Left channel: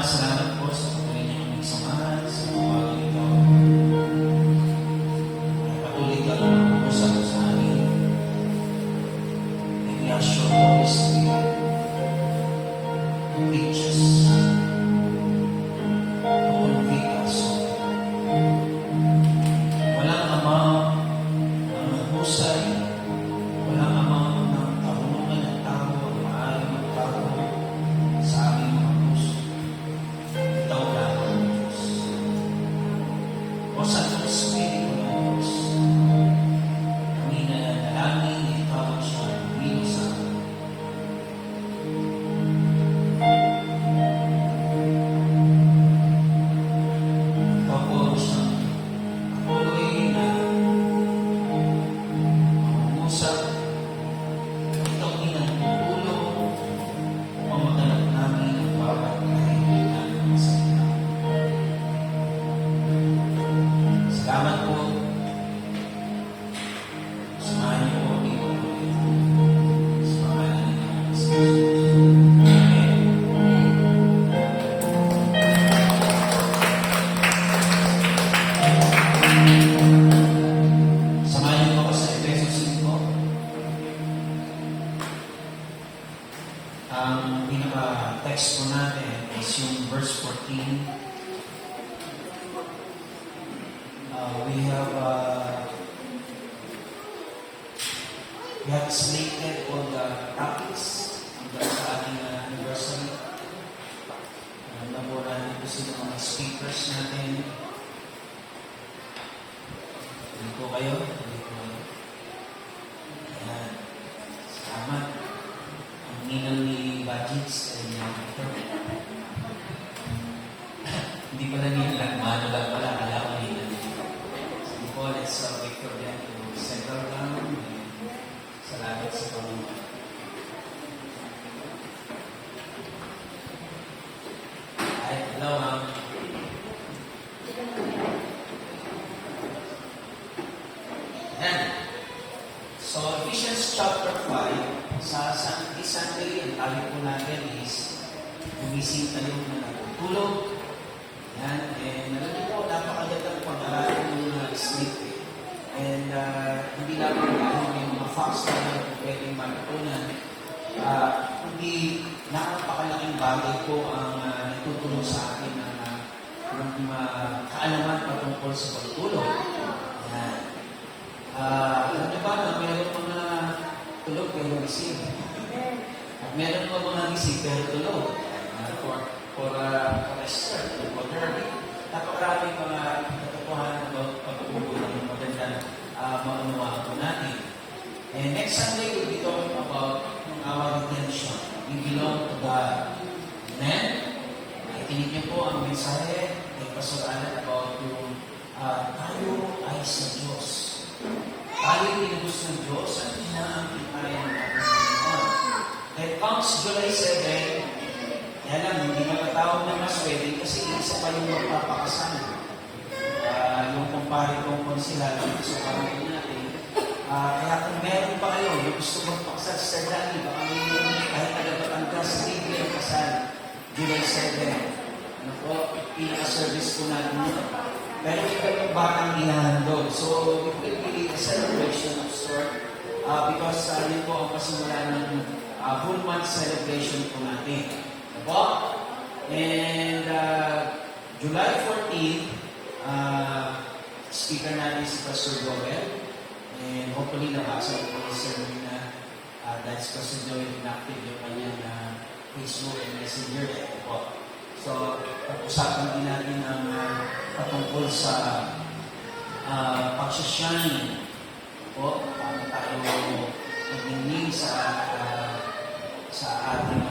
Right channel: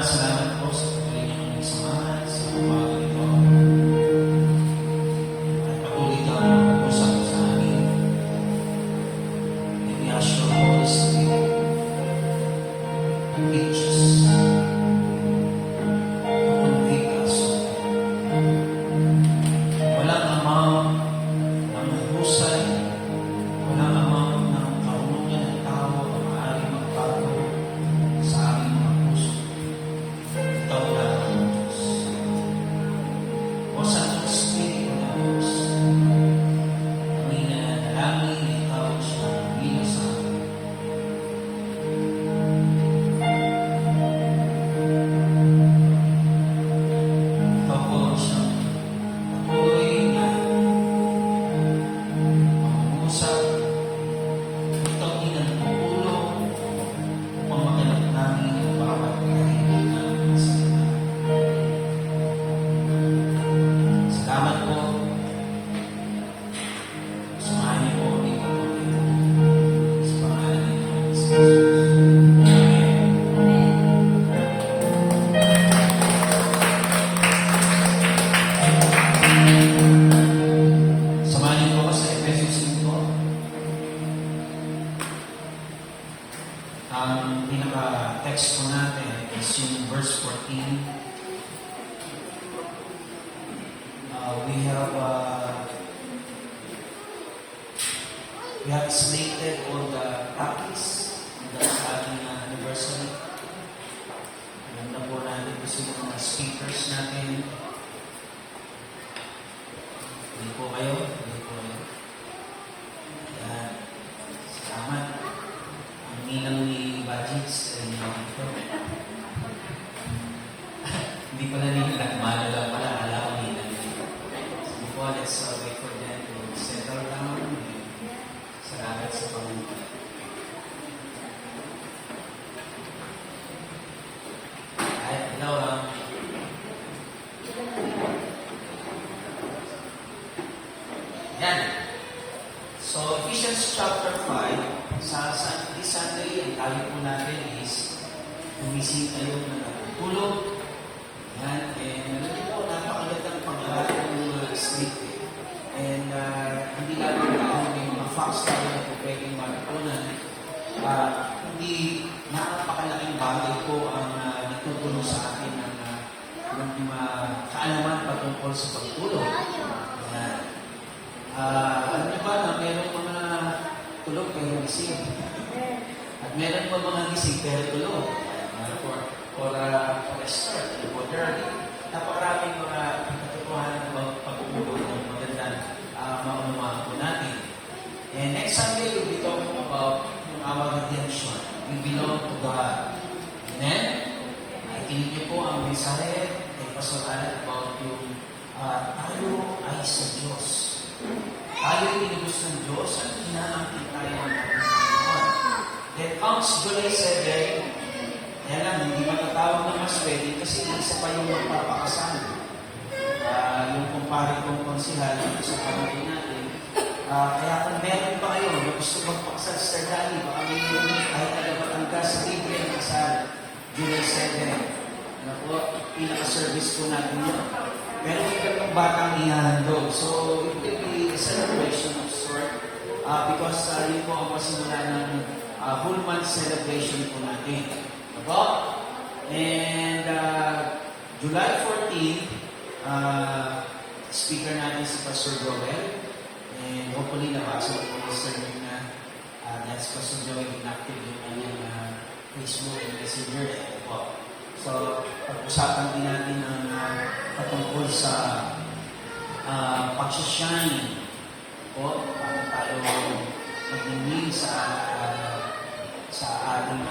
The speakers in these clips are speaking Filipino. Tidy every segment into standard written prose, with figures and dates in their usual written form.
Salamat po sa patuloy niyong samahan sa pagbabago nito. At patuloy ka na mag-usap po sa amin. And we ask your Holy Spirit to teach us, to convict us. Walang amang ng husay, walang amang ng karunungan ng tao na maaaring magbago sa aming mga puso. Ikaw lang ang Diyos. O Santo Espiritu ng Diyos, kami nananalangin na ikaw ang siyang humilo sa amin. Ikaw po ang siyang patuloy na mangungusap. Ikaw din ang tutulong upang maganap namin ang bawat kahilitan ng salita. Salamat po. Samahan niyo po ang iyong pagkakas. Sa pangalan ni Jesus. Amen. Samahan niyo po ako sa Efesios 5. Ang pinaka-text po natin is yung verse 14. We have slated all the topics hanggang sa ating anniversary. Alam na po natin kung sino mga speakers natin. Hindi po kayo. Salamat. Ang ninang ni Bajits ay naman ito. Hindi pala ninang. Mahalo lang pala. Kala ko ninang. Hindi po, let's wait for them to settle down. Salamat sa Panginoon. Sunday, ang tayo po natin is gumising tayo na natutulog. Yan, and hindi po napakagandang pag-aralan ng mga sleep. And hindi lang yung mga facts tayo na po pwedeng matutunan. Hindi napakalaking bagay po ang nagtutulong sa akin ng kaalaman patungkol sa pagtulog. Alam niyo ba na mayroong mga tulog pero gising? At meron pa mga gising pero tulog. For start, for therapy. Napakaraming mga natutuhan ng pag-uubog ng magandang maunawaan po natin. And next Sunday, we'll be talking about our redemption. We belong to God. Amen? Ikinig niyo po ang mensahe kay Pastor Alan about yung tayo ay sa Diyos. Tayo pinibus ng Diyos at inaangkin tayo ng Panginoon. Then comes July 7, kaya lang, hindi matatawag ng mas wedding kasi isa pa yung magpapakasal. Yung kumpare kong konsihal sa pamilya natin. Kaya kung meron pa kayo, yung gusto magpakasal sa Dali, baka may kahit nalabatangga sa Biblia ng kasal, July 7. Ano po, pinaka-service ko natin yun. Pero yung ganong batang ihahandog. So, it will be a celebration of sort because yun po ang pasimula ng whole month celebration po natin. Diba? And July 14, speaker natin si Pastor Joel. And hopefully nabasa ko yung sermon na that's Pastor Joel inactive yung kanyang Facebook and Messenger. Diba? So, pag-usapan din natin ang patungkol sa pag-shine po, para tayo magingin sa ating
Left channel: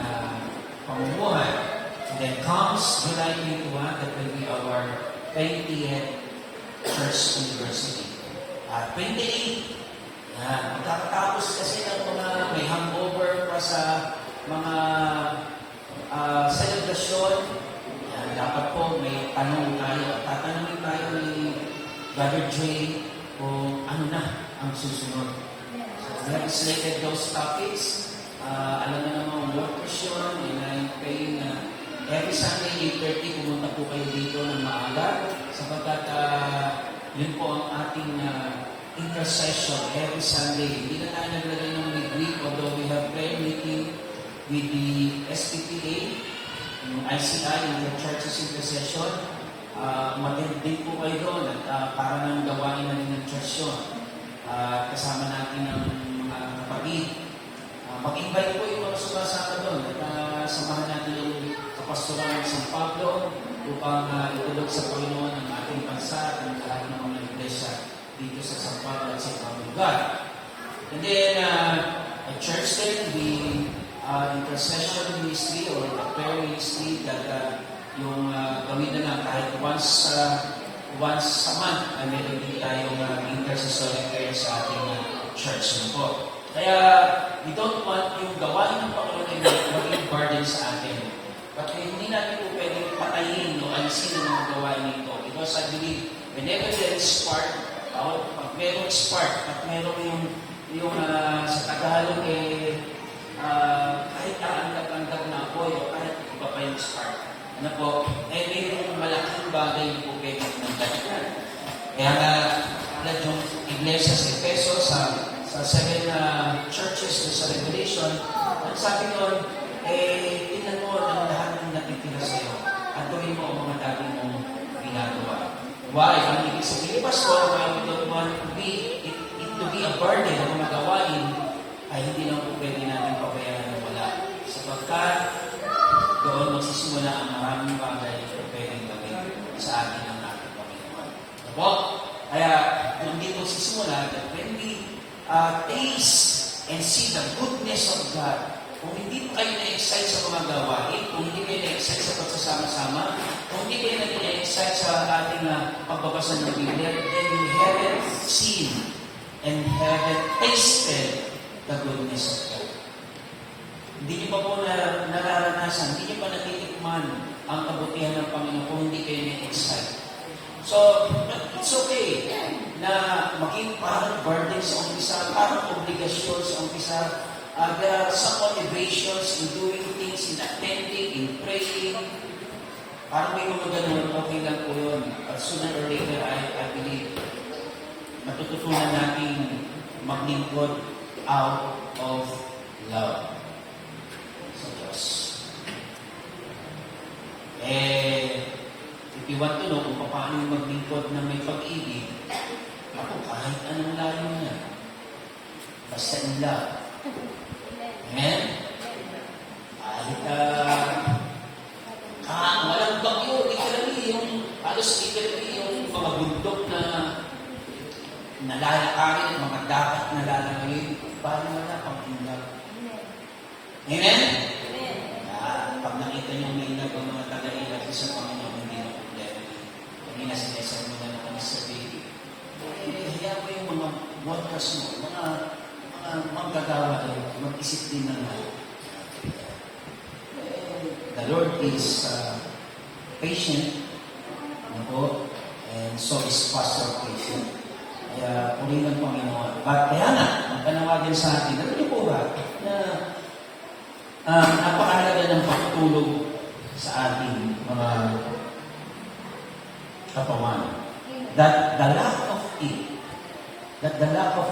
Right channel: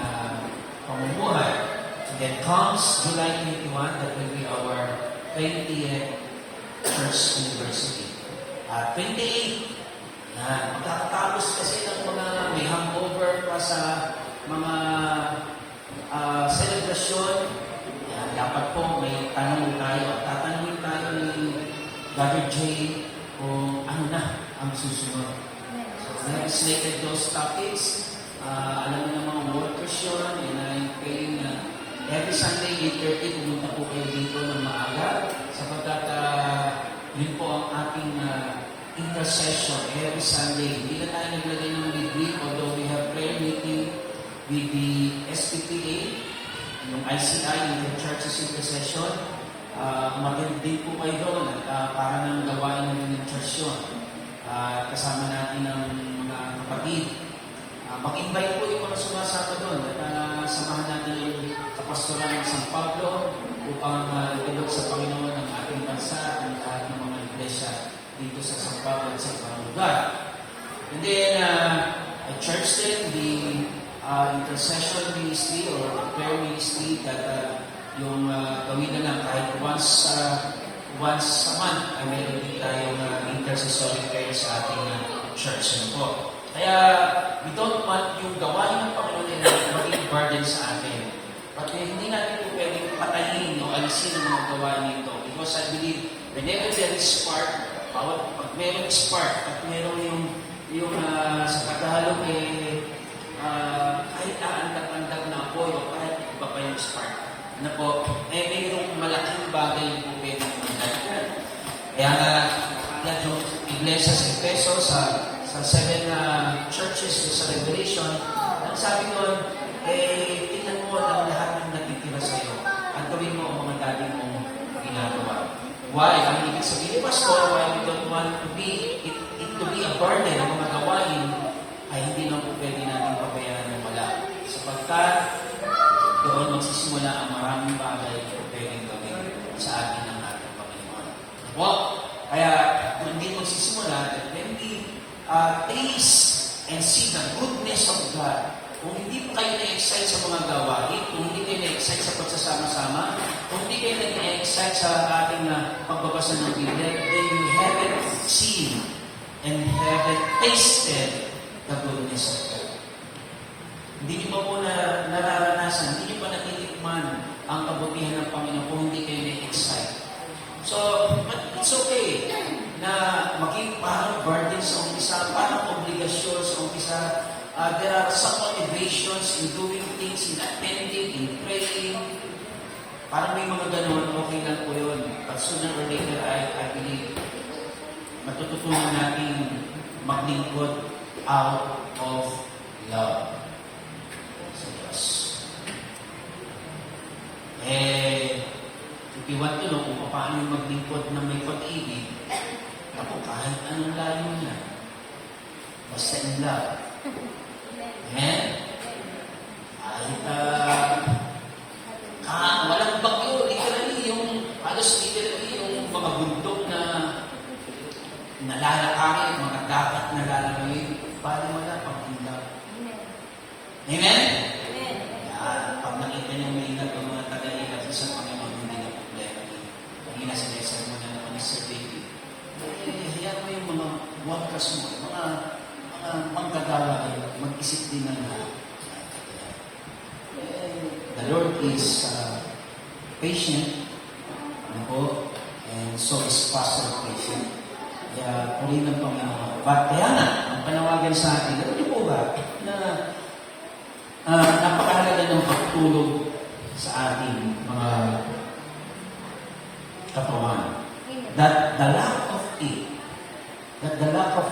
pamumuhay. And then comes July 21, that will be our 20th Church University. 28, yan, magkakatapos kasi ng mga may hangover pa sa mga celebration. Yan, dapat po may tanong tayo. Tatanungin tayo ni Brother Jay kung ano na ang susunod. So, we have slated those topics. Alam na ng mga workers yun, and kayo na every Sunday 8:30 pumunta po kayo dito ng maaga sapagkat yun po ang ating intercession every Sunday. Hindi na tayo naglagay ng midweek, although we have prayer meeting with the SPPA, yung ICI, yung Churches Intercession. Umatid din po kayo doon at para nang gawain namin ng church yun. Kasama natin ang mga kapatid. Mag-invite po yung mga sumasama doon at samahan natin yung kapastoran ng San Pablo upang itulog sa Panginoon ang ating bansa at ang lahat ng mga iglesia dito sa San Pablo at sa ibang lugar. And then, a church din, the intercession ministry or prayer ministry that yung gawin na lang kahit once a month ay meron din tayong intercessory prayer sa ating church po. Kaya, we don't want yung gawain ng Panginoon na maging burden sa atin. But hindi natin po pwedeng patayin o alisin ang mga gawain nito. Because I believe, whenever there is spark, pag merong spark, at merong yung sa Tagalog kahit aandap-andap na apoy o kahit iba pa yung spark. Ano po, mayroong malaking bagay po pwedeng mangyari. Kaya yung iglesia sa Efeso, sa 7 churches sa Revelation, ang sabi ko, tingnan mo ang lahat ng natitira sa iyo at gawin mo ang mga dati mong ginagawa. Why? Ang ibig sabihin, Pastor, why we don't want to be a burden ng mga gawain, ay hindi lang po pwede natin pabayaan ng wala. Sapagkat doon magsisimula ang maraming bagay na pwedeng gawin sa atin ng ating Panginoon. Ako? Kaya, hindi magsisimula that when we taste and see the goodness of God, kung hindi pa kayo na-excite sa mga gawain, kung hindi kayo na-excite sa pagsasama-sama, kung hindi kayo na-excite sa ating pagbabasa ng Biblia, then you haven't seen and haven't tasted the goodness of God. Hindi niyo pa po nararanasan, hindi niyo pa natitikman ang kabutihan ng Panginoon kung hindi kayo na-excite. So, it's okay na maging parang burden sa umpisa, parang obligasyon sa umpisa, There are some motivations in doing things, in attending, in praying. Parang may mga ganun, okay lang po yun. But sooner or later, I believe, matututunan natin maglingkod out of love sa Diyos. If you want to know kung paano yung maglingkod na may pag-ibig, ako kahit anong layo niya. Basta in love. Amen? Kahit walang bagyo, literally yung mga bundok na nalalakarin, mga dapat na lalakarin, parang wala pang in love. Amen? Pag nakita niyo may ilag ang mga taga-ilag sa Panginoon, hindi na problema. Kanina sinesa mo na naman sa baby. Hayaan mo yung mga workers mo, mga manggagawa kayo, mag-isip din ng lahat. The Lord is patient, and so is Pastor patient. Kaya puri ng Panginoon. But kaya nga, ang panawagan sa atin, alam niyo po ba, na napakahalaga ng pagtulog sa ating mga katawan. That the lack of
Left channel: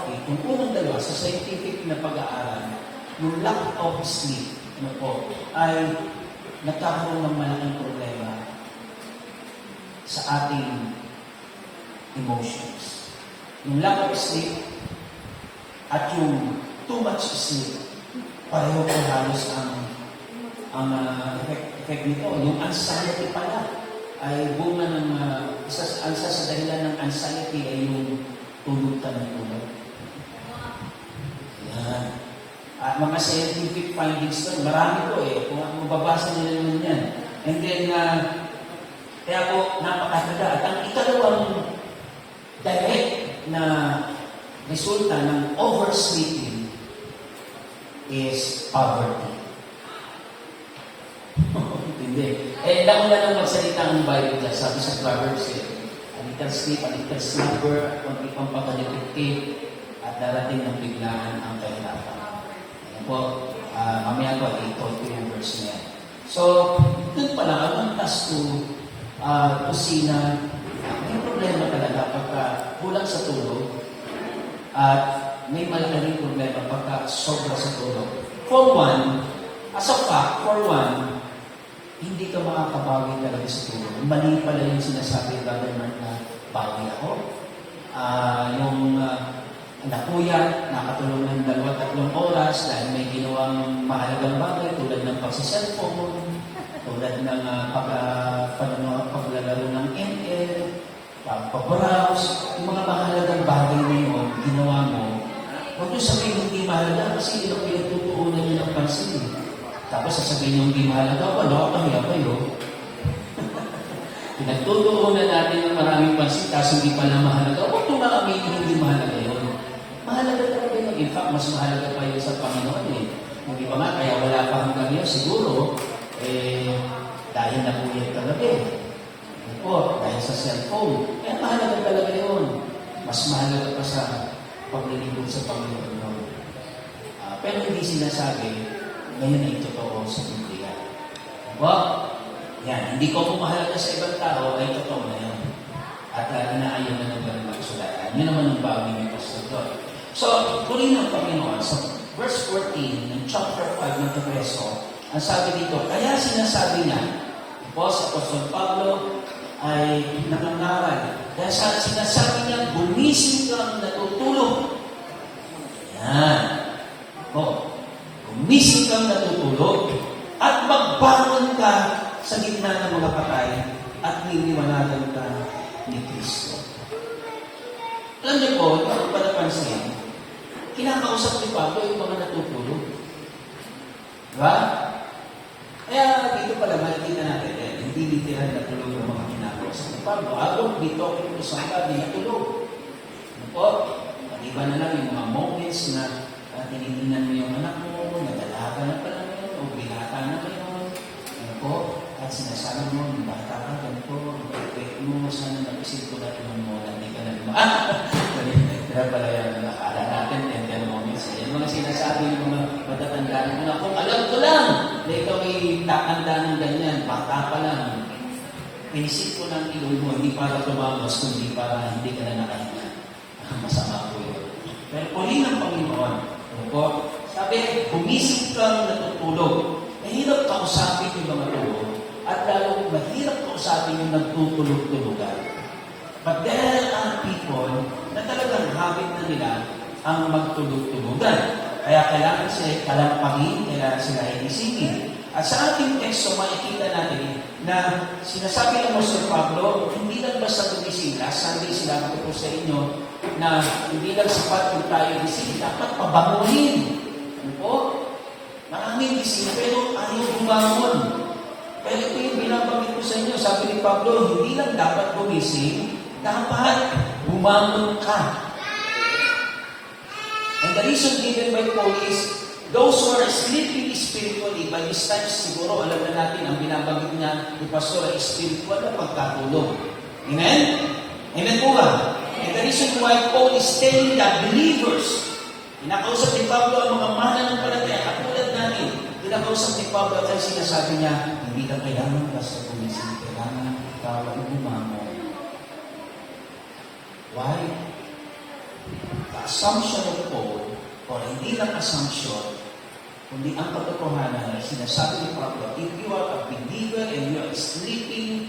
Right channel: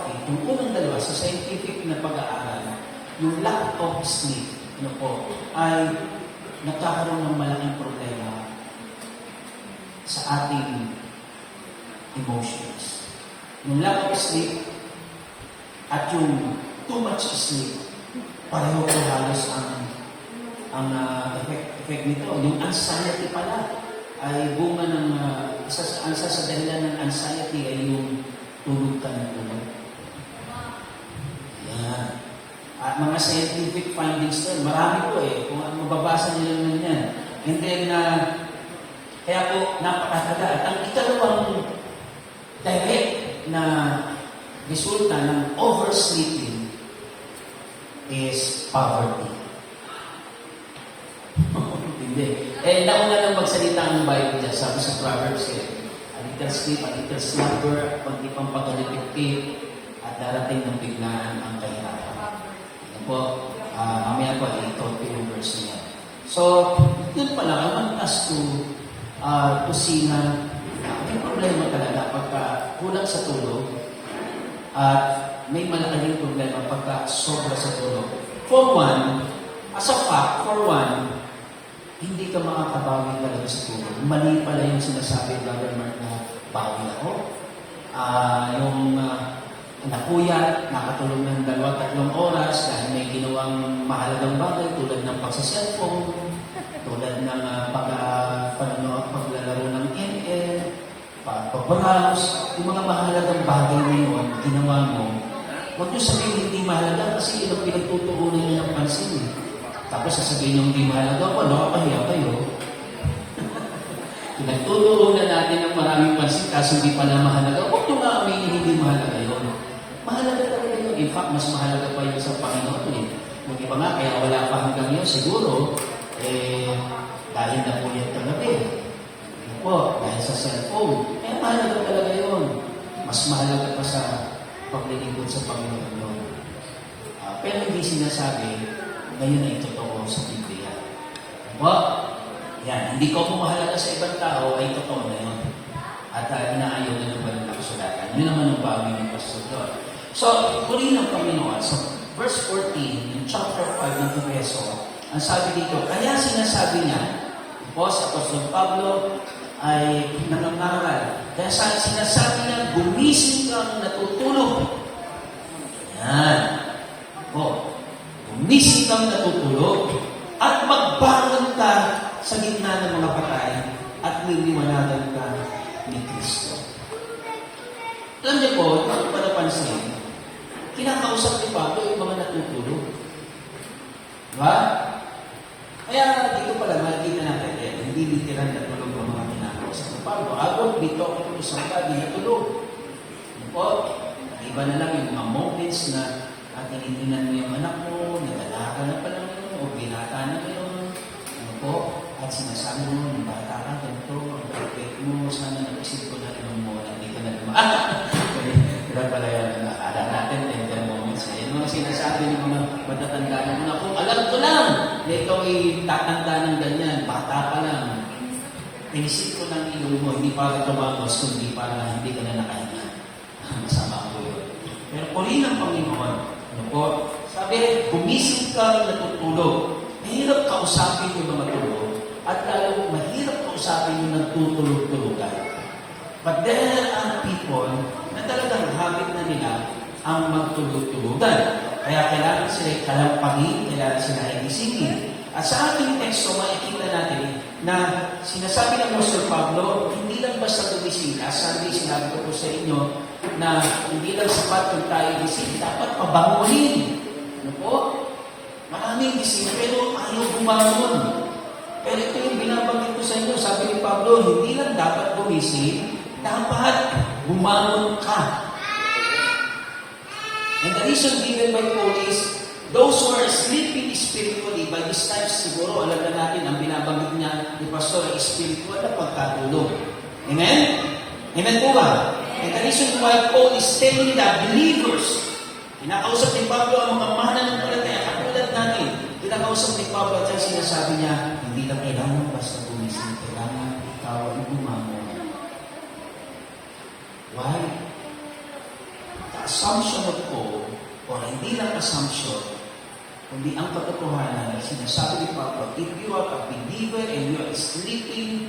it, yung unang dalawa sa scientific na pag-aaral, yung lack of sleep, ay nagkakaroon ng malaking problema sa ating emotions. Yung lack of sleep at yung too much sleep, pareho po halos ang effect nito. Yung anxiety pala ay bunga ng isa sa dahilan ng anxiety ay yung tulog ka ng tulog. Yan. At mga scientific findings to, marami po kung mababasa nila naman yan. And then, kaya po napakahalaga. At ang ikalawang direct na resulta ng oversleeping is poverty. Hindi. Lako na lang magsalita ang Bible dyan. Sabi sa Proverbs, a little sleep, a little slumber, kundi pang pagkalipiktik, at darating ng biglaan ang kahirapan. Ano po, mamaya po, i-talk yung verse niya. So, doon pala, kamantas to see na may problema talaga pagka kulang sa tulog at may malaking problema pagka sobra sa tulog. For one, as a fact, hindi ka makakabawi talaga sa tulog. Mali pala yung sinasabi, Brother Mark, na bawi ako. Napuyat, nakatulog ng 2-3 oras dahil may ginawang mahalagang bagay tulad ng pagsa-cellphone, tulad ng paglalaro ng ML, pagpabrowse, yung mga mahalagang bagay na yun, ginawa mo. Huwag nyo sabihin hindi mahalaga kasi yun ang pinagtutuunan nyo ng pansin. Tapos sasabihin nyo hindi mahalaga, wala, kahiya kayo. Pinagtutuunan natin ng maraming pansin kasi hindi pala mahalaga. Huwag nyo nga aminin hindi mahalaga yun. Mahalaga talaga yun. In fact, mas mahalaga pa yun sa Panginoon. Yung iba nga, kaya wala pa hanggang yun, siguro, dahil napuyat kagabi. Dahil sa cellphone. Mahalaga talaga yun. Mas mahalaga pa sa paglilingkod sa Panginoon yun. Pero hindi sinasabi, ngayon ay totoo sa Biblia. Yan. Hindi ko mahalaga sa ibang tao, ay totoo na yun. At inaayaw na naman ng kasulatan. Yun naman ang bawi ng pastor. So, purihin ng Panginoon, sa verse 14, in chapter 5 ng Efeso, ang sabi dito, kaya sinasabi niya, sa Apostol Pablo ay nangangaral. Kaya sinasabi niya, gumising kang natutulog. Yan. Gumising kang natutulog at magbangon ka sa gitna ng mga patay at niliwanagan ka ni Kristo. Alam niyo po, ito ko pa napansin, kinakausap ni Pablo yung mga natutulog. Diba? Kaya dito pala makikita natin, hindi literal na tulog ang mga kinakausap ni Pablo. Agad dito ako yung isang gabi na tulog. Iba na lang yung mga moments na tinitingnan mo yung anak mo, nadala ka na pala yun, o binata na kayo. At sinasabi mo, yung bata ka, ganito, ang perfect mo, sana nag-isip ko na yung mo, hindi ka na naman. Pero pala yan, nakala natin, tender moments. Yan mga sinasabi ng mga patatandaan mo na. Kung alam ko lang na ikaw ay tatanda ng ganyan, bata pa lang, naisip ko ng ilong mo, hindi para tumabas, kundi para hindi ka na nakahinga. Masama ko yun. Pero puri ng Panginoon, ano po, sabi, gumising ka natutulog. Mahirap kausapin yung mga tulog, at lalo mahirap kausapin yung nagtutulog-tulugan. But there are people na talagang habit na nila ang magtulog-tulugan. Kaya kailangan sila kalampagin, kailangan sila inisingin. At sa ating teksto, makikita natin na sinasabi ng Apostol Pablo, hindi lang basta gumising. Last Sunday, sinabi ko po sa inyo na hindi lang sapat kung tayo gising, dapat pabangunin. Ano po? Maraming gising, pero ayaw bumangon. Pero ito yung binabanggit ko sa inyo, sabi ni Pablo, hindi lang dapat gumising, dapat bumangon ka. And the reason given by Paul is, those who are sleeping spiritually, by this time siguro, alam na natin, ang binabanggit niya ni Pastor ay spiritual na pagkatulog. Amen? Amen po ba? And the reason why Paul is telling the believers, pinakausap ni Pablo ang mga mananampalataya, katulad natin, pinakausap ni Pablo at sinasabi niya, hindi ka kailangan basta gumising, kailangan ikaw ay bumangon. Why? The assumption of Paul, or hindi lang assumption, kundi ang katotohanan na sinasabi ni Pablo, if you are a believer and you are sleeping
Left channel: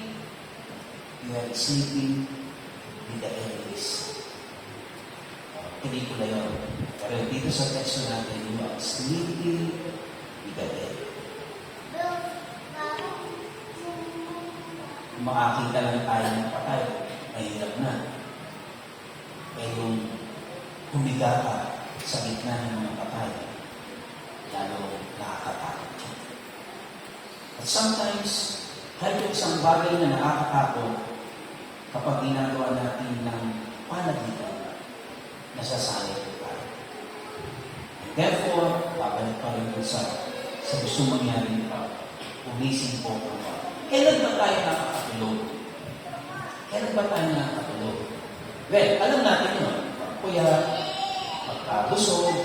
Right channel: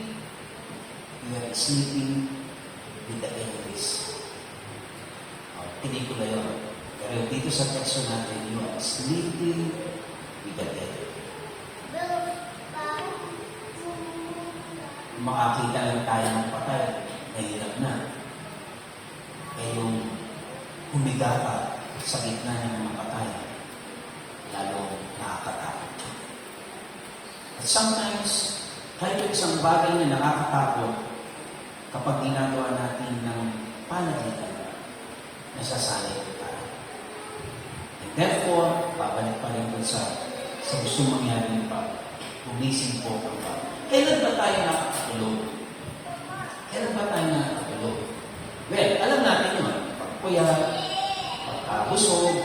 with the enemies. Pelikula yun. Pero dito sa teksto natin, you are sleeping with the devil. Makakita lang tayo ng patay, mahirap na. Eh yung humiga ka sa gitna ng mga patay, lalo nakakatakot. At sometimes, kahit yung isang bagay na nakakatakot, kapag ginagawa natin ng panagitan, nasasanay tayo. And therefore, babalik pa rin sa gusto mangyari pa, umising po ang pa. Kailan ba tayo nakakatulog? Kailan ba tayo nakakatulog? Well, alam natin yun. Kuya, pagka-busog,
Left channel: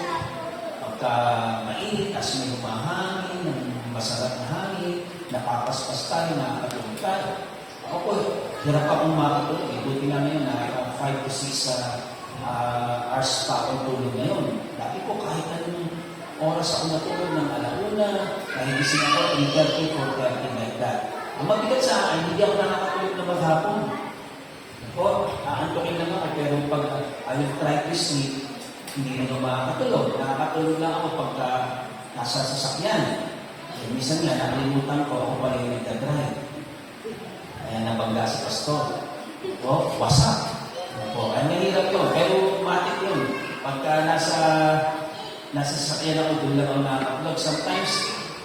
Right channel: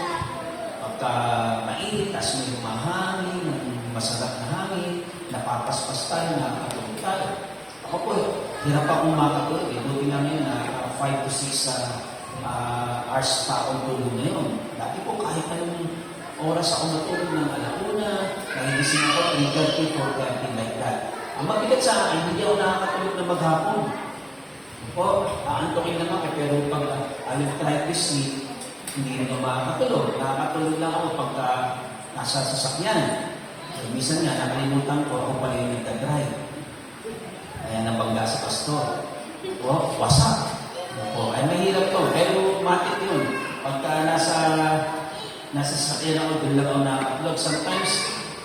pagka-mainit, as may lumahangin, masarap na hangin, napapaspas tayo, nakakatulog tayo. Ako po, hirap akong makatulog. Buti nga ngayon, 5 to 6 hours pa akong tulog ngayon. Dati po, kahit anong oras ako natulog ng alauna, kahit gising ako, 3:30, 4:30, like that. Ang mabigat sa akin, hindi ako nakakatulog na maghapon. Po, aantokin naman ako, pero pag I'll try to sleep, hindi na makakatulog. Nakakatulog lang ako pagka nasa sasakyan. So, minsan nga, nakalimutan ko, ako pala yung nagdadrive. Kaya nabagla si Pastor. O, wasak. O, ay mahirap to. Pero matik yun. Pagka nasa sasakyan ako, doon lang ako nakakatulog. Sometimes,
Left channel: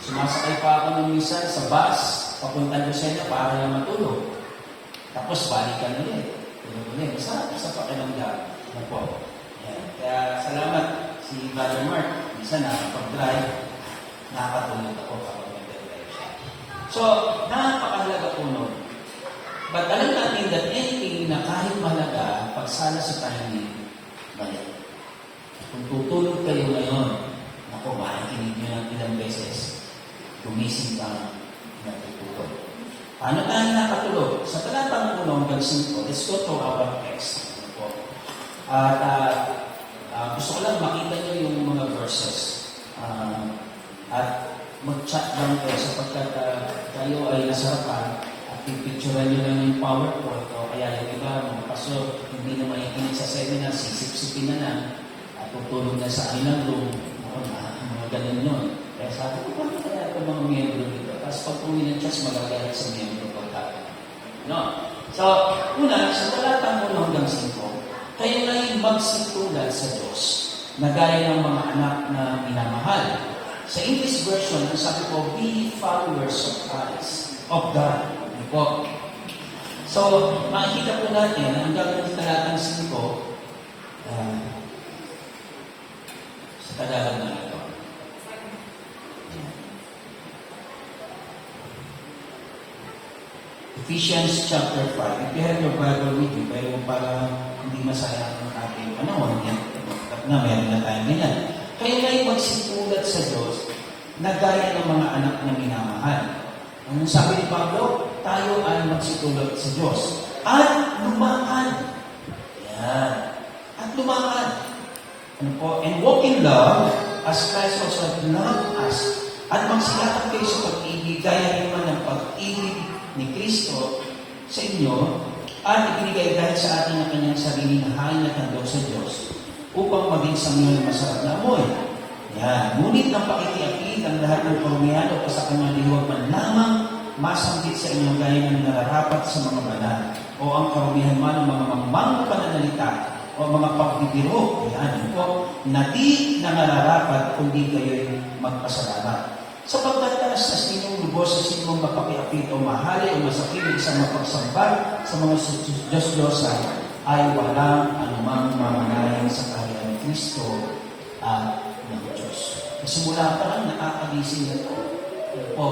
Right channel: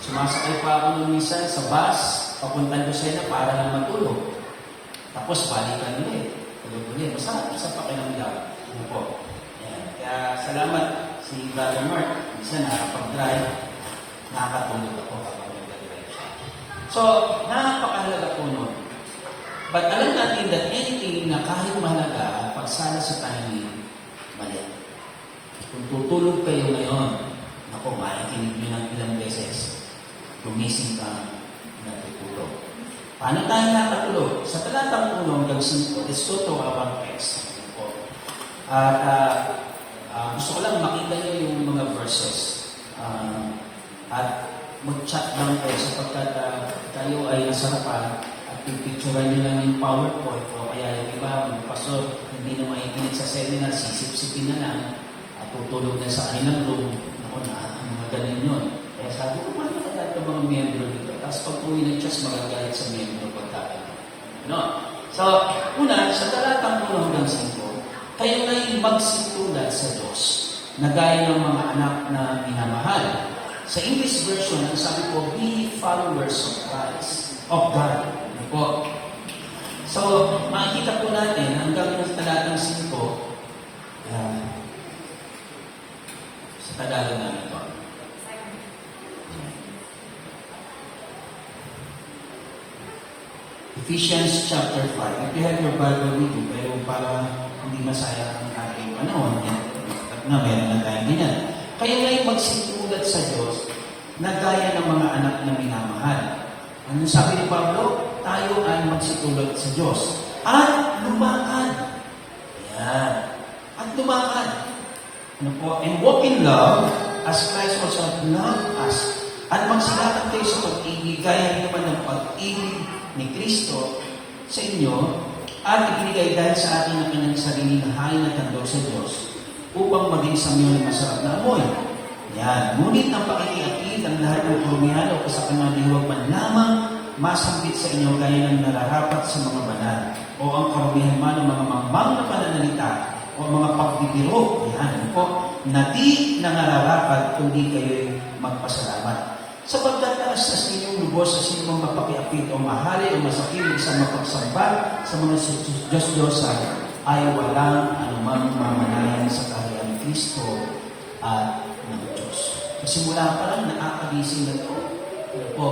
sumasakay pa ako nung minsan sa bus, papuntang Lucena para lang matulog. Tapos, balikan ulit. Tulog-ulit. Sa pakiramdam. Ano po? Yan. Kaya, salamat si Brother Mark. Minsan, nakapag-drive, nakakatulog ako kapag nag-drive. So, nakakahalaga po nun. But alam natin that anything na kahit mahalaga, pagsala sa tahimik, mali. Kung tutulog kayo ngayon, ako, makikinig nyo ng ilang beses, gumising ka natutulog. Paano tayo nakatulog? Sa talatang 1 hanggang 5, let's go to our text. At gusto ko lang makita nyo yung mga verses. At mag-chat lang kayo sapagkat kayo ay nasarapan at pipicturean nyo lang yung PowerPoint o kaya yung iba, mga pastor, hindi na makikinig sa seminar, sisip-sipin na lang at tutulog na sa kanilang room. Ako na, mga ganun yun. Kaya sabi ko, paano kaya ito mga miyembro dito? Tapos pag uwi ng church, magagalit sa miyembro pagkakita. No? So, una, sa talatang 1 hanggang 5, kayo ngayon magsitulad sa Diyos na gaya ng mga anak na minamahal. Sa English version, ang sabi ko, be followers of Christ, of God. Po. So, makikita po natin, hanggang sa talatang 5, sa Tagalog na ito. Ephesians chapter 5. If you have your Bible with you, pero para hindi masayang ang ating panahon, na meron na tayong ganyan. Kayo ngayon magsitulad magsitulad sa Diyos na gaya ng mga anak na minamahal. Anong sabi ni Pablo? Tayo ay magsitulad sa Diyos. At lumakad. Ayan. At lumakad. Ano po? And walk in love as Christ also loved us. At magsilakad kayo sa pag-ibig, gaya naman ng pag-ibig ni Kristo sa inyo, at ibinigay dahil sa atin ang kanyang sarili na hain at handog sa Diyos upang maging samyo ng masarap na amoy. Yan. Ngunit ng pakikiapid ang lahat ng karumihan o sa kanyang lihuwag man lamang masambit sa inyo gaya ng nararapat sa mga banal o ang karumihan man ng mga mangmang pananalita o mga pagbibiro. Yan po, na di nararapat kundi kayo'y magpasalamat. Sapagkat taas na sinyong lubos sa sinyong mapakiapid o mahali o masakilig sa mapagsamba sa mga Diyos-Diyosa ay walang anumang mamanayan sa kaharian ni Kristo at ng Diyos. Simula pa lang nakakagising na ito. Pero po,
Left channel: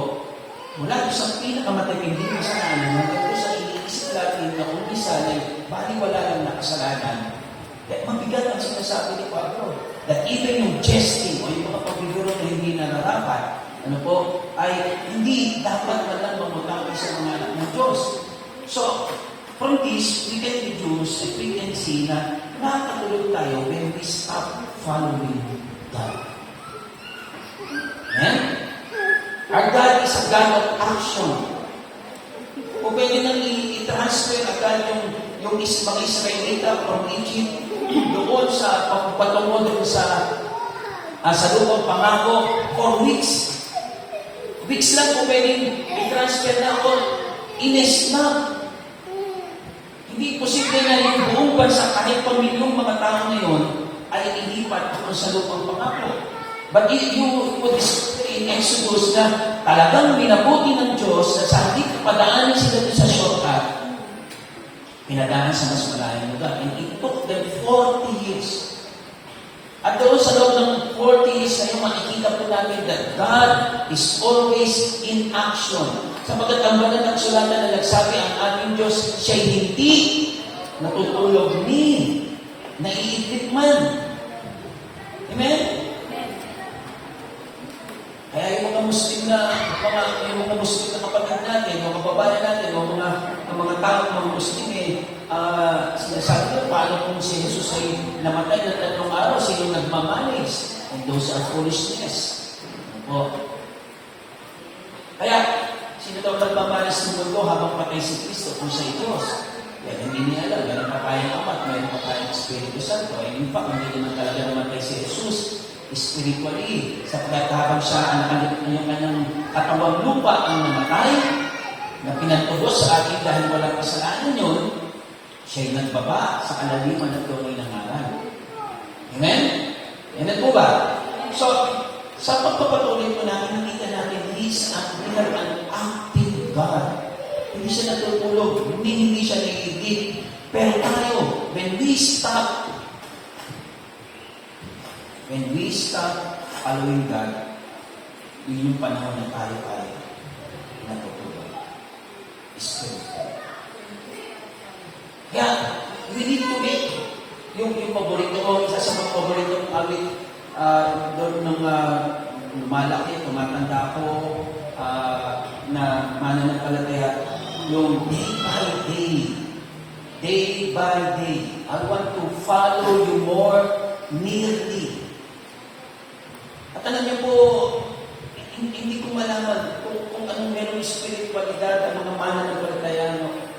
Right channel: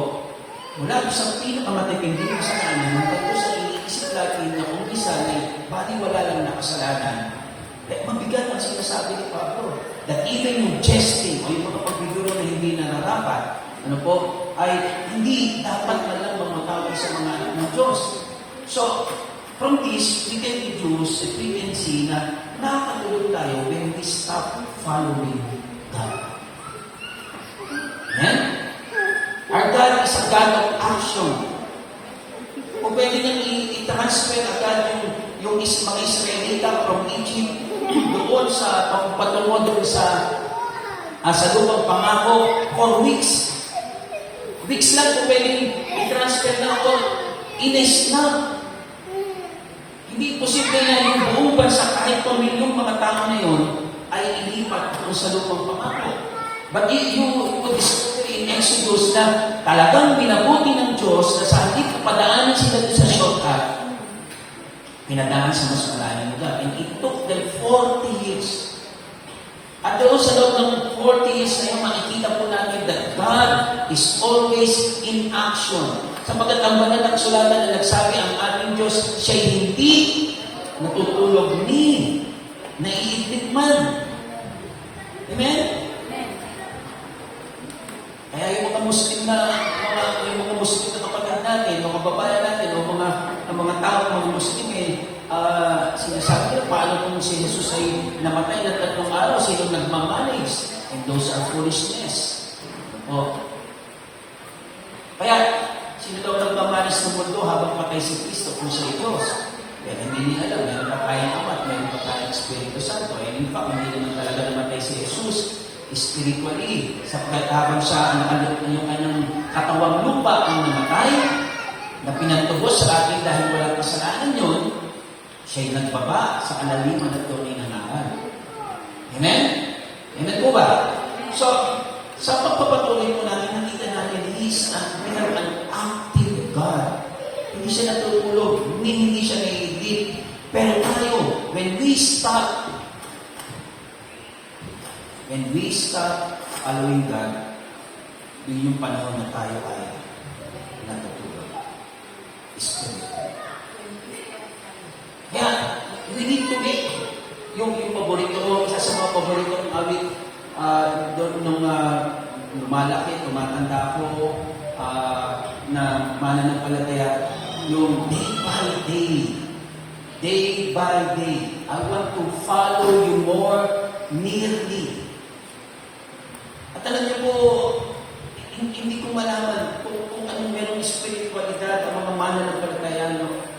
mula ko sa pinakamatipinding kasalanan, hanggang sa iniisip natin na kung minsan ay baliwala lang na kasalanan, mabigat ang sinasabi ni Pablo. That even yung jesting o yung mga pagbibiro na hindi nararapat, ay hindi dapat na lang mamagawin sa mga anak ng Diyos. So, from this, we can deduce that we can see na nakakatulog tayo when we stop following God. Amen? Our God is a God of action. Kung pwede nang i-transfer agad yung mga Israelita from Egypt doon sa patungo doon sa lupang pangako for weeks. Weeks lang kung pwedeng i-transfer na ito in a snap. Hindi posible na yung buong bansa kahit milyong mga tao na yun ay ilipat sa lupang pangako. But if you would discover in Exodus na talagang binabuti ng Diyos na sa hindi kapadaanan sila sa shortcut, pinadaan sa mas malayang lugar. And it took them 40 years. At doon sa loob ng 40 years na yun, makikita po natin that God is always in action. Sapagkat ang banal ng sulatan na nagsabi, ang ating Diyos, siya'y hindi natutulog ni naiigit man. Amen? Kaya yung mga Muslim na kapatid natin, mga babae natin, o mga tao, mga Muslim, sinasabi nyo, paano kung si Jesus ay namatay na 3 araw, sino nagmamanis? And those are foolishness. Kaya, sino daw nagmamanis ng mundo habang patay si Kristo kung siya ay Diyos? Kaya hindi niya alam, meron pa tayong Ama at meron pa tayong Espiritu Santo. And in fact, hindi naman talaga namatay si Jesus spiritually, sapagkat habang siya ang kanyang katawang lupa ang namatay, na pinatubos sa atin dahil walang kasalanan yun, siya'y nagbaba sa kalaliman at tunay ng ngalan. Amen? Amen po ba? So, sa pagpapatuloy po natin, nakita natin, He is an active God. Hindi siya natutulog, hindi siya naiigit. Pero tayo, when we stop following God, yun yung panahon na tayo ay natutulog. Spiritual. Kaya, we need to make yung paborito ko, isa sa mga paborito ng awit, doon nung lumalaki, tumatanda ako, na mananampalataya, yung day by day, I want to follow you more nearly. At alam niyo po, hindi ko malaman kung anong merong spiritualidad ang mga mananampalataya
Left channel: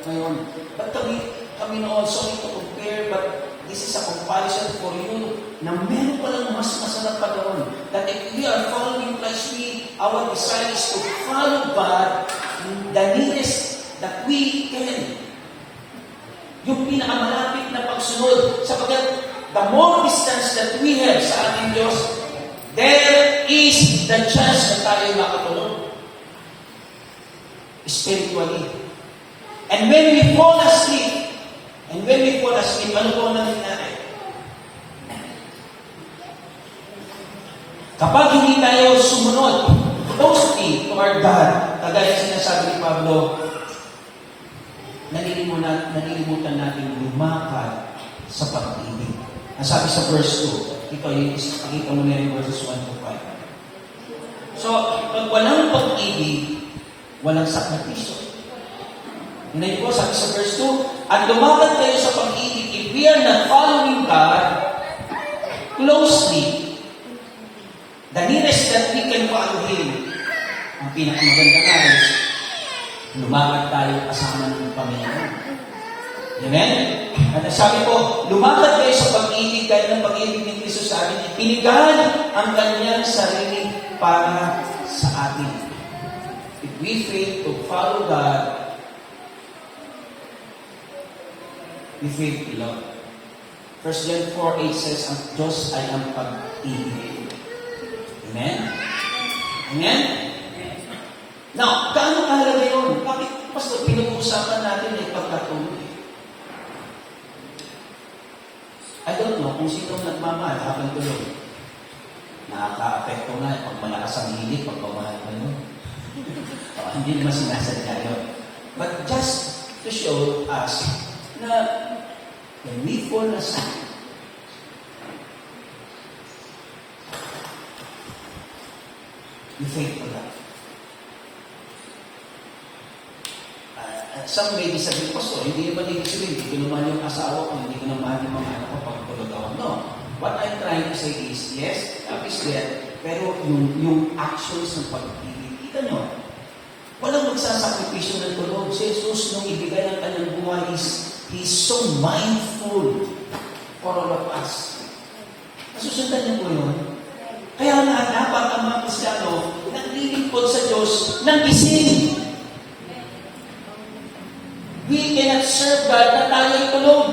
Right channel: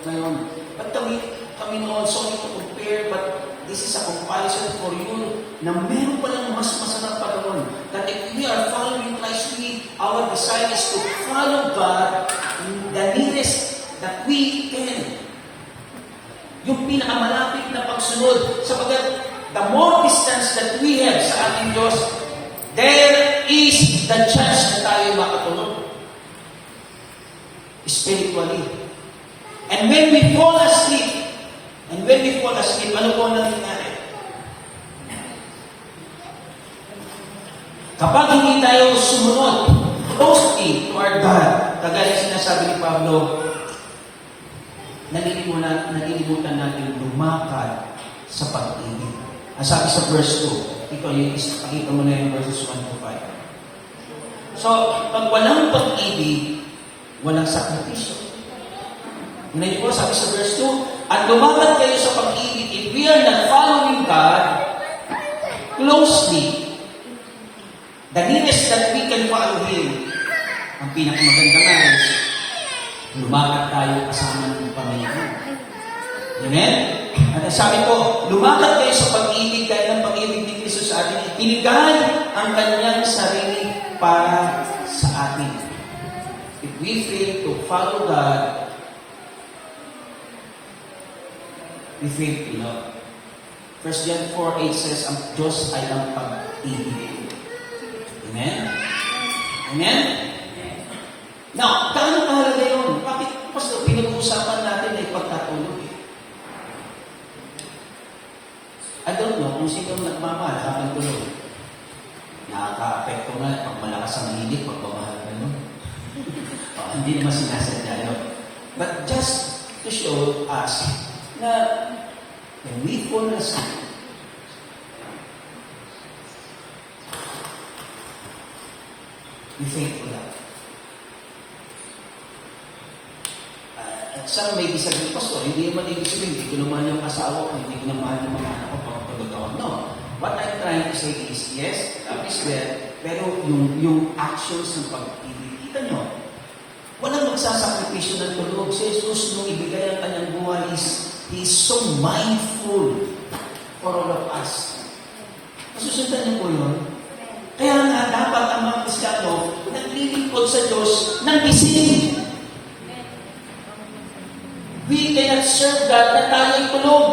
ngayon. But kami also need to compare, but this is a comparison for you na meron pa lang mas masarap pa doon. That if we are following Christ, our desire is to follow God in the nearest that we can. Yung pinakamalapit na pagsunod. Sapagkat the more distance that we have sa ating Diyos, there is the chance na tayo makatulog. Spiritually. And when we fall asleep, ano po nangyayari? Kapag hindi tayo sumunod closely to our God, kagaya sinasabi ni Pablo, nalilimutan natin lumakad sa pag-ibig. Ang sabi sa verse 2, ito yung pakita mo na yung verses 1 to 5. So, pag walang pag-ibig, walang sakripisyo. Hindi po, sabi sa verse 2, at lumaban kayo sa pag-ibig, if we are not following God closely, the nearest that we can follow Him, ang pinakamaganda nga is, lumaban tayo kasama ng Panginoon. Amen? At sabi ko, lumaban kayo sa pag-ibig, dahil ang pag-ibig ni Kristo sa atin, itinigan ang kanyang sarili para sa atin. If we fail to follow God, we fail to love. 1 John 4:8 says, ang Diyos ay ang pag-ibig. Amen? Amen? Now, gaano kahalaga yun? Bakit, Pastor, pinag-uusapan natin ay pagkatulog? I don't know kung sinong nagmamahal habang tulog. Nakaka-apekto nga pag malakas ang hilig, pag pamahal ka yun. Hindi naman sinasadya yun. But just to show us na when we fall asleep, we faithful love. At some may disagree, Pastor, hindi naman ibig sabihin, hindi ko naman yung asawa ko, hindi ko naman yung mga anak ko pag tulog ako. No. What I'm trying to say is, yes, love is there, pero yung actions ng pag-ibig, kita nyo, walang magsasakripisyo ng tulog. Si Jesus, nung ibigay ang kanyang buhay, He's so mindful for all of us. Masusundan niyo po yun? Kaya nga dapat ang mga Kristiyano naglilingkod sa Diyos ng gising. We cannot serve God na tayo'y tulog.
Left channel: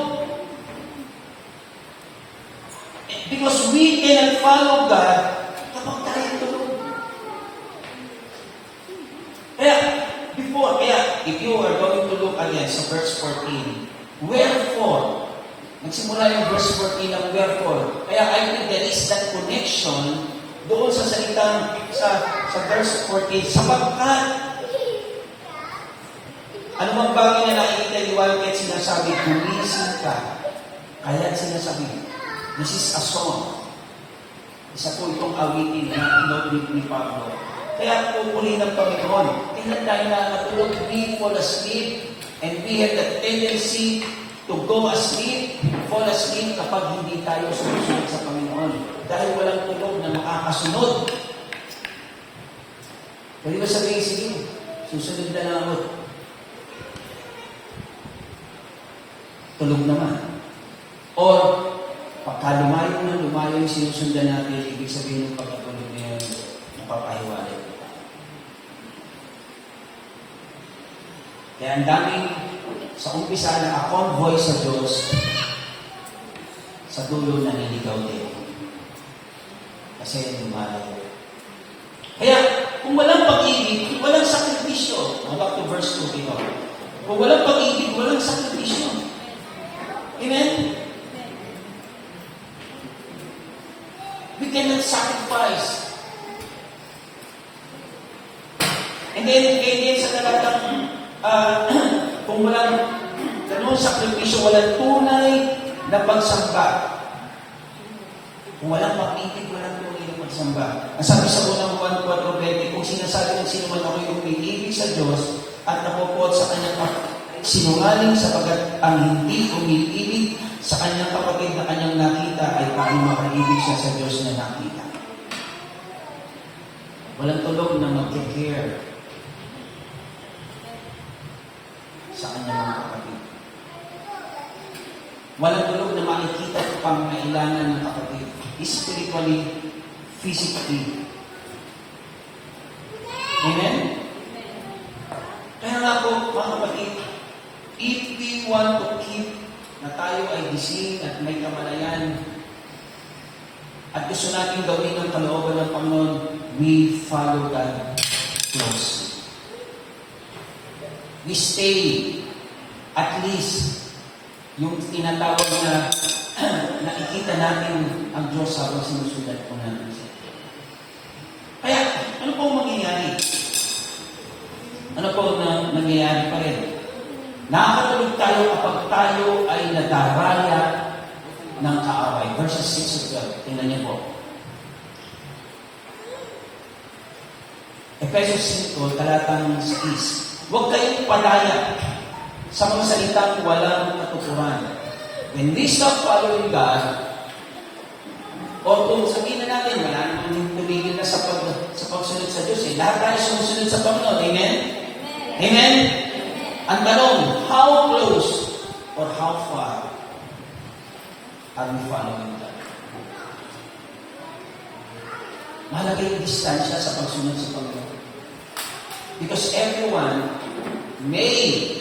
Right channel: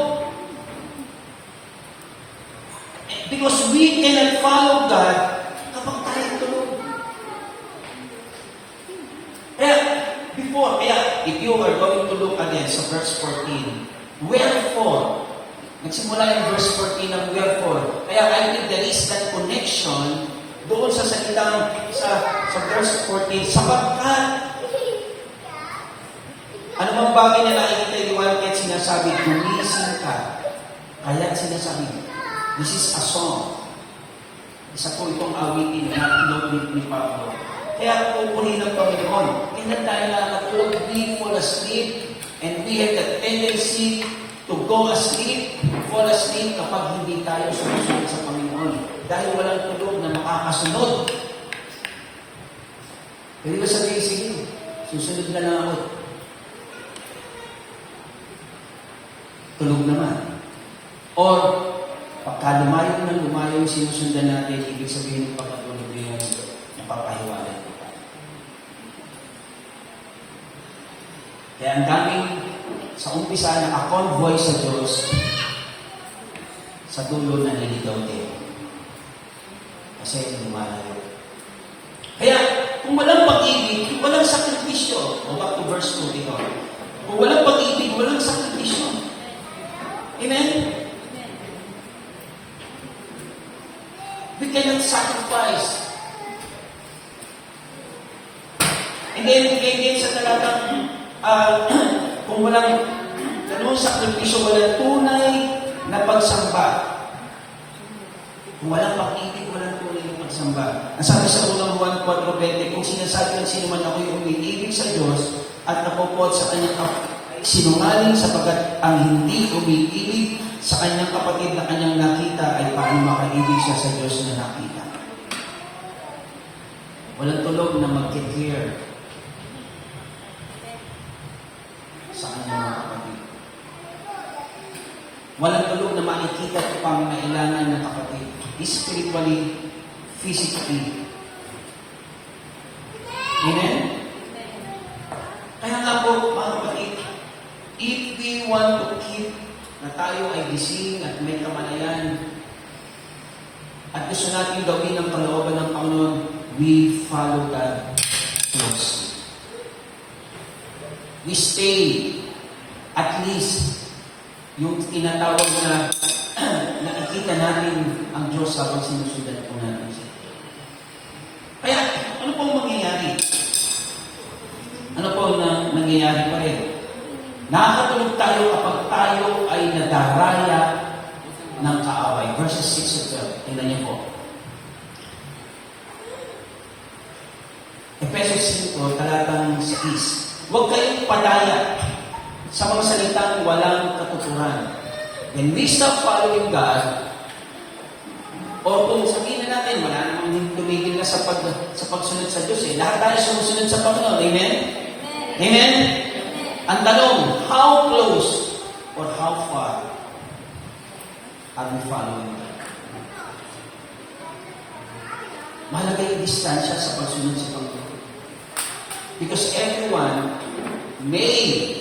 Because we cannot follow God kapag tayo'y tulog. Kaya, if you are going to look again sa verse 14, wherefore, nagsimula yung verse 14 ng wherefore. Kaya I think there is that connection doon sa salitang sa verse 14, sapagkat ano mang bagay na nakikita iwan kahit sinasabi, gumising ka. Kaya sinasabi, this is a song. Isa po itong awitin na inodit ni Pablo. Kaya pupuli ng Panginoon. Tingnan tayo na natulog, we fall asleep, and we have the tendency to go asleep, fall asleep kapag hindi tayo sumusunod sa Panginoon. Dahil walang tulog na makakasunod. Pwede ba sabihin, sige, susunod na lang ako. Tulog naman. Or, pagka lumayo yung sinusundan natin, ibig sabihin ng pagkatulog na yung napapahiwalay. Kaya ang daming sa umpisa naka-convoy sa Diyos, sa dulo na niligaw din. Kasi lumalayo. Kaya, kung walang pag-ibig, walang sakripisyo. Go back to verse 2 ito. Kung walang pag-ibig, walang sakripisyo. Amen? We cannot sacrifice. And then, again, sa talatang, kung walang ganun sakripisyo, walang tunay na pagsamba. Kung walang pag-ibig, walang tunay na pagsamba. Ang sabi sa unang Juan 4:20, kung sinasabi ng sino man ako'y umiibig sa Diyos at napupuot sa kanyang sinungaling sapagkat ang hindi umiibig sa kanyang kapatid na kanyang nakita ay paano makaibig siya sa Diyos na nakita. Walang tulog na mag-care sa kanyang mga kapatid. Walang tulog na makikita ang pangangailangan ng kapatid. Spiritually, physically. Amen? Kaya nga po, mga kapatid, if we want to keep na tayo ay gising at may kamalayan at gusto natin gawin ang kalooban ng Panginoon, we follow God closely. We stay at least yung tinatawag na nakikita natin ang Diyos habang sinusundan po natin siya. Kaya, ano po mangyayari? Ano po nangyayari pa rin? Nakakatulog tayo kapag tayo ay nadaraya ng kaaway. Verses 6 to 12. Tingnan niyo po. Efesos 5, talatang 6. Huwag kayong padaya sa mga salitang walang katuturan. When we stop following God, o kung sabihin natin, wala namang tumigil na sa pagsunod sa Diyos. Lahat tayo sumusunod sa Panginoon. Amen? Amen? Ang tanong, how close or how far are we following God? Mahalaga yung distansya sa pagsunod sa Panginoon. Because everyone may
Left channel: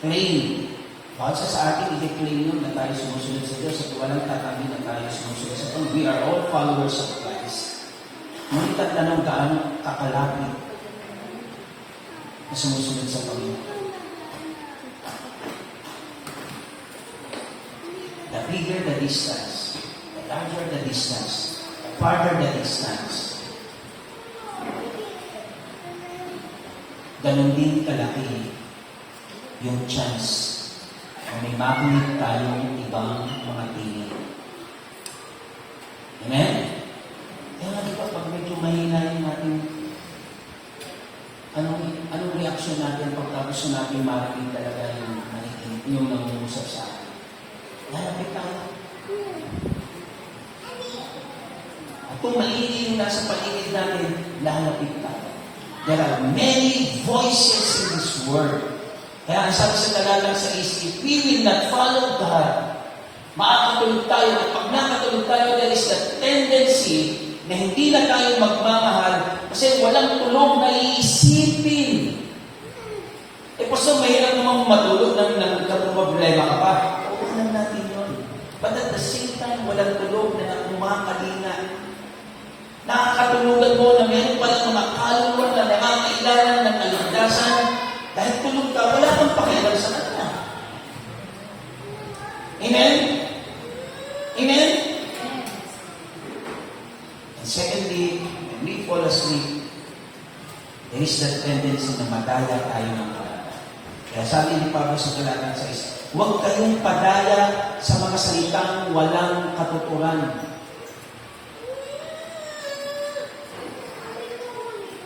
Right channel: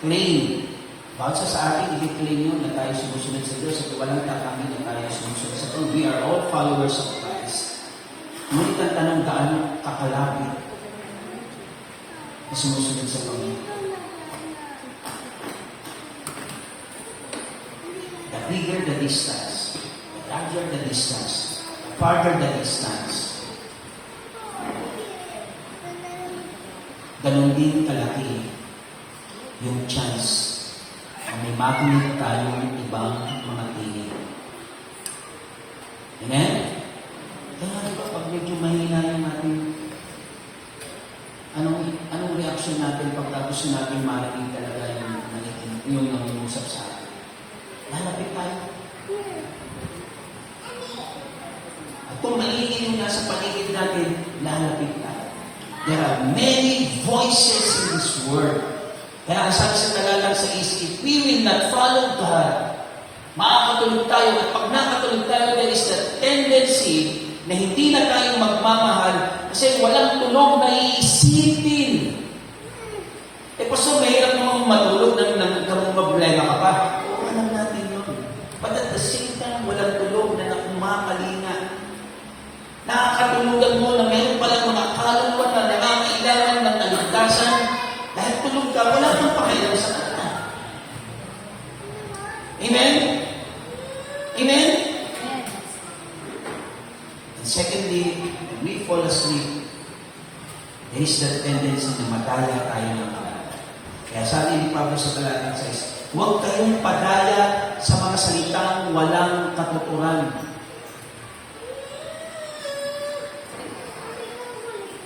claim, bawat sa atin, i-claim yun na tayo sumusunod sa Diyos at walang tatanggin na tayo sumusunod sa Panginoon. We are all followers of Christ. Ngunit ang tanong, gaano kakalapit na sumusunod sa Panginoon? The bigger the distance, the larger the distance, the farther the distance, ganun din kalaki yung chance na may makulit tayong ibang mga tingin. Amen? Kaya nga diba, pag medyo mahina yung ating anong reaksyon natin pagka gusto natin marinig talaga yung nangungusap sa atin? Lalapit tayo. At kung maingay yung nasa paligid natin, lalapit tayo. There are many voices in this world. Kaya ang sabi sa talatang sa if we will not follow God, makakatulog tayo. At pag nakatulog tayo, there is a tendency na hindi na tayo magmamahal kasi walang tulog na iisipin. Pastor, mahirap namang matulog na problema ka pa. Alam natin yun. But at the same time, walang tulog na kumakalinga. Nakakatulugan mo na meron palang mga kaluluwa na nangangailangan ng kaligtasan. Dahil tulog ka, wala kang pakialam sa kanya. Amen? Amen? And secondly, when we fall asleep, there is that tendency na madaya tayo ng kalat. Kaya sabi ni Pablo sa talatang 6, huwag kayong padaya sa mga salitang walang katuturan.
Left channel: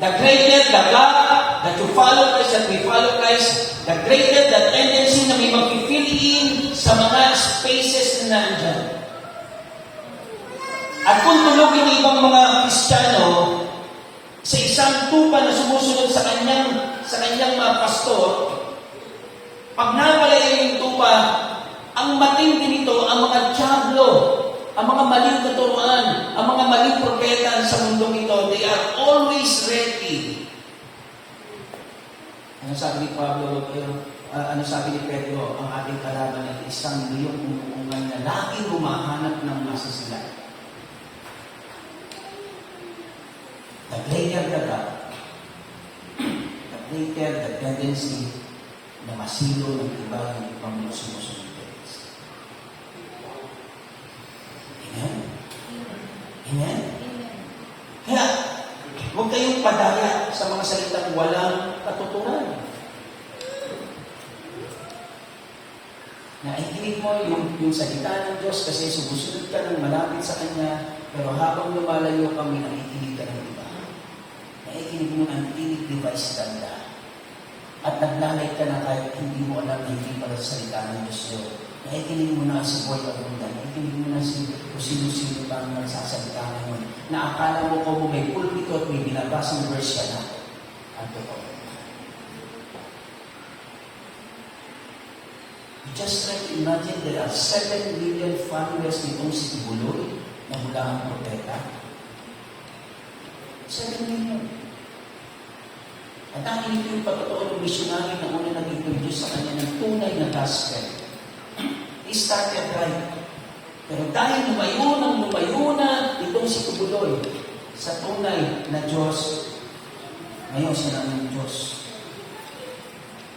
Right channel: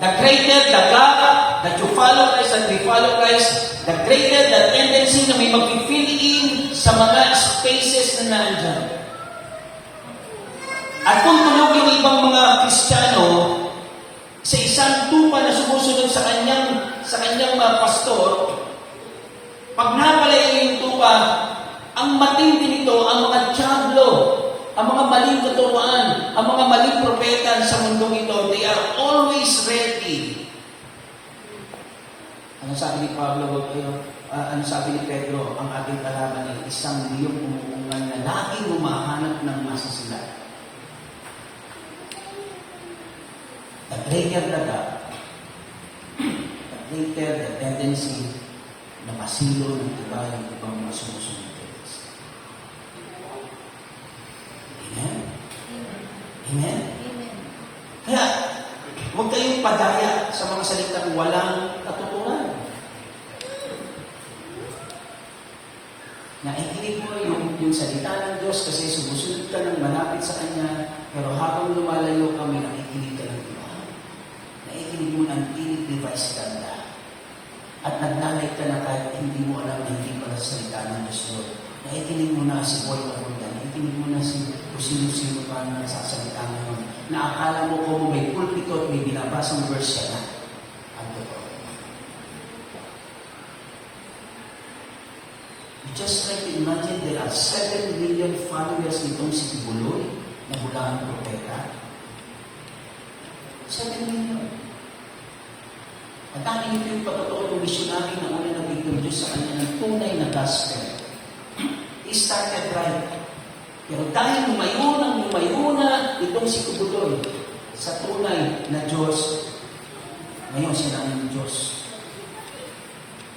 The greater the God that you follow Christ, that we follow Christ, the greater the tendency na may mag-fill in sa mga spaces na nandyan. At kung tulog yung ibang mga Kristiyano sa isang tupa na sumusunod sa kanyang mga pastor, pag nawala yung tupa, ang matindi nito, ang mga diablo, ang mga maling tuturuan, ang mga maling propeta sa mundong ito, they are always ready. Ano sabi ni Pablo, ano sabi ni Pedro, ang ating kalaban ay isang liyong umuungan na laging humahanap ng masasila. The greater the God, the greater the tendency na masilo ng iba ng ibang mga sumusunod. Amen? Amen? Kaya, huwag kayong padaya sa mga salitang walang katuturan. Naikinig mo yung salita ng Diyos kasi sumusunod ka ng malapit sa Kanya, pero habang lumalayo kami, naikinig ka ng iba. Naikinig mo ng inig-device ganda. At naglalait ka na kahit hindi mo alam na hindi pala salita ng Diyos yun. Naikinig mo na si Boy Abunda, naikinig mo na si sino-sino pa ang nagsasalita ngayon. Na akala mo kung may pulpito at may binabasang verse ka na. Ang totoo. Just try to imagine there are 7 million followers nitong si Tibuloy na hulang propeta. 7 million. At ang yung pagkatotoo ng missionary na una nag-introduce sa kanya ng tunay na gospel. He started right. Pero dahil lumayo na itong si Tibuloy sa tunay na Diyos, ngayon sila ng Diyos.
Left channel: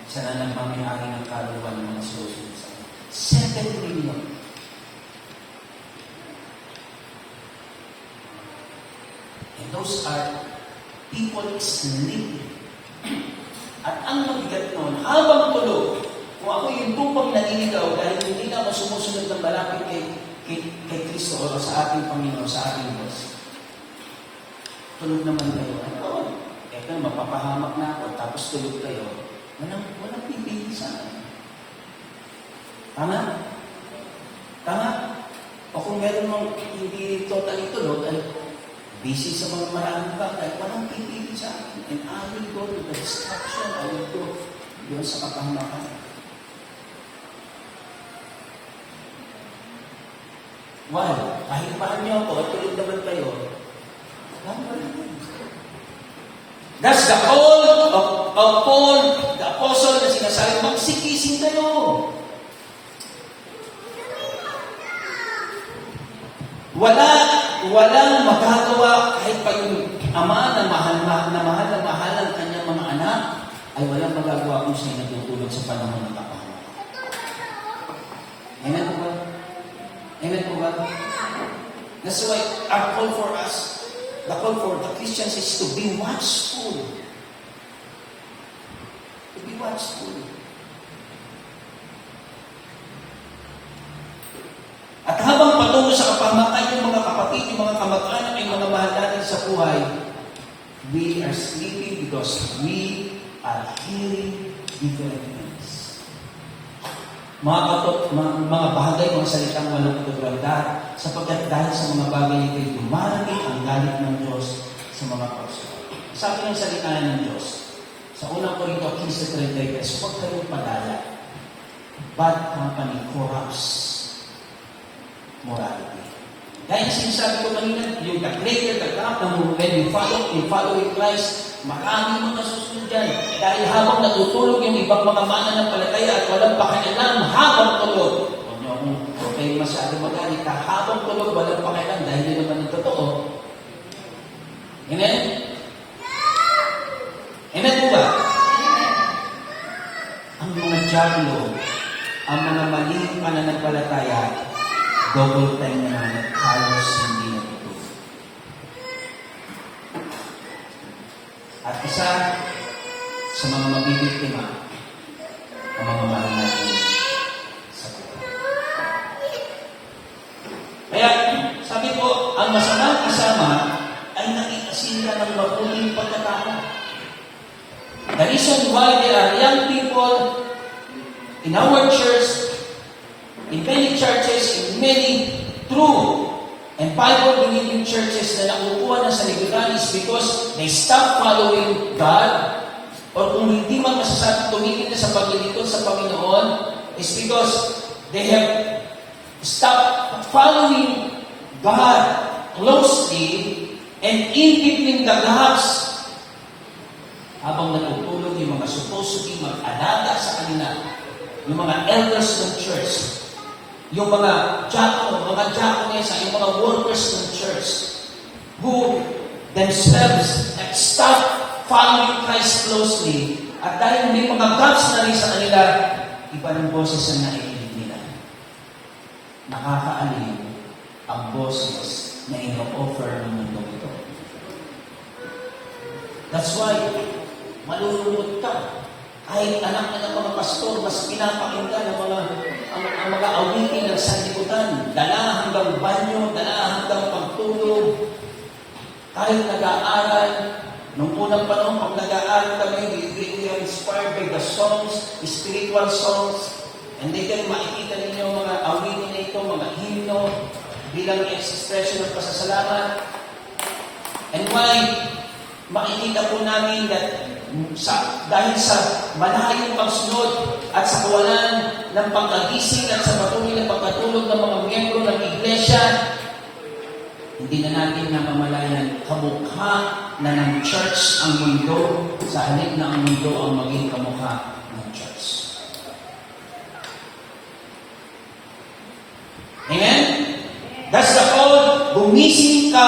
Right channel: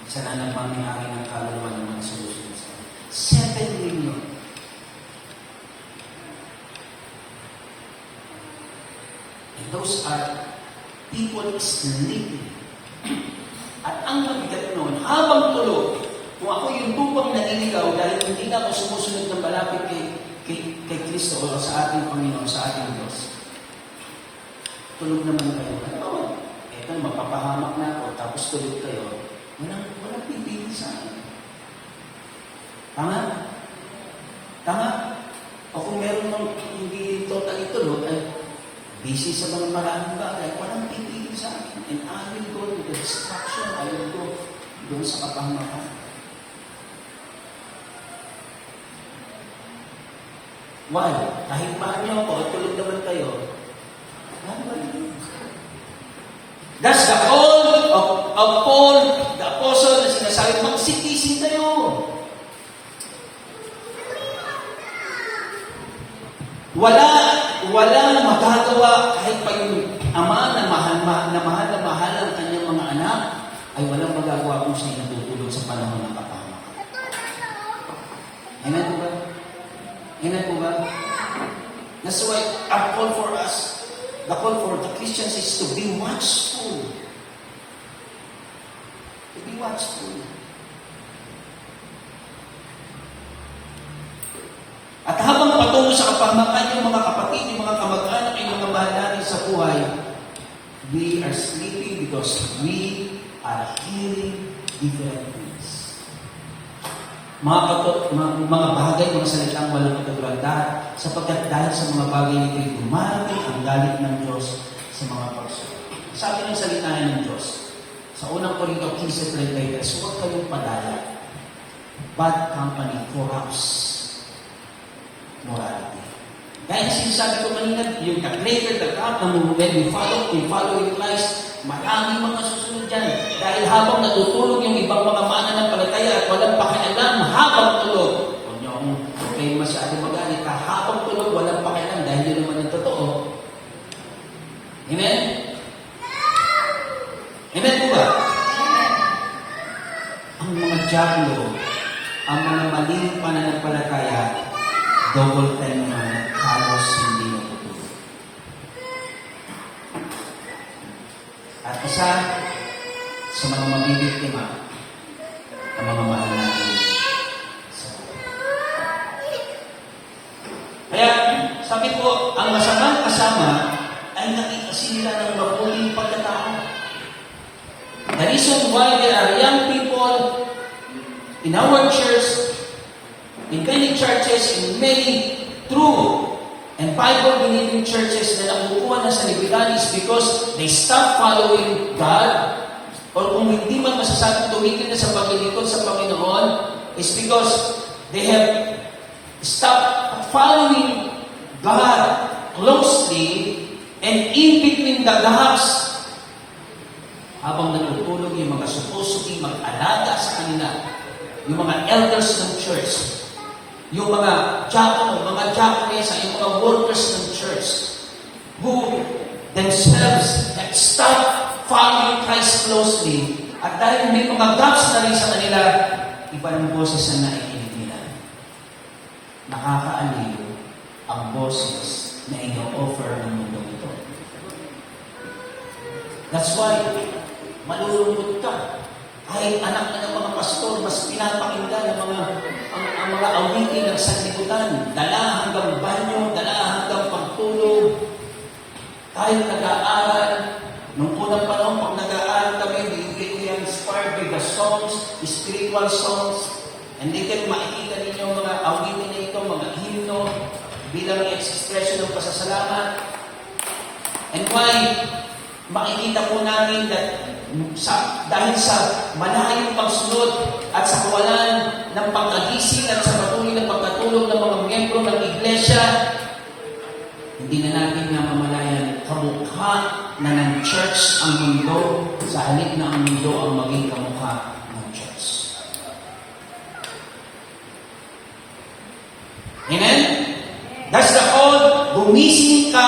Sana lang mami-ari ng kaluluwa ng mga solutions. 7 million. And those are people sleeping. At ang mabigat noon, habang tulog, kung ako yung tupang naninigaw dahil hindi na ako sumusunod ng malapit kay Kristo o sa ating Panginoon, sa ating Diyos. Tulog naman kayo. Oo. Ito, mapapahamak na ako, tapos tulog kayo. Walang pipili sa akin. Tama? Tama? O kung meron mong hindi totally tulog, ay busy sa mga maraming bagay, walang pipili sa akin. And I will go to the distraction, I will go doon sa kapahamakan. Why? Kahit paano ako, tulog naman kayo. That's the call of Paul, the apostle, na sinasabi, magsikising kayo. Walang magagawa kahit pa yung ama na mahal ang kanyang mga anak, ay walang magagawa kung siya natutulog sa panahon ng kapahamakan. Amen po ba? Amen po ba? That's why our call for us, the call for the Christians is to be watchful. To be watchful. At habang patungo sa kapahamakan yung mga kapatid, yung mga kamag-anak, yung mga mahal natin sa buhay, we are sleeping because we are hearing different things. Mga bagay, mga salitang walang katulad, sapagkat dahil sa mga bagay nito, dumami ang galit ng Diyos sa mga puso. Sabi ng salita ng Diyos, sa unang Korinto 15:33, huwag kayong padala. Bad company corrupts morality. Dahil sinasabi ko kanina, yung the greater the gap, when you follow in Christ, maraming mga susunod dyan. Dahil habang natutulog yung ibang mga mananampalataya at walang pakialam habang tulog. Huwag niyo kung kayo masyado magalit, habang tulog, walang pakialam dahil yun naman ang totoo. Amen? Amen po ba? Ang mga dyablo, ang mga maling pananampalataya, double time na halos hindi natutulog. At isa sa mga mabibiktima, ang mga mahal natin sa buhay. Kaya, sabi ko, ang masamang kasama ay nakikasila ng mabuting pagkatao. The reason why there are young people in our church, in many churches, in many true and Bible-believing churches na nakukuha na sa libutan is because they stop following God, or kung hindi man masasabi tumigil na sa paglilingkod sa Panginoon, is because they have stopped following God closely, and in between the gaps, habang natutulog yung mga supposed to be mag-alaga sa kanila, yung mga elders ng church, yung mga diaconessa, yung mga workers ng church, who themselves have stopped following Christ closely, at dahil may mga gaps na rin sa kanila, iba ng boses na naikinig nila. Nakakaaliw ang boses na ino-offer ng mundo ito. That's why, malulungkot ka. Kahit anak na ng mga pastor, mas pinapakinggan ang mga awitin ng sanlibutan. Dala hanggang banyo, dala hanggang pagtulog. Kahit nag-aaral, nung unang panahon, pag nag-aaral kami, we are inspired by the songs, spiritual songs, and later makikita ninyo mga awitin na ito, mga hymno, bilang expression ng pasasalamat. And why? Makikita po namin that dahil sa malayong pagsunod at sa kawalan ng pagkagising at sa patuloy ng pagkatulog ng mga miyembro ng iglesia, hindi na natin namamalayan kamukha na ng church ang mundo sa halip na ang mundo ang maging kamukha ng church. Amen? That's the call. Gumising ka,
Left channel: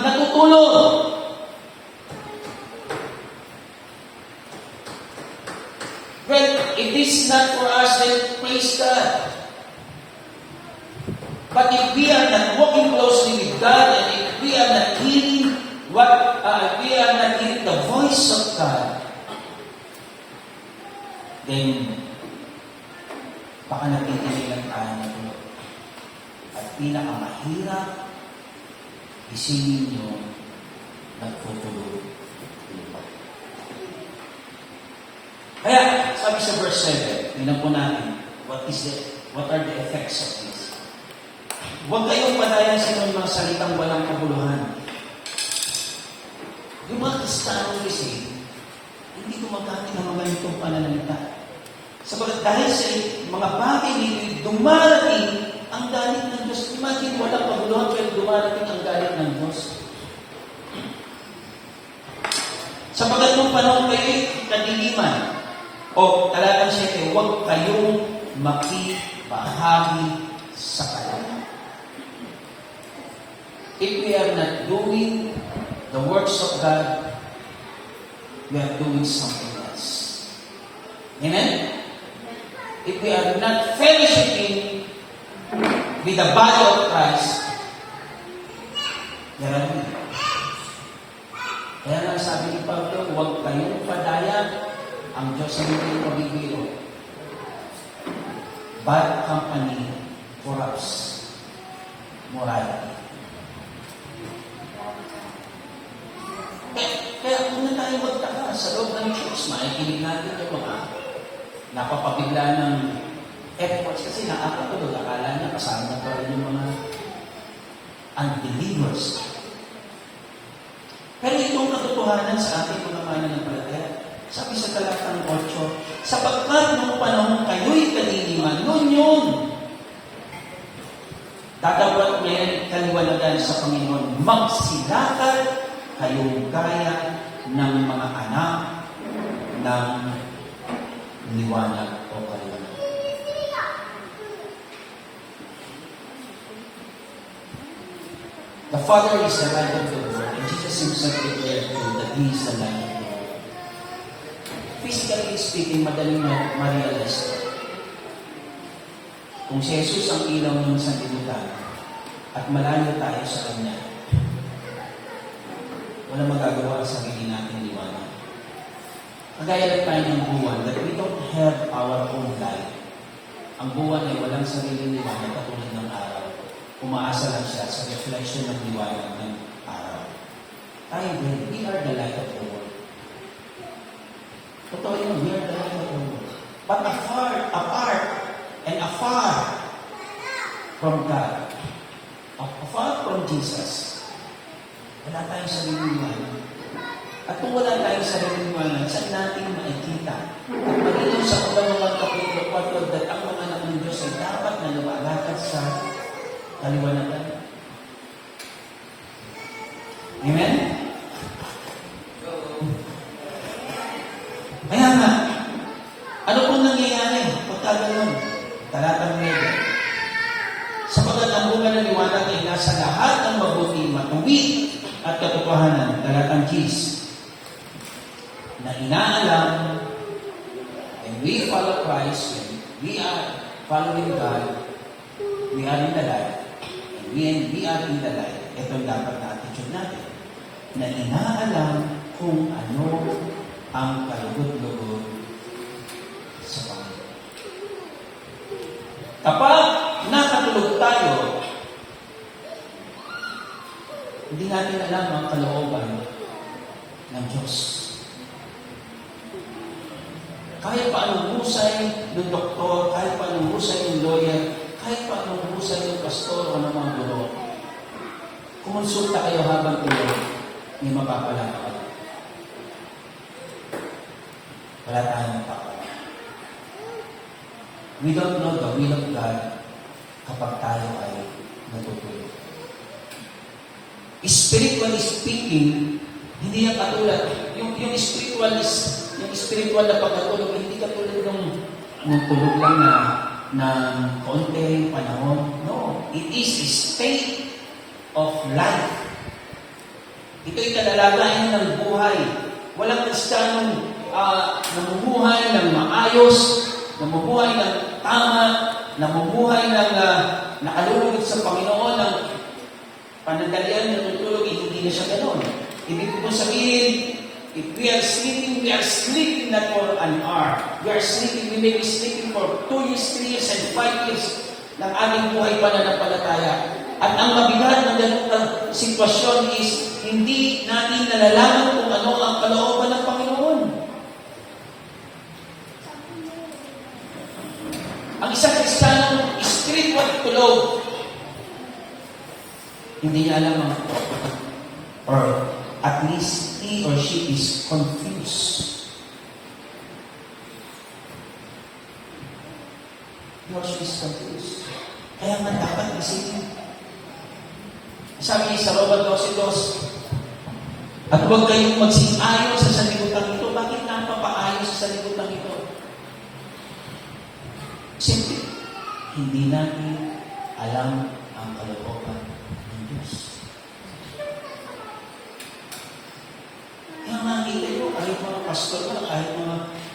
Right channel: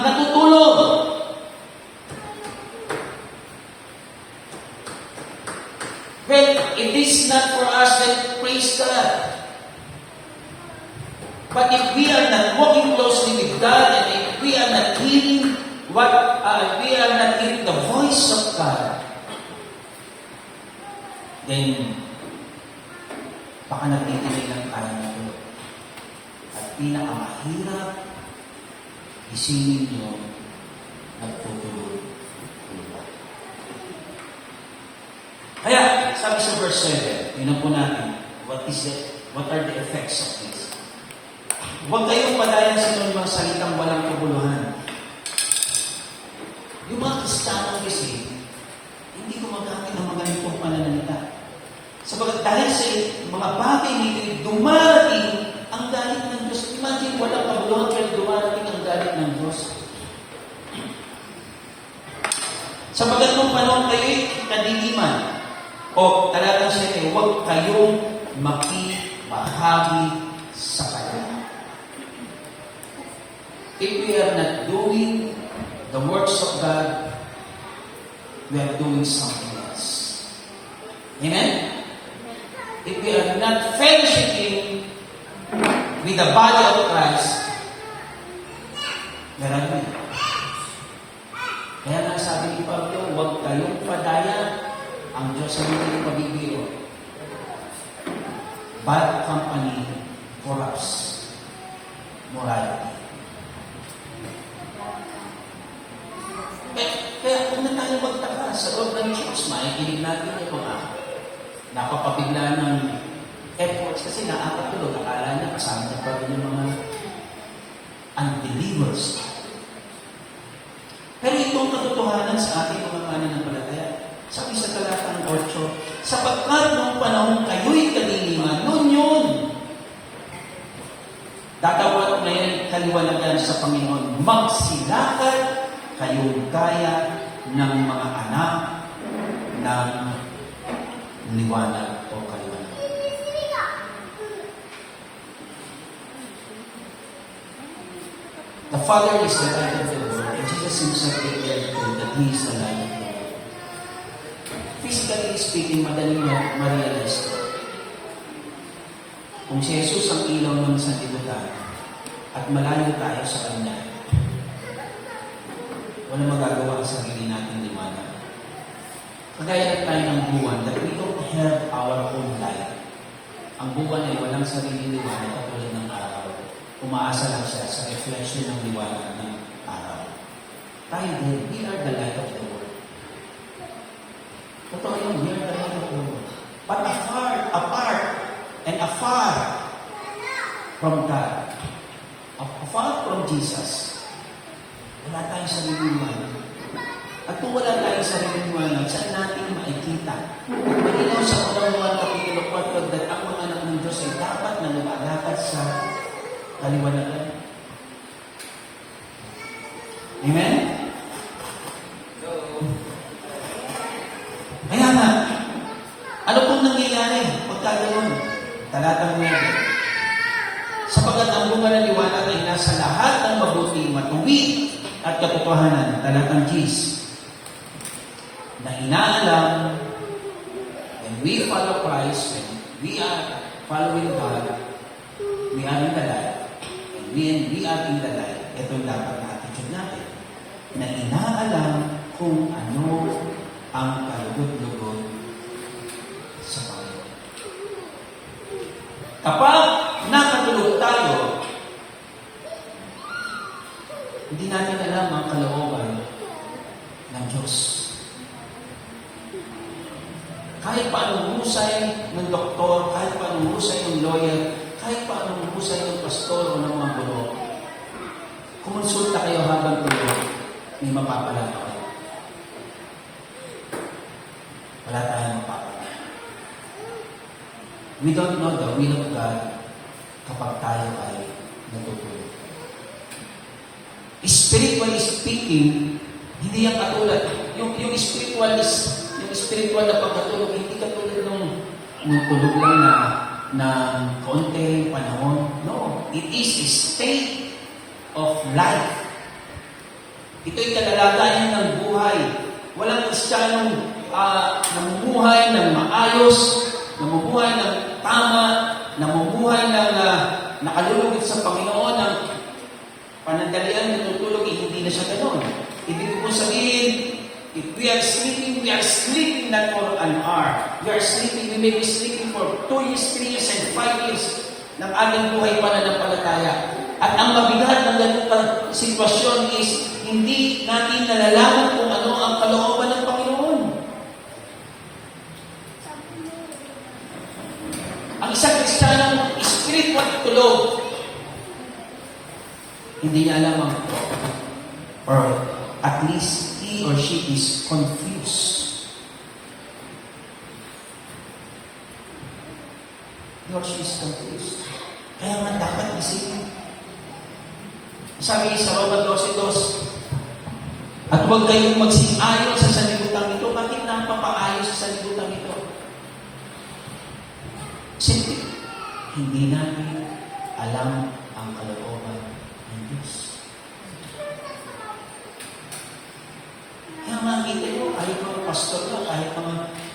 natutulog. Well, if this is not for us, then praise God. But if we are not walking closely with God, and if we are not hearing the voice of God, then baka nagtitinay lang tayo na ito. At pinakamahirap, isingin nyo, nagtutulog. Kaya, sabi sa verse 7, tingnan po natin, what are the effects of this? Huwag kayong padayan sa inyong mga salitang walang kabuluhan. Yung mga Kristiyano kasi, hindi gumagamit ng mga ganitong pananalita. Sabagat dahil sa mga bagay nito, dumarating ang galit ng Diyos. Imagine, walang kabuluhan, kaya dumarating ang galit ng Diyos. Sabagat nung panahon kayo'y kadiliman, o talatang siya kayo, huwag kayong makibahagi sa Kanya. If we are not doing the works of God, we are doing something else. Amen? If we are not fellowshipping with the body of Christ, meron din. Kaya nga sabi ni Pablo, huwag kayong padaya, ang Diyos ay hindi pabibiro. Bad company corrupts morality. Kaya kung na tayo magtaka sa loob ng church, makikinig natin yung mga napapabigla ng efforts kasi nakakatulog. Akala niya kasama na pa rin ng mga unbelievers. Pero itong katotohanan sa ating mga mananampalataya, sabi sa talatang 8, sapagkat nung panahon kayo'y kaliliman, noon yun. Dadawat na yan kaliwanagan sa Panginoon, magsilakad kayong kaya ng mga anak ng liwanag o kaliwanag. The Father is the light of the world, and Jesus Himself declared that He is the light of the world. Physically speaking, madaling ma-realize ko. Kung si Jesus ang ilaw ng sanlibutan at malayo tayo sa Kanya, wala magagawa sa sarili natin liwanag. Kagaya na tayo ng buwan, that we don't have our own light. Ang buwan ay walang sarili liwanag katulad ng araw. Umaasa lang siya sa reflection ng liwanag ng araw. Tayo din, we are the light of the world. Totoo yun, we are the light of the world. But apart from God, afar from Jesus, wala tayong sariling liwanag. At kung wala tayong sariling liwanag, saan natin makikita? Pagkino sa Panginoon Kapitulo 4, that ang mga anak ng Diyos ay dapat na lumalakad sa kaliwanagan. Amen? Kaya nga, ano pong nangyayari pagka ganoon? Talatang 9. Sapagkat ang bunga ng liwanag ay nasa lahat ng mabuti, matuwid at katotohanan, talatang 10. Na inaalam, and we follow Christ, and we are following God, we are in the light, and we are in the light. Ito dapat na attitude natin. Na inaalam kung ano ang kalugod-lugod sa Panginoon. Kapag nakatulog tayo, hindi natin alam ang kalooban ng Diyos. Kahit pa anong husay ng doktor, kahit pa anong husay ng lawyer, kahit pa anong husay ng pastor o ng mga guro, kumonsulta kayo habang tulog, hindi mapapalakaw. Wala tayong mapapalakaw. We don't know the will of God kapag tayo ay natutulog. Spiritually speaking, hindi yan katulad. Yung spiritual na pagkatulog, hindi katulad nung tulog lang na konti panahon. No, it is a state of life. Ito'y kalalagayan ng buhay. Walang Kristiyanong namumuhay ng maayos, namumuhay ng tama, namumuhay ng nakalulugod sa Panginoon ng panandalian ng tutulog, hindi na siya ganoon. Ibig ko sabihin, if we are sleeping not for an hour. We may be sleeping for 2 years, 3 years, and 5 years ng ating buhay pananampalataya. At ang mabigat ng ganitong sitwasyon is, hindi natin nalalaman kung ano ang kalooban ng Panginoon. Hindi niya alam ang or at least he or she is confused. He or she is confused. Kaya nga dapat isipin. Sabi sa Roma 12:2, at huwag kayong magsingayon sa sanlibutan ito. Bakit na ang papaayos sa sanlibutan ito? Simple. Hindi natin alam ang kalooban ng Diyos. Kaya nakita nyo, kahit mga pastor na, kahit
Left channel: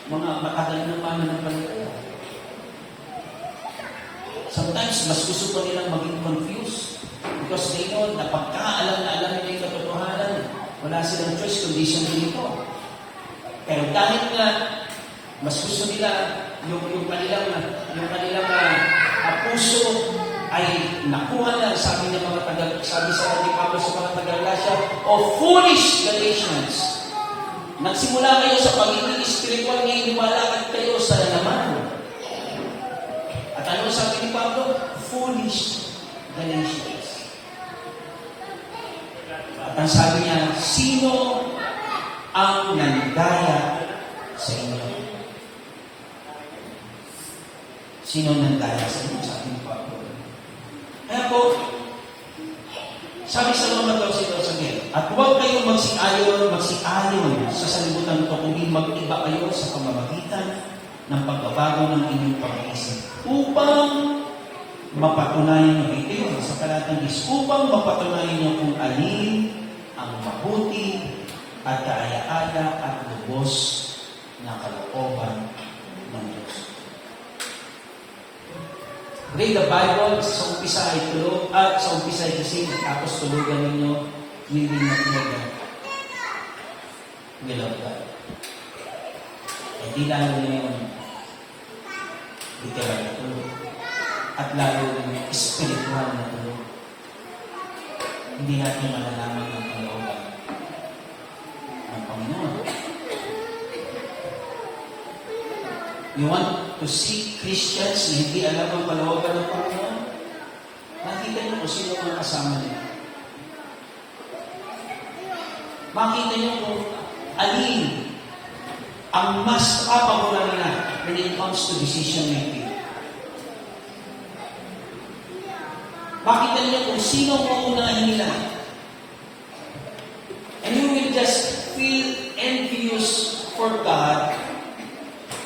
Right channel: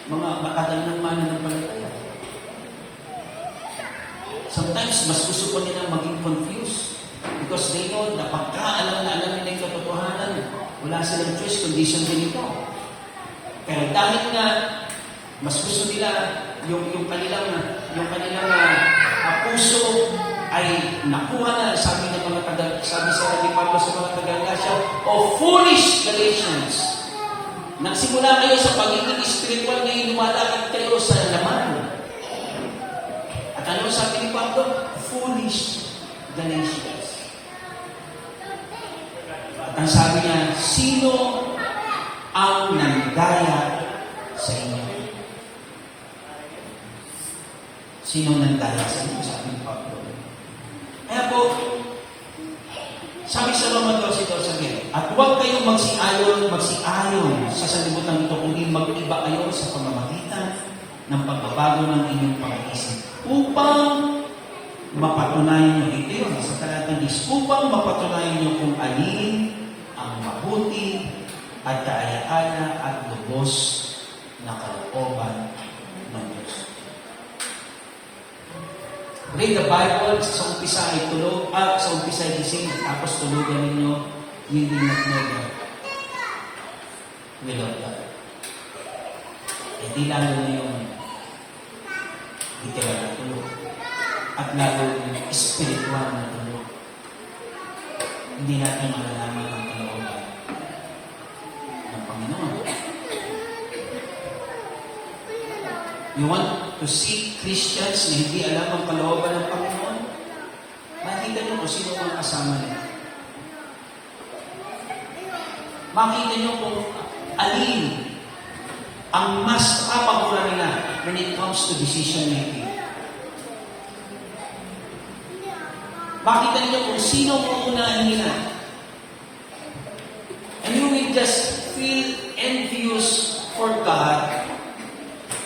mga matagal ng mananampalataya. Sometimes, mas gusto pa nilang maging confused because they know na pagka-alam na alam nila yung katotohanan, wala silang choice kundi sundin ito. Pero dahil nga, mas gusto nila yung kanilang puso ay nakuha na, sabi sa Rabbi Pablo sa mga taga-Galacia, o foolish Galatians. Nagsimula kayo sa pagiging spiritual, ngayon lumalakad kayo sa laman. At ano sabi ni Pablo? Foolish Galatians. At ang sabi niya, sino ang nanggaya sa inyo? Sino nanggaya sa inyo? Sabi ni Pablo. Kaya po, sabi sa Roma 12:2, at huwag kayong magsiayon sa sanlibutan ito, kundi mag-iba kayo sa pamamagitan ng pagbabago ng inyong pag-iisip. Upang mapatunayan nyo, ito yun, sa talatang 10, upang mapatunayan nyo kung alin ang mabuti at kaaya-aya at lubos na kalooban ng Diyos. Read the Bible, sa umpisa ay gising, tapos tulugan ninyo, hindi na nilog ka. Hindi lalo na yun, literal na tulog. At lalo spiritual na tulog. Hindi natin malalaman ang kalooban ng Panginoon. You want to see Christians na hindi alam ang kalooban ng Panginoon? Makikita niyo kung sino mga kasama niyo. Makikita niyo kung alin ang mas kapaguran nila when it comes to decision making. Makita niyo kung sino mo unahin nila. And you will just feel envious for God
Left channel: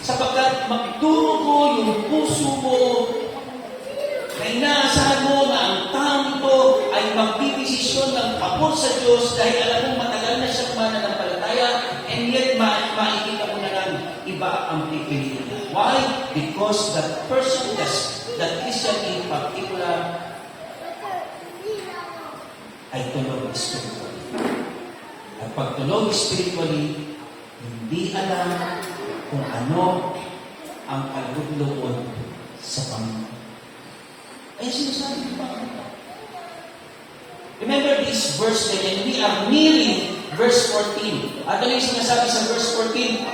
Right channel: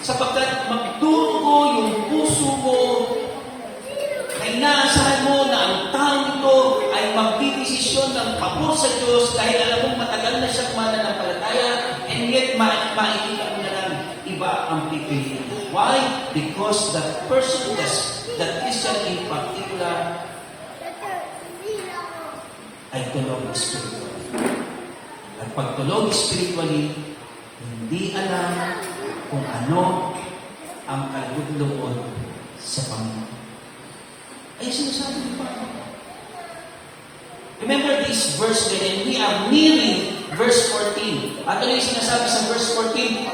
sapagkat magdurugo yung puso mo na inaasahan mo na ang taong ito ay magdidesisyon ng pabor sa Diyos dahil alam mong matagal na siya mananampalataya and yet makikita mo na lang iba ang pipiliin. Why? Because that person, that Christian in particular, ay tulog spiritually. At pag tulog spiritually, hindi alam kung ano ang kalugluon sa Panginoon. Ay sinasabi ni Panginoon. Remember this verse then, and we are nearing verse 14. At ano yung sinasabi sa verse 14?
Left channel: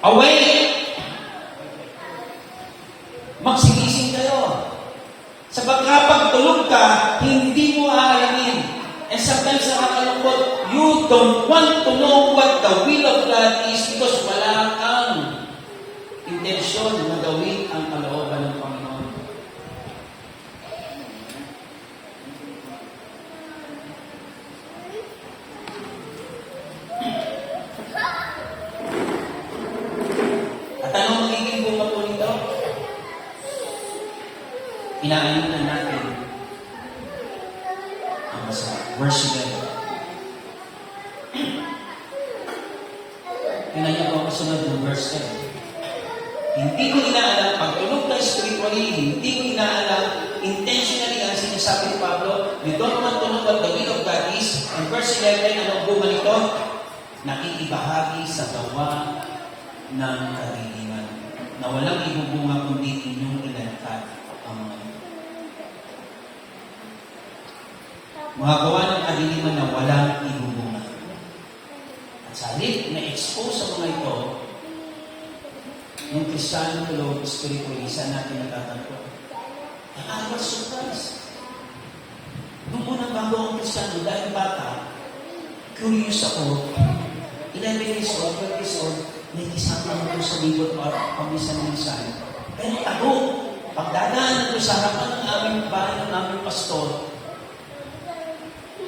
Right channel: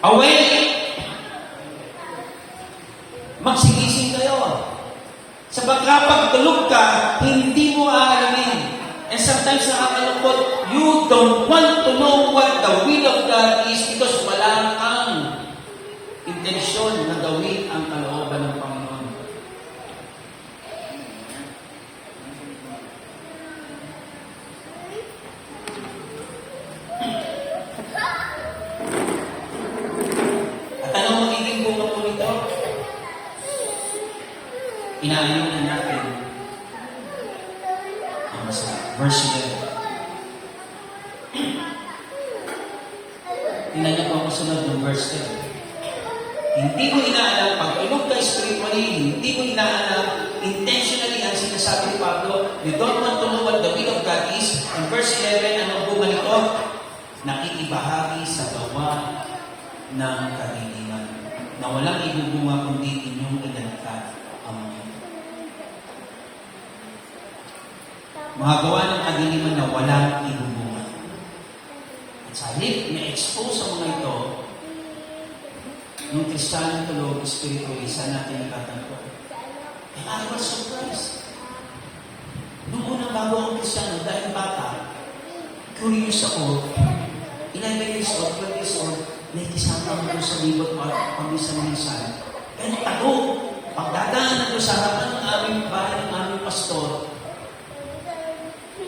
Awake! Magsigising kayo. Sapagkat pag tulog ka, hindi mo aalamin. And sometimes nakakalungkot, you don't want to know what the will of God is because wala kang intensyon na gawin ang kalooban ng Panginoon. At anong magiging bunga po nito? Inaayunan natin ang masarap. Verse 11. Tingnan niyo po ang kasunod ng verse 10. Hindi mo inaalam, pag tulog ka spiritually, hindi mo inaalam, intentionally ang sinasabi ni Pablo, you don't want to know what the will of God is. And verse 11, anong bunga nito? Nakikibahagi sa gawa ng kadiliman na walang ibubunga kundi inyong ilalakad ang mga gawa ng kadiliman na walang ibubunga. At sa halip na expose sa mga ito, nung Kristiyano tulog spiritually, saan natin natatagpuan? I was surprised. Kristyano dahil bata, curious ako, 11 years old, 12 years old, nakikisama ko sa libot pamisa-misan. Pero tago, pagdadaan ko sa harapan ng aming bahay ng aming pastor,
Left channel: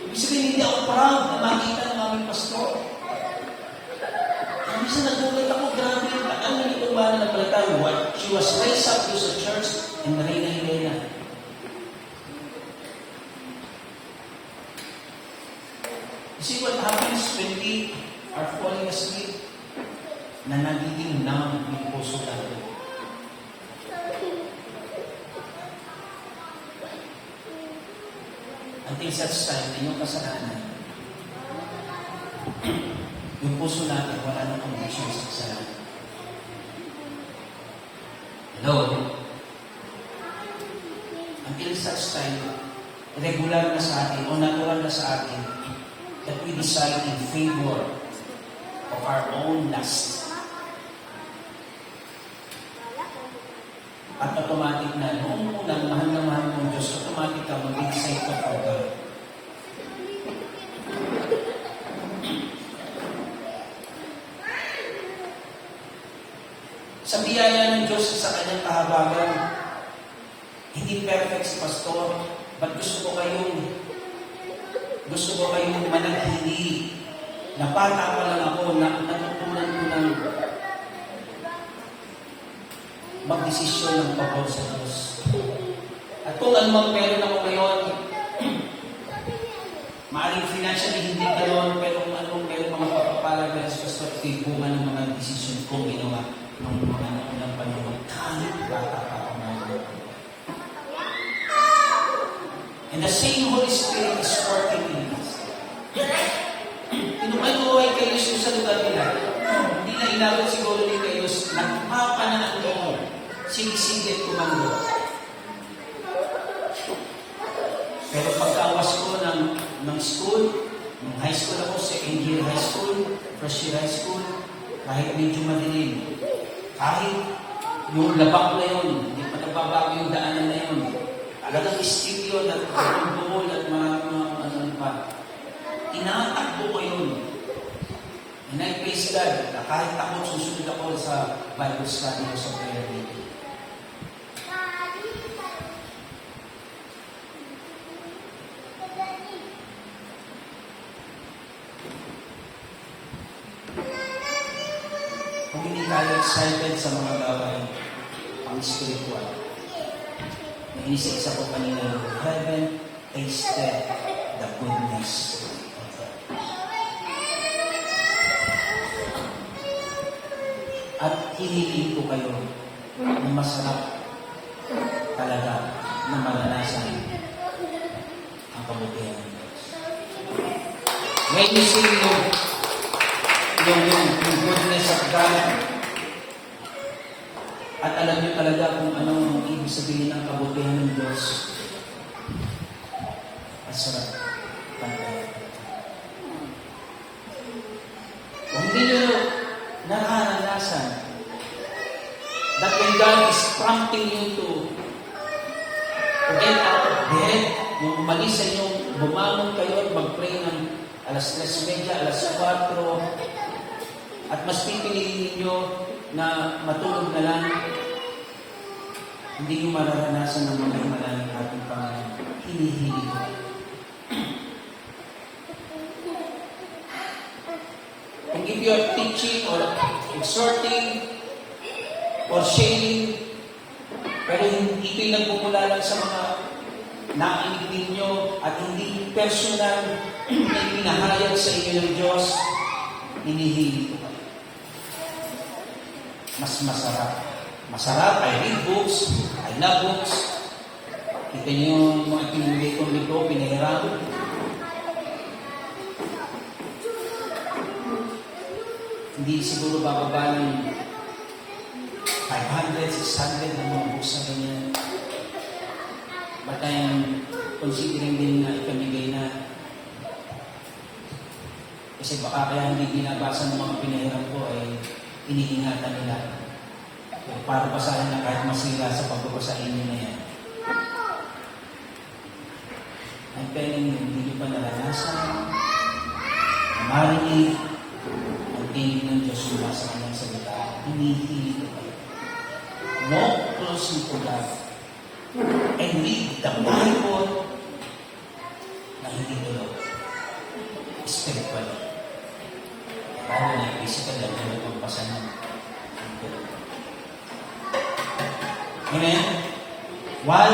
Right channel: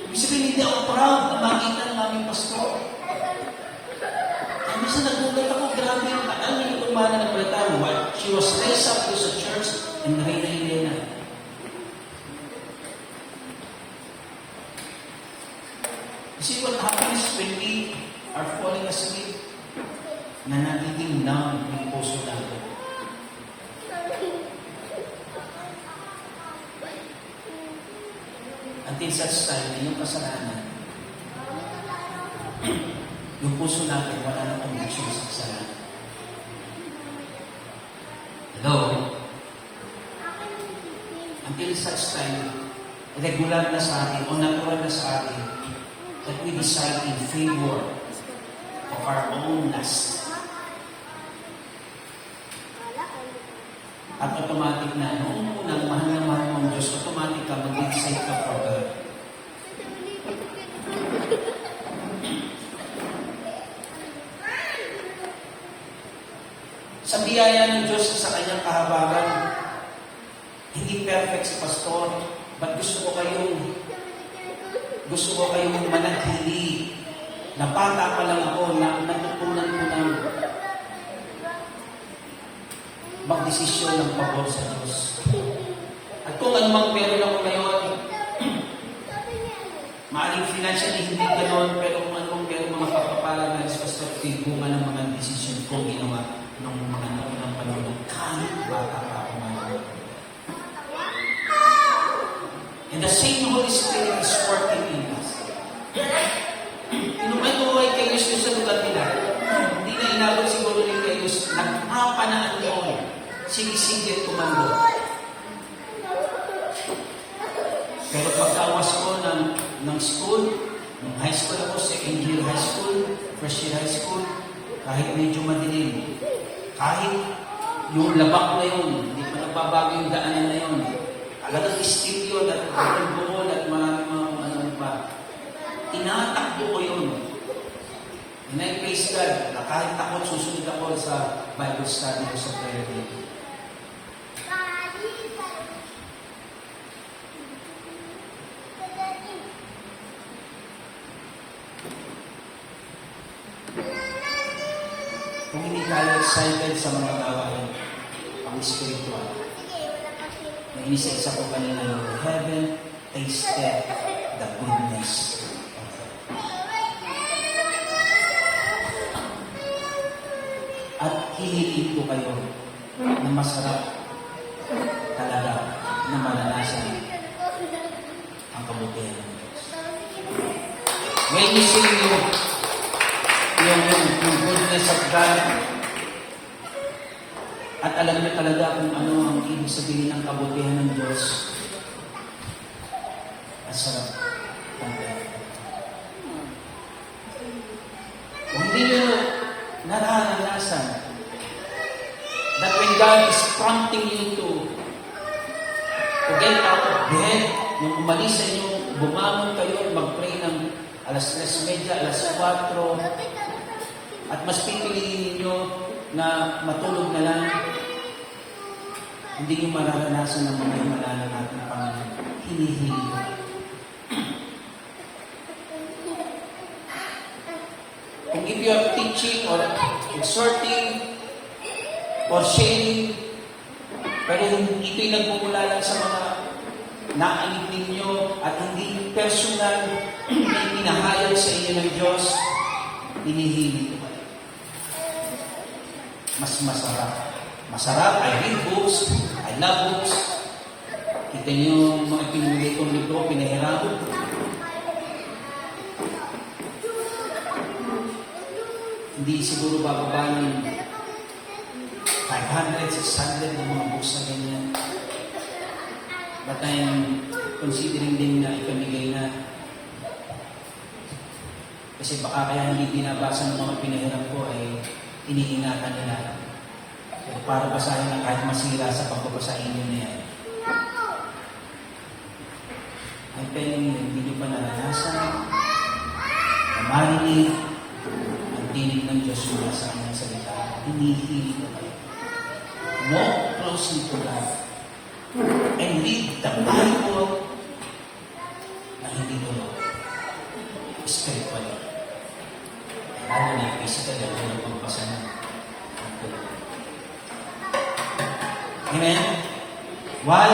ibig sabihin, hindi ako proud na makita ng aming pastor. Ang isa nagulat ako, grabe yung ano yung kumana na balatan. She was raised up to the church in Reina Elena. You see what happens when we are falling asleep? Na nagiging numb yung puso natin. Until such time na yung kasalanan, yung puso natin wala nang conviction sa kasalanan. Hello? Until such time, regular na sa atin o natural na sa atin that we decide in favor of our own lust. At automatic na, noong unang mahal na mahal ng Diyos, automatic ka mag-decide ka for God. Sa biyaya ng Diyos sa kanyang kahabagan, hindi perfect si pastor, but gusto ko kayong manatili. Na bata pa lang ako, natutunan ko ng magdesisyon ng pabor sa Diyos. At kung anumang meron ako ngayon, maaaring financially hindi ganoon, pero kung anumang meron mga papapala na sa pastor, bunga ng mga desisyon kong ginawa ng mga naunang panahon, kahit bata pa ako ngayon. And the same Holy Spirit is working in us. Inumanuhay kayo sa lugar nila. Hindi na inabot siguro ni kayo nagpapanaan doon. Sinisingit kumando. Pero pagkawas ko ng school, ng high school ako, second year high school, first year high school, kahit medyo madilim, kahit yung labak na yun, hindi pa nagbabago yung daanan na yun, talagang stick yun, at buhol, at mga ano pa. Tinatakbo ko yun. And I praise God, na kahit takot, susunod ako sa Bible study ko sa prayer meeting. Kung hindi tayo excited sa mga gawain, ang spiritual, may isa-isa ko kanina yung heaven tasted the goodness of God. At hihiliin ko kayo na masarap talaga na maranasan ang kabutihan ng Diyos. When you see yung goodness of God, at alam niyo talaga kung ano ang ibig sabihin ng kabutihan ng Diyos, ang sarap pantayan. Kung hindi nyo naranasan that when God is prompting you to get out of bed, yung umalis sa inyong bumangon kayo at mag-pray ng alas 3:30, alas 4, at mas pipiliin ninyo na matulog na lang, hindi nyo mararanasan ng mga himala ng ating Panginoon. Hinihili ko. Kung if you are teaching or exhorting or sharing, pero ito'y nagmumula lang sa mga nainig ninyo at hindi personal na pinahayag sa inyo ng Diyos, hinihili ko kayo. Mas masarap. Masarap, I read books, I love books. Kita niyo yung mga pinili kong libro, pinahirap. Hindi siguro bababa ng 500, 600 ng mga books na ganyan. But I am considering din na ikamigay na. Kasi baka kaya hindi binabasa ng mga pinahirap ko ay iniingatan nila. Kaya para basahin na kahit masira sa pagbabasahin nyo na yan. I'm telling you, hindi nyo pa naranasan, na marinig, ang tinig ng Diyos mula sa kanyang salita. Hinihiling ko kayo. Walk closely to God and read the Bible na hindi tulog. Spiritually. Lalo na physical, lalo na pagpasa ng tulog. Amen? Why?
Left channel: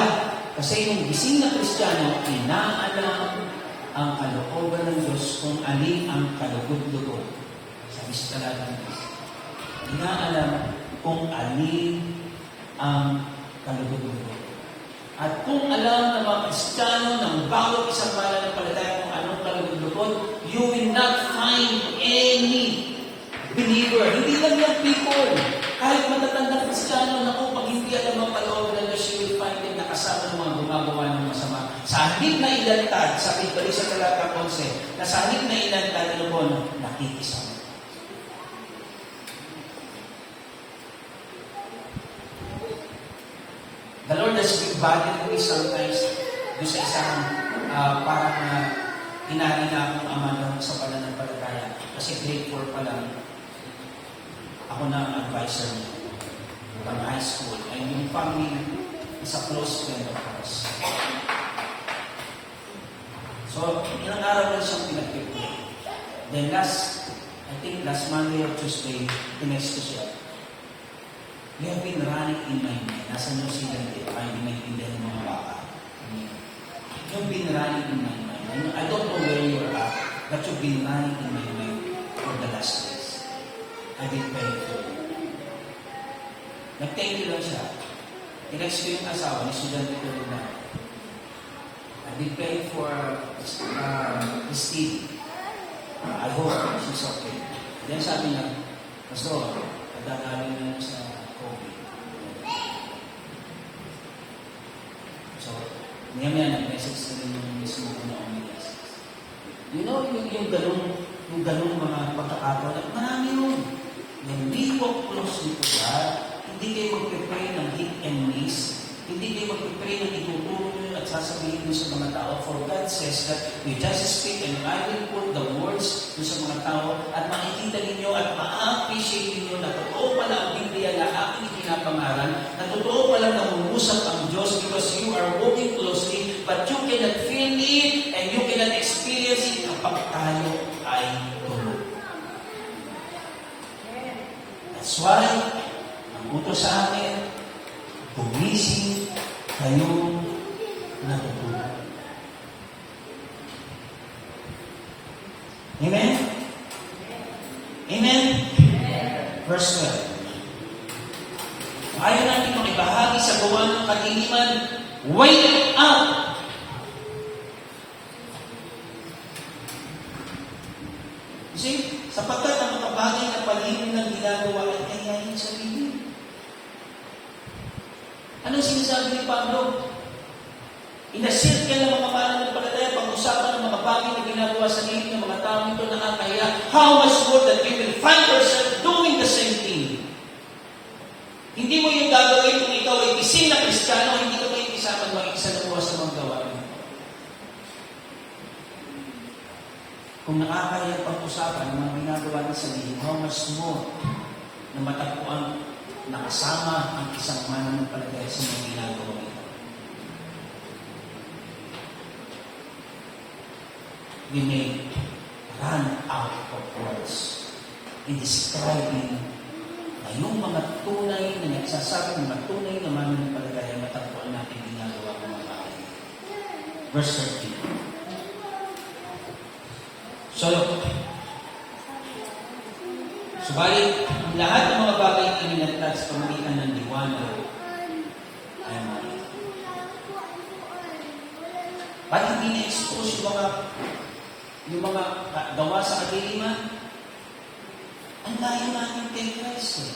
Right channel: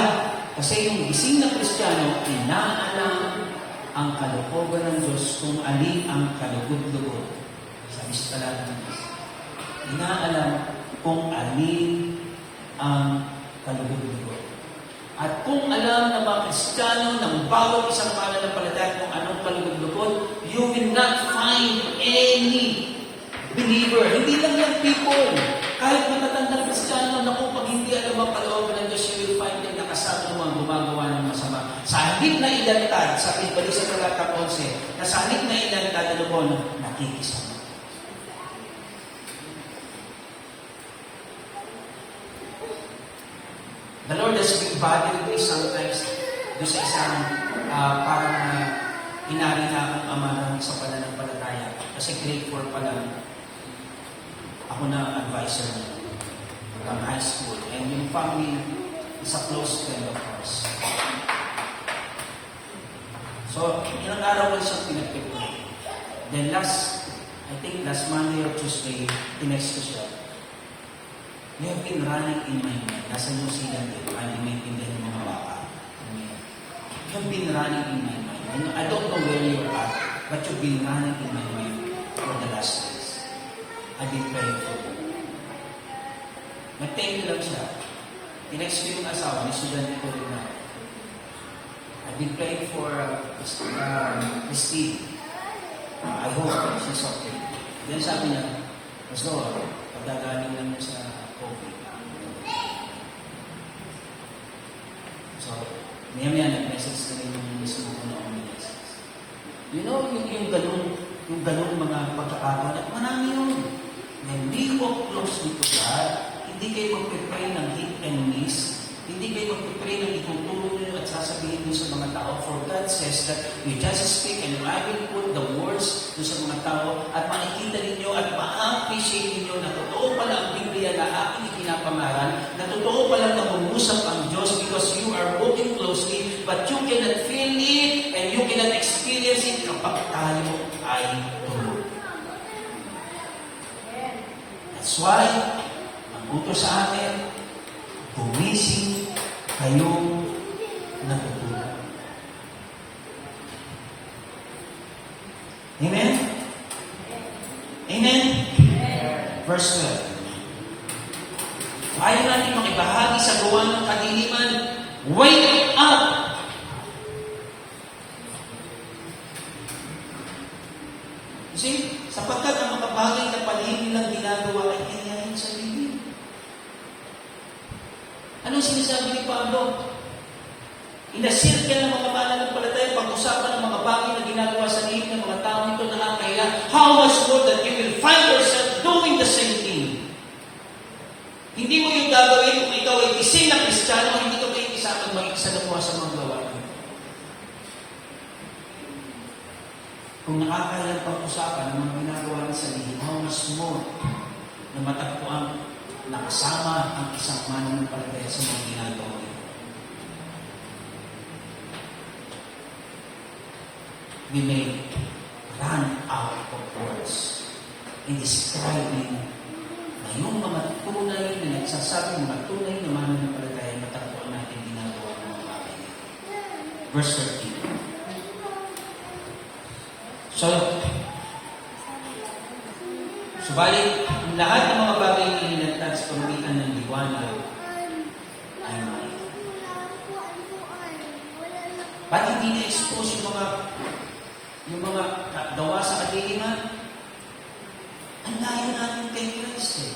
Kasi yung gising na Kristiyano, inaalam ang kalooban ng Diyos kung alin ang kalugod-lugod sa Bispalatan ng Diyos. Inaalam kung alin ang kalugod-lugod. At kung alam ng mga Kristiyano ng bagong isang pananampalataya kung anong kalugod-lugod, you will not find any believer. Hindi lang yung people. Kahit matatandang Kristiyano, naku, pag hindi alam ang kalooban ng Diyos, you will find them nakasama ng mga gumagawa ng masama. Sa halip na ilantad, sa ibalik sa talata 11, na sa halip na ilantad, ano po, nakikisama. The Lord has been bothering me sometimes doon sa isang parang inari na akong amarang sa pananampalataya. Kasi grade 4 pa lang, ako na ang advisor niya from high school. And yung family is a close friend of ours. So, ilang araw lang siyang pinag-tip ko. Then last Monday or Tuesday, tinext ko siya. May have been running in my mind. Nasa New Zealand din, para hindi maintindihan ng mga baka. You've been running in my mind. I don't know where you are at, but you've been running in my mind for the last days. I've been praying for you. Nag-thank you lang siya. Tinext ko yung asawa, may student ko rin na. I've been praying for Christine. I hope she's okay. Then sabi niya, Pastor, pagdagaling na niya sa COVID. So, maya-maya nag-message na rin yung mismo ko na message. You know, yung ganung mga pagkakataon, marami yun. Hindi ko closely to God, hindi kayo mag-pray ng deep enemies, hindi kayo mag-pray ng ituturo nyo at sasabihin nyo sa mga tao. For God says that you just speak and I will put the words to sa mga tao at makikita ninyo at ma-appreciate ninyo na totoo pala ang Biblia na aking pinapangaral, na totoo pala na umusap ang Diyos because you are walking closely but you cannot feel it and you cannot experience it kapag tayo ay tulog. That's why, ang utos sa amin, gumising kayong natutulog. Amen? Amen? Verse 12. Ayaw natin makibahagi sa gawa ng kadiliman, wake up! See, sapagkat ang makabagay na palihim ng ginagawa ay kanyahin sa bibig. Anong sinasabi ni Pablo? Inasilkan ng mga pananampalataya, pag-usapan ng mga bagay na ginagawa sa liit ng mga tao ito nakakahiya. How much more that you will find yourself doing the same thing? Hindi mo yung gagawin kung ikaw ay isang na Kristiyano, hindi ko kayo isakan makikisalawa sa mga gawa. Kung nakakahiya pag-usapan ng mga ginagawa ng sa liit, how much more na matagpuan nakasama ang isang mananampalataya sa mga ginagawa nito. We may run out of words in describing na yung mga tunay na nagsasabi, mga tunay na mananampalataya na tagpuan natin ginagawa ng mga bagay. Verse 13. Subalit, ang lahat ng mga bagay na ininatag sa pamamagitan ng liwanag ay mali. Ba't hindi na-expose yung mga gawa sa kadiliman? Ang layo natin kay Christ eh.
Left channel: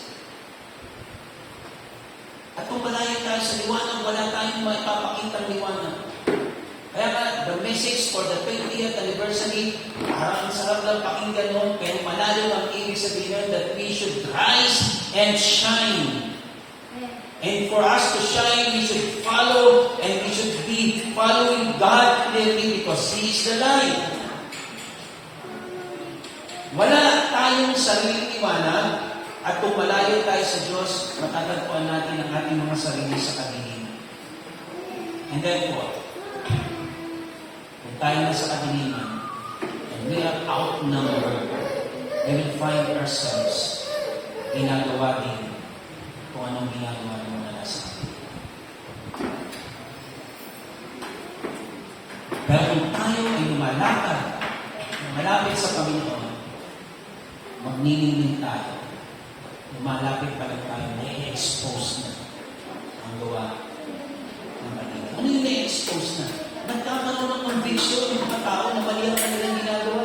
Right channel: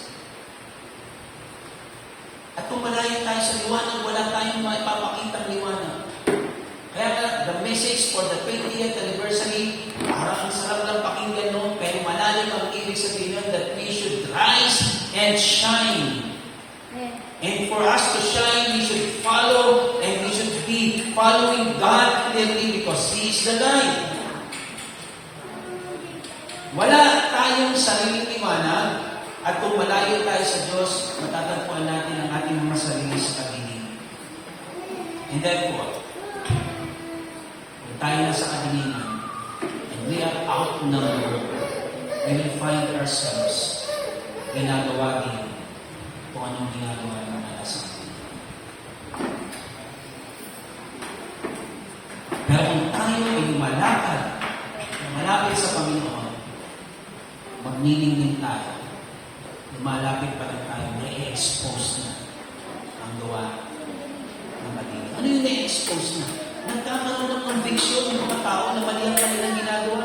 At kung malayo tayo sa liwanag, wala tayong maipapakitang liwanag. Kaya nga, the message for the 20th anniversary, parang ang sarap lang pakinggan noon, pero malalim ang ibig sabihin that we should rise and shine. And for us to shine, we should follow and we should be following God clearly because He is the light. Wala tayong sariling liwanag at kung malayo tayo sa Diyos, matatagpuan natin ang ating mga sarili sa kadiliman. And therefore, kung tayo na sa kadiliman, and we are outnumbered, we will find ourselves ginagawa din kung anong ginagawa ng mga nasa atin. Pero kung tayo ay lumalakad, malapit sa Panginoon, magnilingin tayo, lumalapit pa rin tayo, na-expose na ang gawa ng mali. Ano yung na-expose na? Nagkakaroon ng conviction ng mga tao na mali ang kanilang ginagawa.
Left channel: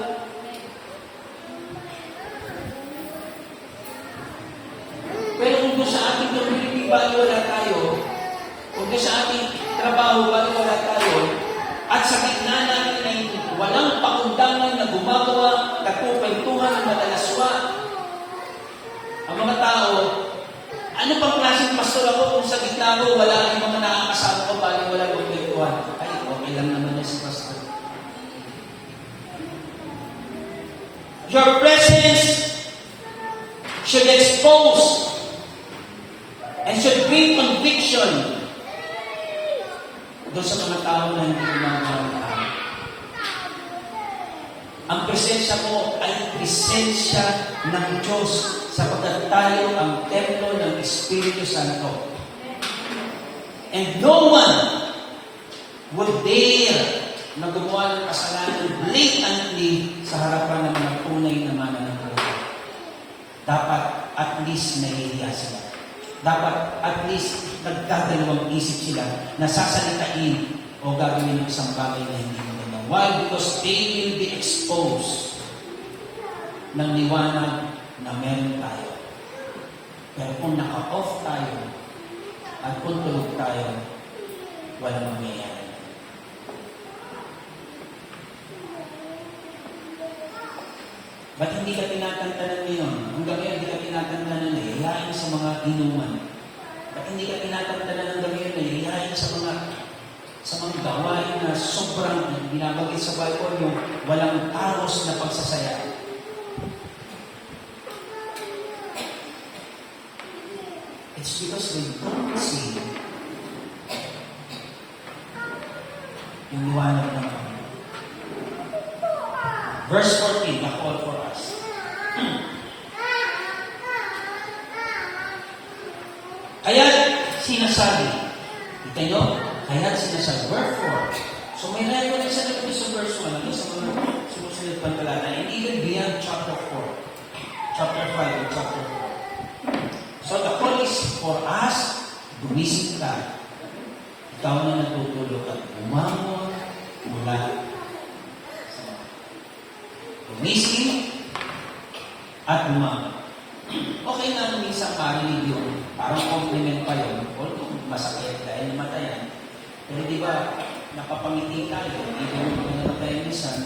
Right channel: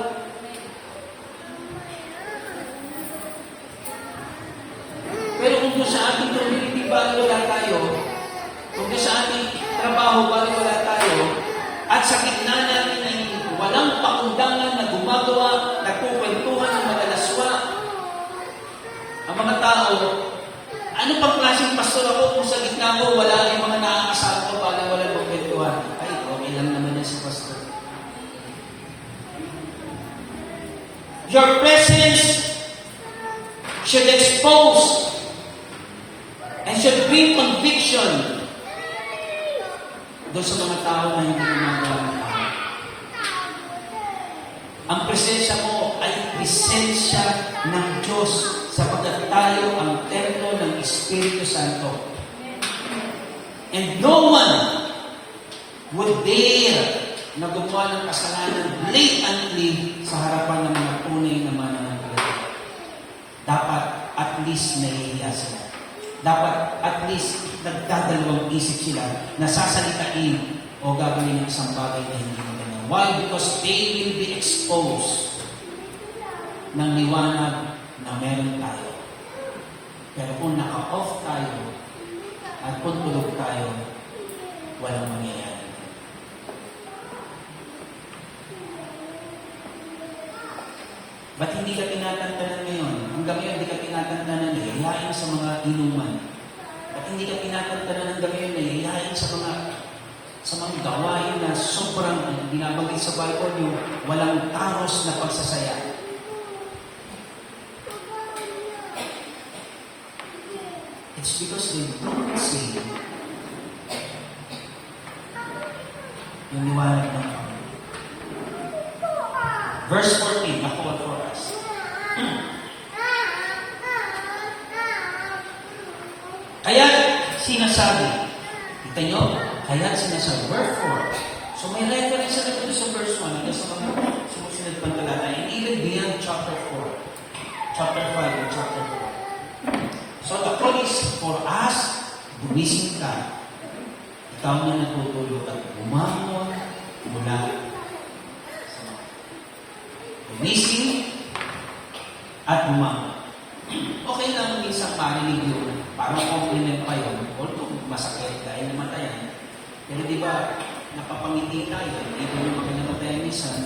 Pero kung doon sa ating community, bago wala tayo, kung doon sa ating trabaho, bago wala tayo, at sa gitna namin ay walang pakundangan na gumagawa, nagkukwentuhan ng madalaswa, ang mga tao, ano pang klaseng pastor ako kung sa gitna ko wala yung mga nakakasama ko bago wala pang kwentuhan? Ay, okay lang naman na si pastor. Your presence should expose and should bring conviction doon sa mga tao na hindi gumagawa ng tao. Ang presensya mo ay presensya ng Diyos sapagkat tayo ang templo ng Espiritu Santo. And no one would dare na gumawa ng kasalanan blatantly sa harapan ng mga tunay na mananampalataya. Dapat at least nahihiya sila. Dapat at least nagdadalawang isip sila na sasalitain o gagawin ng isang bagay na hindi maganda. Why? Because they will be exposed ng liwanag na meron tayo. Pero kung naka-off tayo at kung tulog tayo, walang mangyayari. Ba't hindi ka tinatantanan ngayon? Hanggang ngayon, hindi ka tinatantanan na hilahin sa mga inuman. Ba't hindi ka tinatantanan hanggang ngayon na hilahin sa mga gawain na sobrang binabagay sa Bible yung walang taros na pagsasaya. It's because they don't see yung liwanag ng Panginoon. Verse 14, a call for us. Kaya sinasabi, kita nyo, kaya sinasabi, wherefore. So may reference sa ito sa verse 1, hanggang sa mga sumusunod pang talata, and even beyond chapter 4, chapter 5, and chapter 4. So the call is for us, gumising ka. Ikaw na natutulog at bumangon mula sa mga. Gumising at bumangon. Okay lang minsan marinig yun. Parang compliment pa yun. Although masakit dahil namatayan. Pero di ba, napapangiti tayo. Even yung pinamatayan minsan,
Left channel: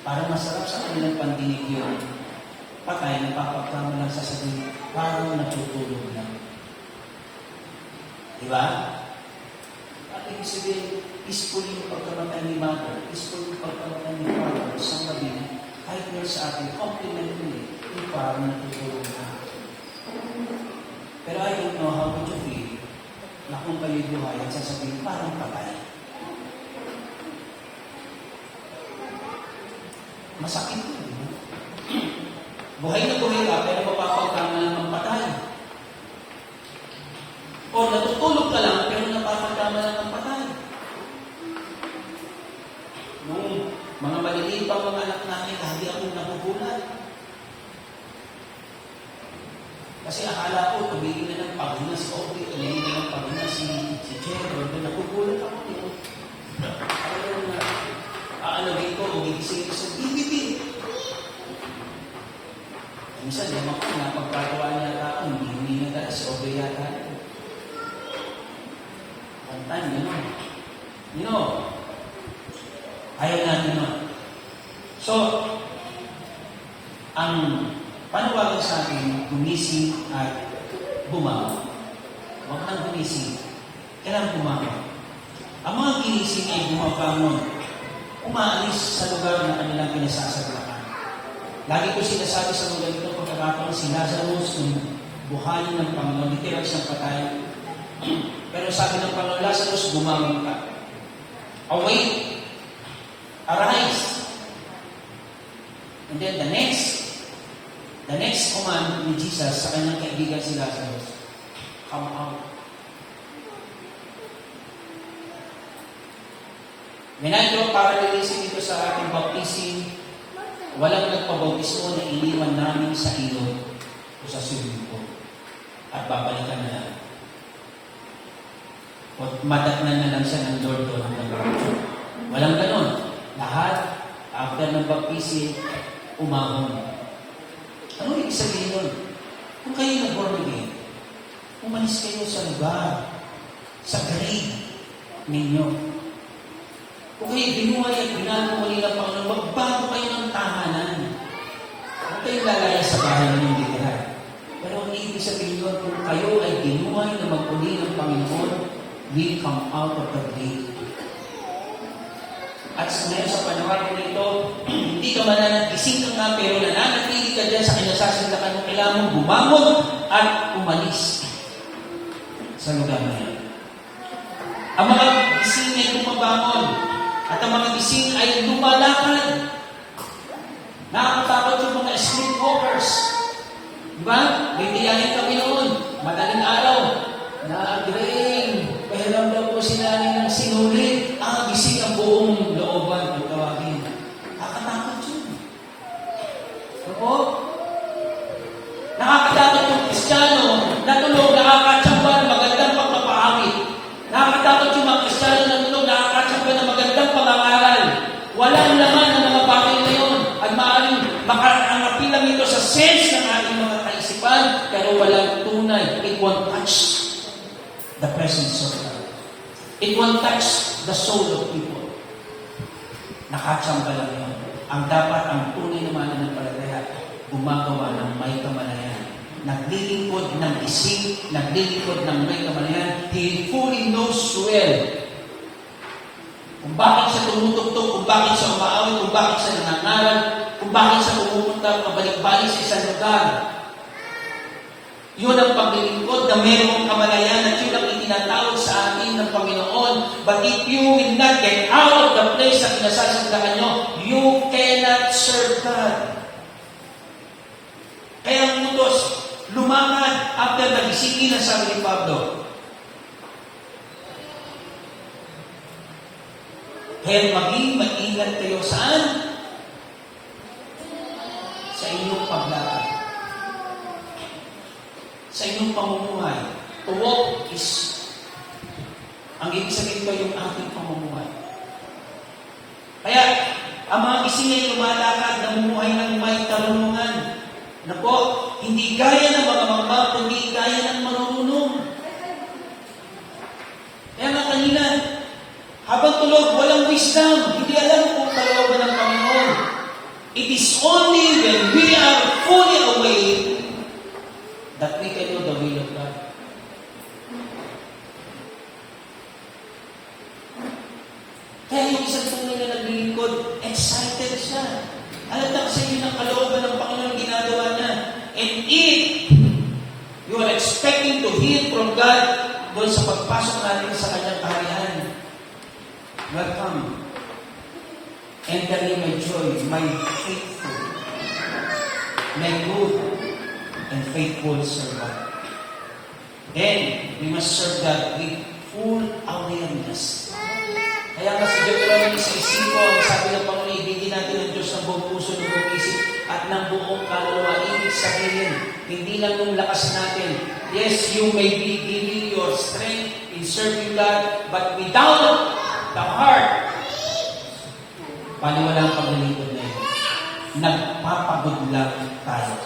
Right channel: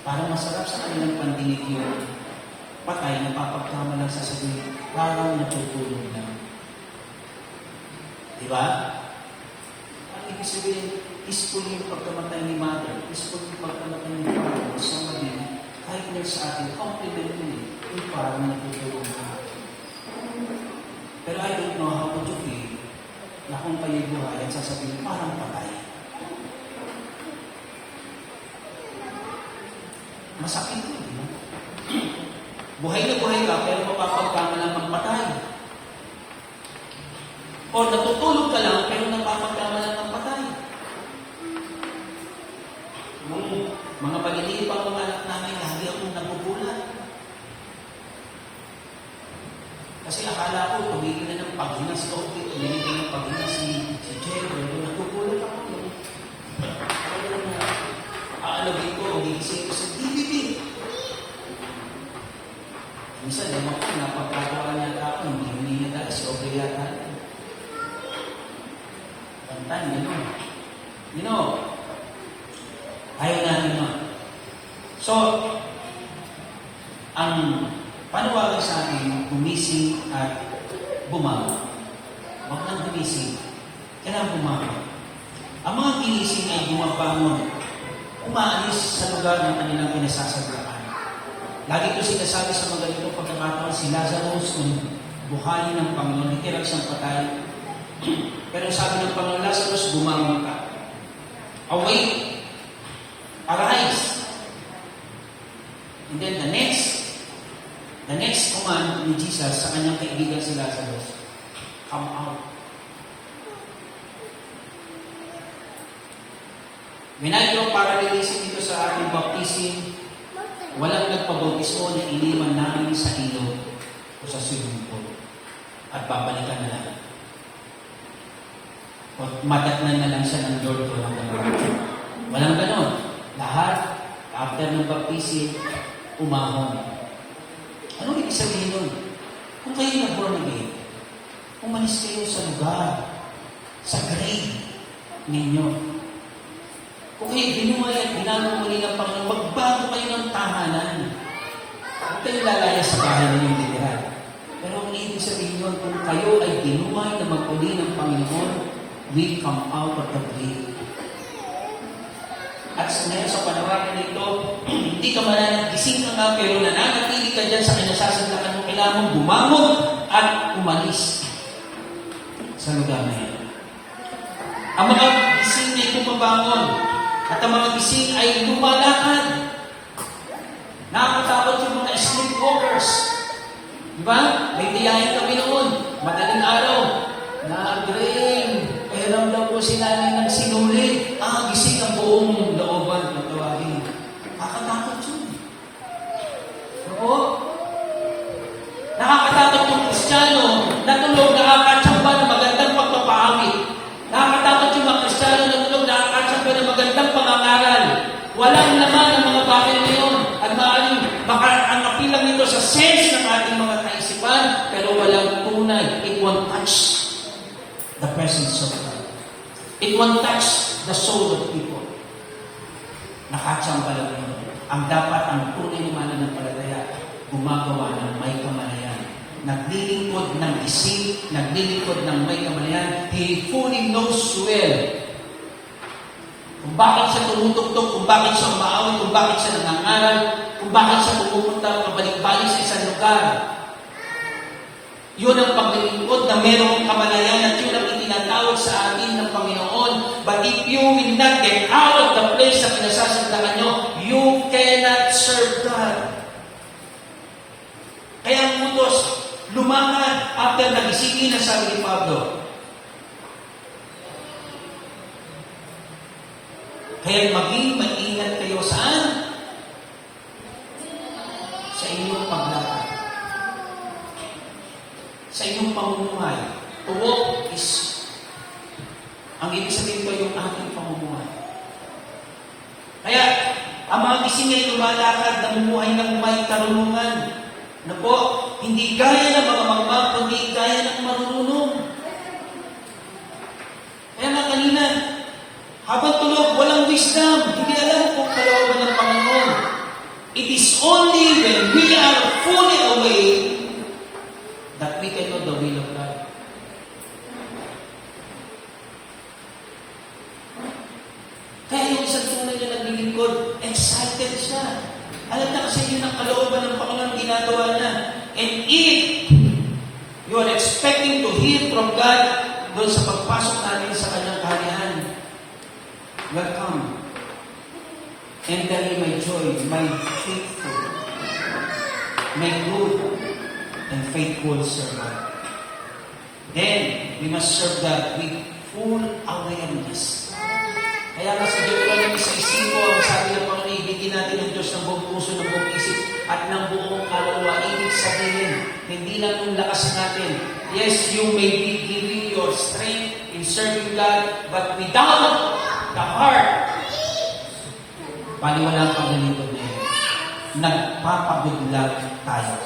para masarap sa kanilang pandinig yun. Patay, napapagkama lang sasabihin, parang natutulog lang. Di ba? At ibig sabihin, peaceful yung pagkamatay ni mother, peaceful yung pagkamatay ni father, isang mabili, kahit na sa atin, compliment mo yung parang natutulog lang. Pero I don't know how would you feel na kung kayo buhay at sasabihin, parang patay. Masakit yun, di ba? Buhay na buhay ka, pero mapapagkama lang ng patay. O natutulog ka lang, pero napapagkama lang ng patay. Mga maliliit pang mga anak namin, lagi akong nagugulat. Kasi akala ko, tumigil na ng paghinga si Obi, tumigil na ng paghinga si Jerry, nagugulat ako. Aalagin ko, umigising ko sa DVD. Minsan, naman ko, napagkakawaan niya ako, hindi na dahil si Obi yata. Kantan, gano'n. You know, ayaw natin na. So, ang panawagan sa atin, gumising at bumangon. Huwag nang gumising. Kailangan bumangon. Ang mga ginising ay bumabangon. umaalis sa lugar ng kanilang pinasasaglakan. Lagi ko sinasabi sa mga ganitong pagkakataon, si Lazarus ng buhayin ng Panginoon, itirang siyang patay. Pero sabi ng Panginoon, Lazarus, bumangon ka. Awake, arise. And then the next command ni Jesus sa kanyang kaibigan si Lazarus, come out. When I do parallelism ito sa ating baptism, walang nagpabautismo na iniwan namin sa ilog o sa swimming pool at babalikan na lang. O madatnan na lang siya ng Lord o ng Lord. Walang ganon. Lahat, after ng baptism, umahon. Ano ibig sabihin nun? Kung kayo na born again, umalis kayo sa lugar, sa grave ninyo. Kung kayo binuhay at binago mo nila Panginoon, magbago kayo ng tahanan. Huwag kayo lalaya sa bahay ninyong literal. Pero ang ibig sabihin nun, kung kayo ay binuhay na magpuli ng Panginoon, we come out of the grave. At sa panorama nito, hindi ka mananagising ka nga, pero nananatili ka dyan sa kinasasaglakan mo, kailangan mong bumangon at umalis sa lugar na yan. Ang mga gising ay pumabangon at ang mga gising ay lumalakad. Nakakatakot yung mga sleepwalkers. Diba? May diyahin kami noon, madaling araw, na-drain, pahiram daw po sila ng sinuli, gising ang buong looban, tawagin. Nakakatakot yun. Opo? Nakakatakot yung Kristiyano na tulog, nakakatsamba ng magandang pagpapaawit. Nakakatakot yung mga Kristiyano na tulog, nakakatsamba ng magandang pangangaral. Walang laman ng mga bagay na yun. At maaaring makaangapin lang ito sa sense ng ating mga kaisipan, pero walang tunay. It won't touch the presence of God. It won't touch the soul of people. Nakatsamba lang yun. Ang dapat, ang tunay naman ng palataya, gumagawa ng may kamalayan. Naglilingkod ng isip, naglilingkod ng may kamalayan. He fully knows well kung bakit siya tumutugtog, kung bakit siya umaawit, kung bakit siya nangangaral, kung bakit siya pumupunta, pabalik-balik sa isang lugar. Yun ang paglilingkod na mayroong kamalayan at yun ang itinatawag sa atin ng Panginoon. But if you will not get out of the place na pinasasaglakan nyo, you cannot serve God. Kaya ang utos, lumangan after nagisingin ang sabi ni Pablo. Kaya maging maingat kayo saan? Sa inyong paglakad. Sa inyong pamumuhay. To walk is, ang ibig sabihin ko yung ating pamumuhay. Kaya, ang mga gising ay lumalakad, namumuhay ng may karunungan. Na po, hindi gaya ng mga magmag, kundi gaya ng marunong. Kaya nga kanina, habang tulog, walang wisdom. Hindi alam kung kalooban ng Panginoon. It is only when we are fully awake that we can know the will of God. Kaya yung isang tunay niya naglilingkod, excited siya. Alam sa inyo ng kalooban ng Panginoon ginagawa niya. And if you are expecting to hear from God doon sa pagpasok natin sa kanyang kaharian, welcome. And that is my joy, my faithful, my good, and faithful servant. Then, we must serve God with full awareness. Kaya nga sa Deuteronomy 6:5, sabi ng Panginoon, ibigin natin ng Diyos ng buong puso, ng buong isip, at ng buong kaluluwa. Ibig sabihin, hindi lang yung lakas natin. Yes, you may be giving your strength in serving God, but without the heart, paliwalang paglilingkod na yun. Nagpapagod lang tayo.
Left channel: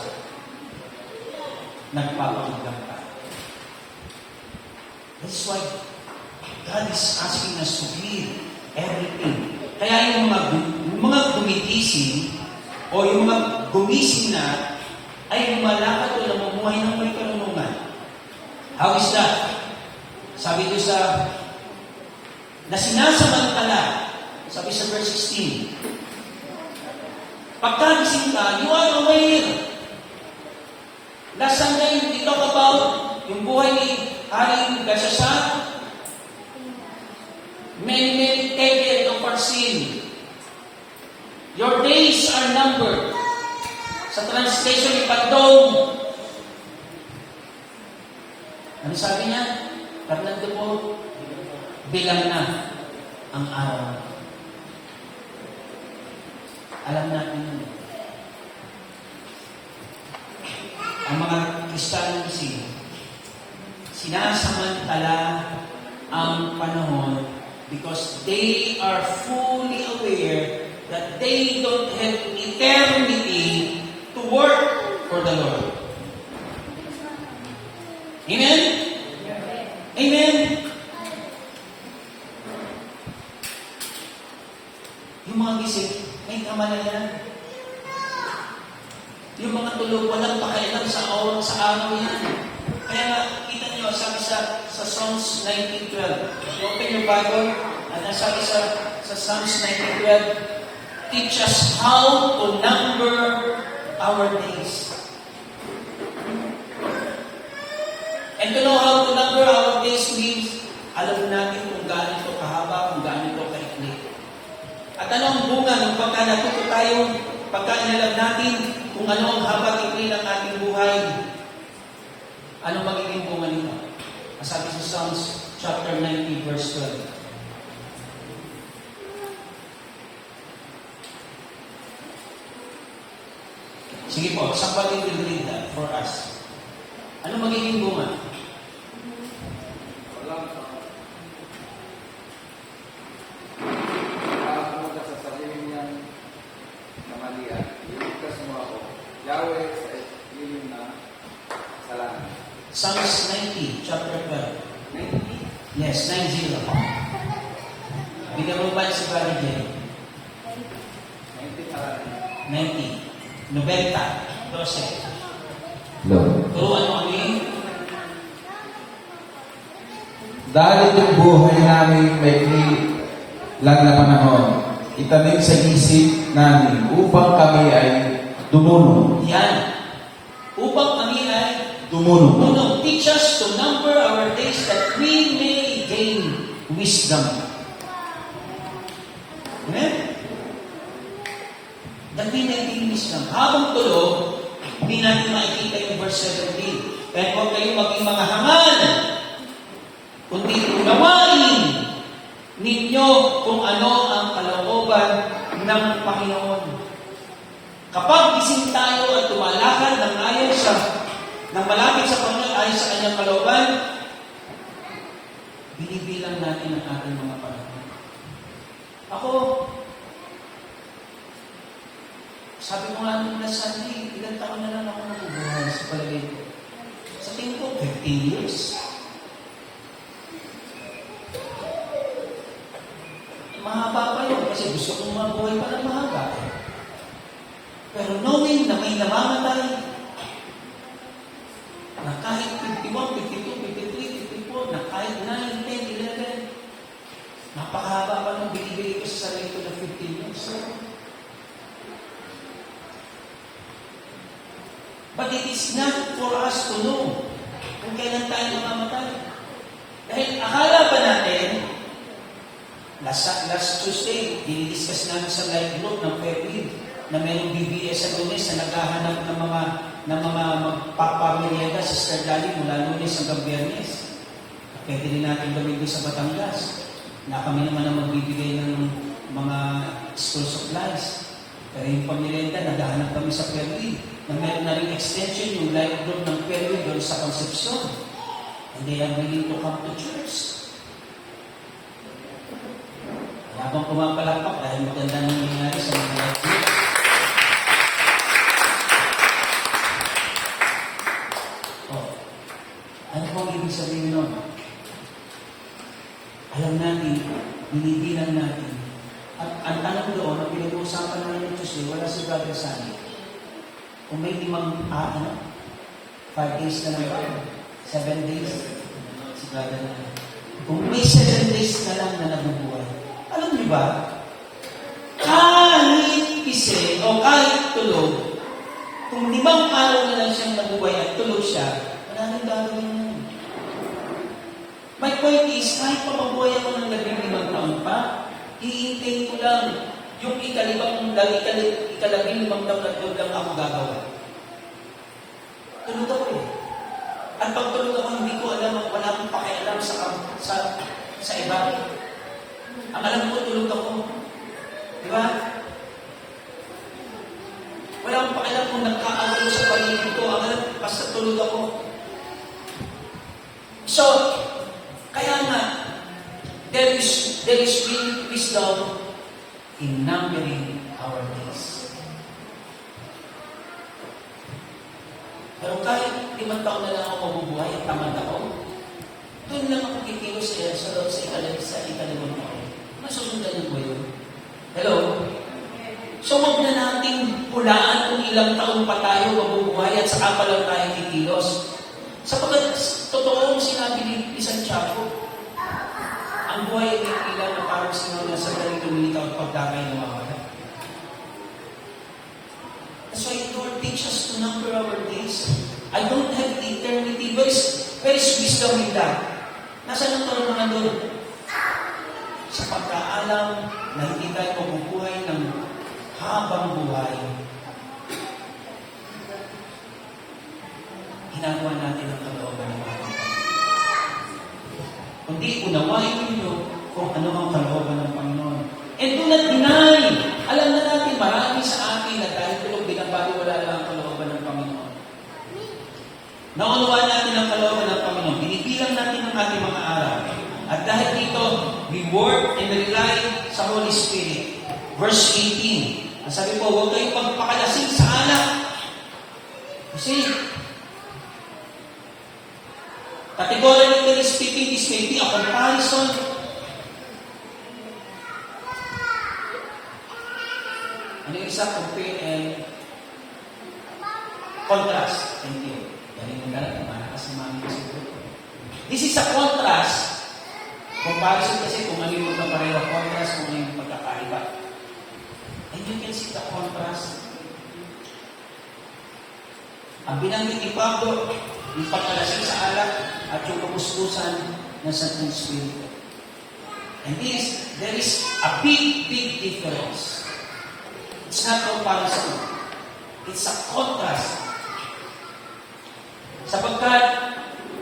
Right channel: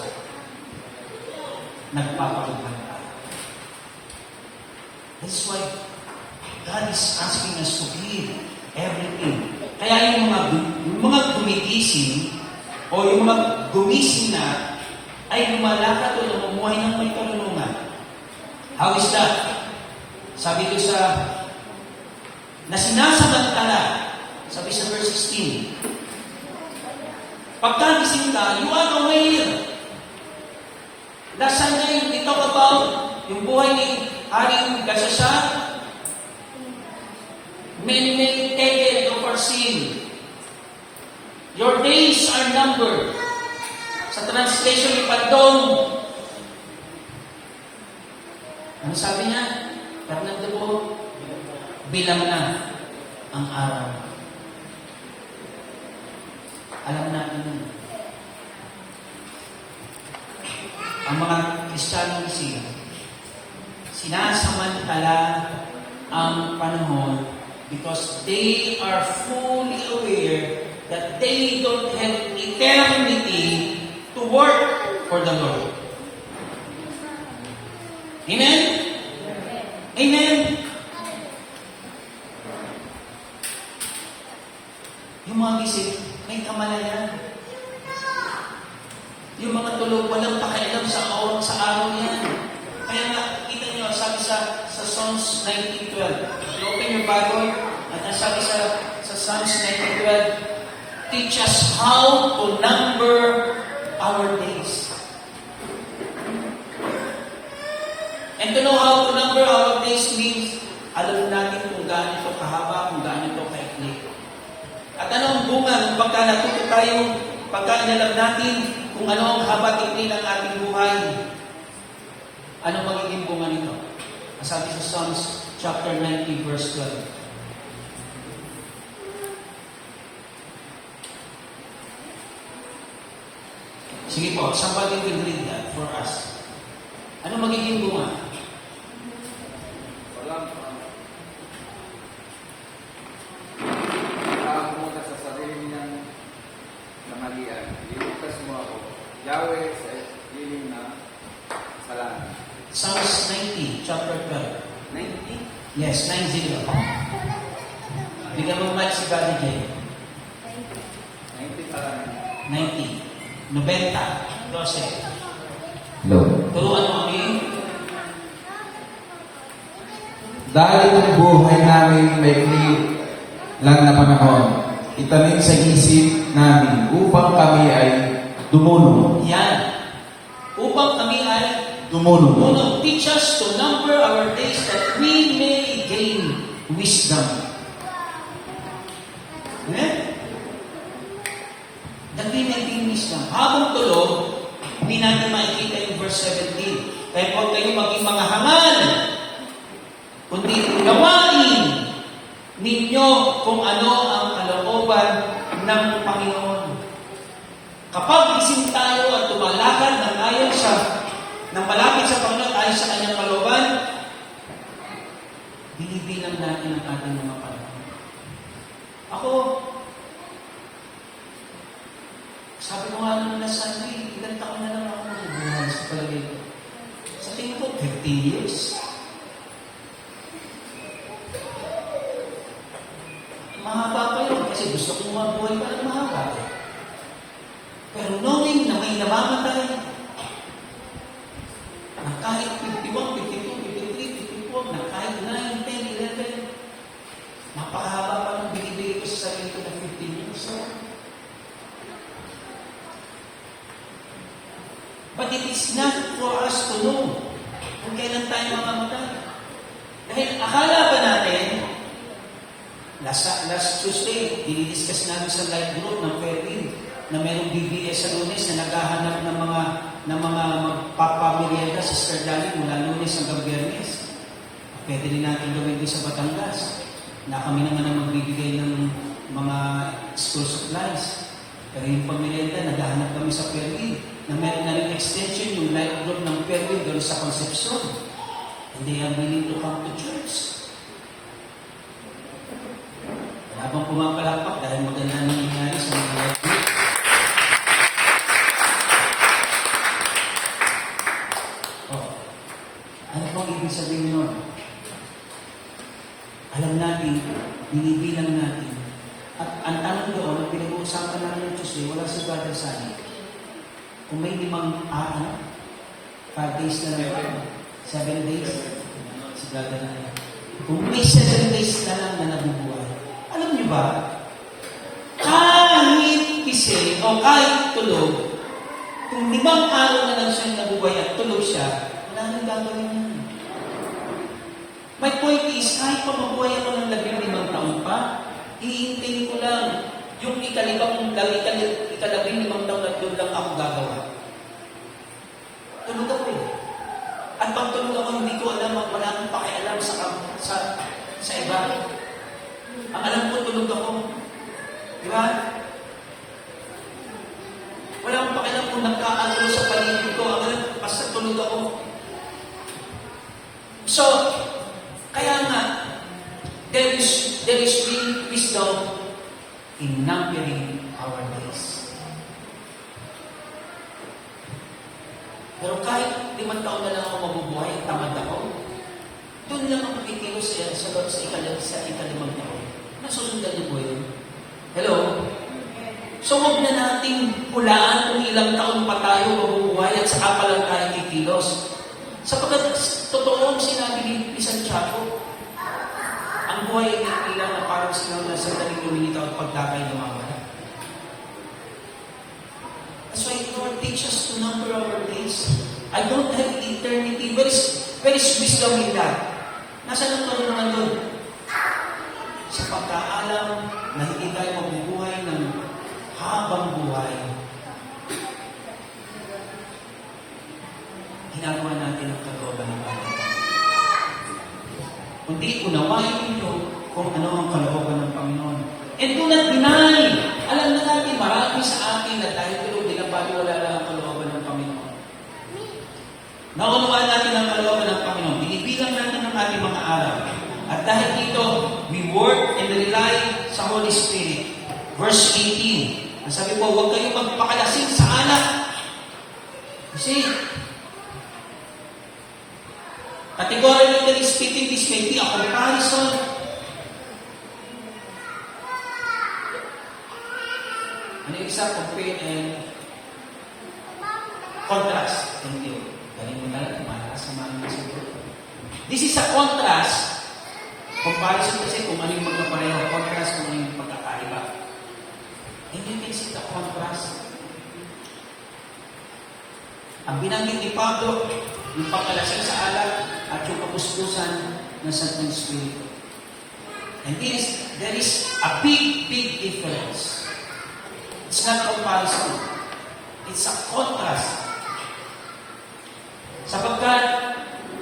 Nagpapagod lang tayo. That's why God is asking us to give everything. Kaya yung mga gumigising o yung mga gumising na ay lumalakad o namumuhay ng may karunungan. How is that? Sabi ko na sinasamantala Sabi sa verse 16, pagkagising ka, you are aware. Last Sunday, we talk about yung buhay ni Haring Gashasha. Many taken of our sin. Your days are numbered. Sa translation ni Pagdong, ano sabi niya? Tatlante po, bilang na ang araw. Alam natin yun. Ang mga Kristiyano kasi, sinasamantala ang panahon because they are fully aware that they don't have eternity to work for the Lord. Amen? Amen? Yung mga gising, may kamalayan. Yung mga tulog, walang pakialam sa araw yan. Kaya nga, kita nyo, sabi sa Psalms 19:12. Open your Bible, at sabi sa Psalms 19:12, teach us how to number our days. And to know how to number our days means, alam natin kung gaano ito kahaba, kung gaano ito kaikli. At ano ang bunga ng pagka natuto tayong pagka inalam natin kung ano ang haba tikli ng ating buhay? Ano magiging bunga nito? Sabi sa Psalms chapter 90 verse 12. Sige po, somebody will read that for us. Ano magiging bunga? Mula sa sarili niyang mahalian, ilukas mo ako, Yahweh, sa ilim na salamat. Psalms 90, chapter 12. 90? Yes, 90. Bigyan mo mic si Brother Jay. 90 pa lang. 90. 90. Close it. Lord. Turuan mo kami. Dahil yung buhay namin maikli lang na panahon, itanim sa isip namin upang kami ay dumulong. Yan. Upang kami ay Dumulong. Lord, teach us to number our days that we may gain wisdom. Amen? That we may gain wisdom. Habang tulog, hindi natin makikita yung verse 17. Kaya huwag kayong maging mga hangal, kundi gawain ninyo kung ano ang kalooban ng Panginoon. Kapag gising tayo at tumalakad ng ayon sa nang malapit sa Panginoon ayon sa kanyang kalooban, binibilang natin ang ating mga panahon. Ako, sabi ko nga nung last Sunday, ilang taon na lang ako nabubuhay sa palagay ko. Sa tingin ko, 15 years. Mahaba pa yun kasi gusto kong mabuhay pa ng mahaba. Pero knowing na may namamatay, na kahit 51, 52, 53, 54, na kahit 9, 10, 11, napakahaba pa ng binibigay ko sa sarili ko na 15 years. But it is not for us to know kung kailan tayo mamamatay. Dahil akala ba natin, last Tuesday, dinidiscuss namin sa live group ng Fairfield na mayroong BBS sa Lunes na naghahanap ng mga magpapamiliada sa Sister Lali mula Lunes hanggang Biyernes. Pwede rin natin gawin din sa Batangas na kami naman ang magbibigay ng mga school supplies. Pero yung pamiliada, naghahanap kami sa Fairfield na mayroon na rin extension yung live group ng Fairfield doon sa Concepcion. And they are willing to come to church. Habang pumapalakpak dahil maganda na nangyayari sa mga live group. Ano pong ibig sabihin nun? Alam natin, binibilang natin. At ang tanong doon, ang pinag-uusapan namin ng Tuesday, wala si Brother Sunny. Kung may 5 days na lang, 7 days, si Brother na lang. Kung may 7 days na lang na nabubuhay, alam niyo ba, gising o kahit tulog, kung 5 araw na lang siyang nabuhay at tulog siya, wala nang gagawin na. My point is, kahit pa mabuhay ako ng 15 taon pa, iintayin ko lang yung ikalabing taon at doon lang ako gagawa. Tulog ako eh. At pag tulog ako, hindi ko alam, wala akong pakialam sa iba. Ang alam ko, tulog ako. Di ba? Wala akong pakialam kung nagkakaroon sa paligid ko. Ang alam ko, basta tulog ako. So, kaya nga, there is real wisdom in numbering our days. Pero kahit 5 taon na lang ako mabubuhay at tamad ako, doon lang ako kikilos sa ikalimang taon. Masusundan niyo po yun. Hello? So, huwag na nating hulaan kung ilang taon pa tayo mabubuhay at saka pa lang tayo kikilos. Sapagkat totoo ang sinabi ni Santiago, ang buhay ay ilang na parang sinaw na sa minute ang pagkakay ng mga. That's why Lord teach us to number our days. I don't have eternity. Where is wisdom in that? Nasaan ang tulungan doon? Sa pagkaalam na hindi tayo mabubuhay ng habang buhay. Ginagawa natin ang kalooban ng Panginoon. Kundi unawain ninyo kung ano ang kalooban ng Panginoon. And do not deny. Alam na natin, marami sa akin na dahil tulog binabaliwala lang ang kalooban ng Panginoon. Naunawaan natin ang kalooban ng Panginoon. Binibilang natin ang ating mga araw. At dahil dito, we work and rely sa Holy Spirit. Verse 18. Ang sabi po, huwag kayong magpakalasing sa alak. See, categorically speaking, this may be a comparison. Ano yung isa? Compare and contrast. Thank you. Galing mo lang, malakas naman yung siguro. This is a contrast. Comparison kasi kung ano yung magkapareho. Contrast kung ano yung magkakaiba. And you can see the contrast. Ang binanggit ni Pablo, yung pagkalasing sa alak at yung kapuspusan ng Santong Espiritu. And there is a big difference. It's not comparison. It's a contrast. Sapagkat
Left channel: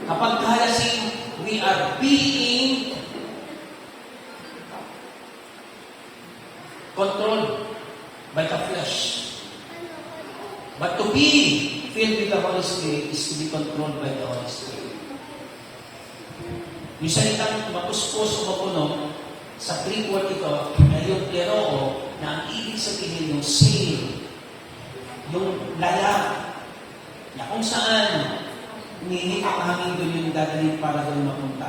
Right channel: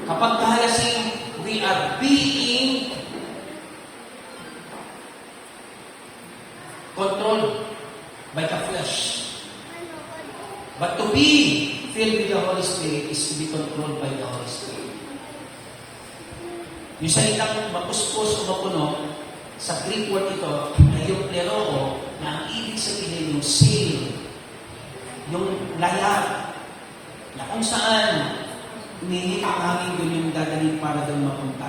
kapag kahalasing, we are being controlled by the flesh. But to be filled with the Holy Spirit is to be controlled by the Holy Spirit. Yung salitang mapuspos o mapuno, sa Greek word ito, ay yung pleroo na ang ibig sabihin yung seal, yung lala, na kung saan umihinit ang hangin yun yung dadalhin para doon mapunta.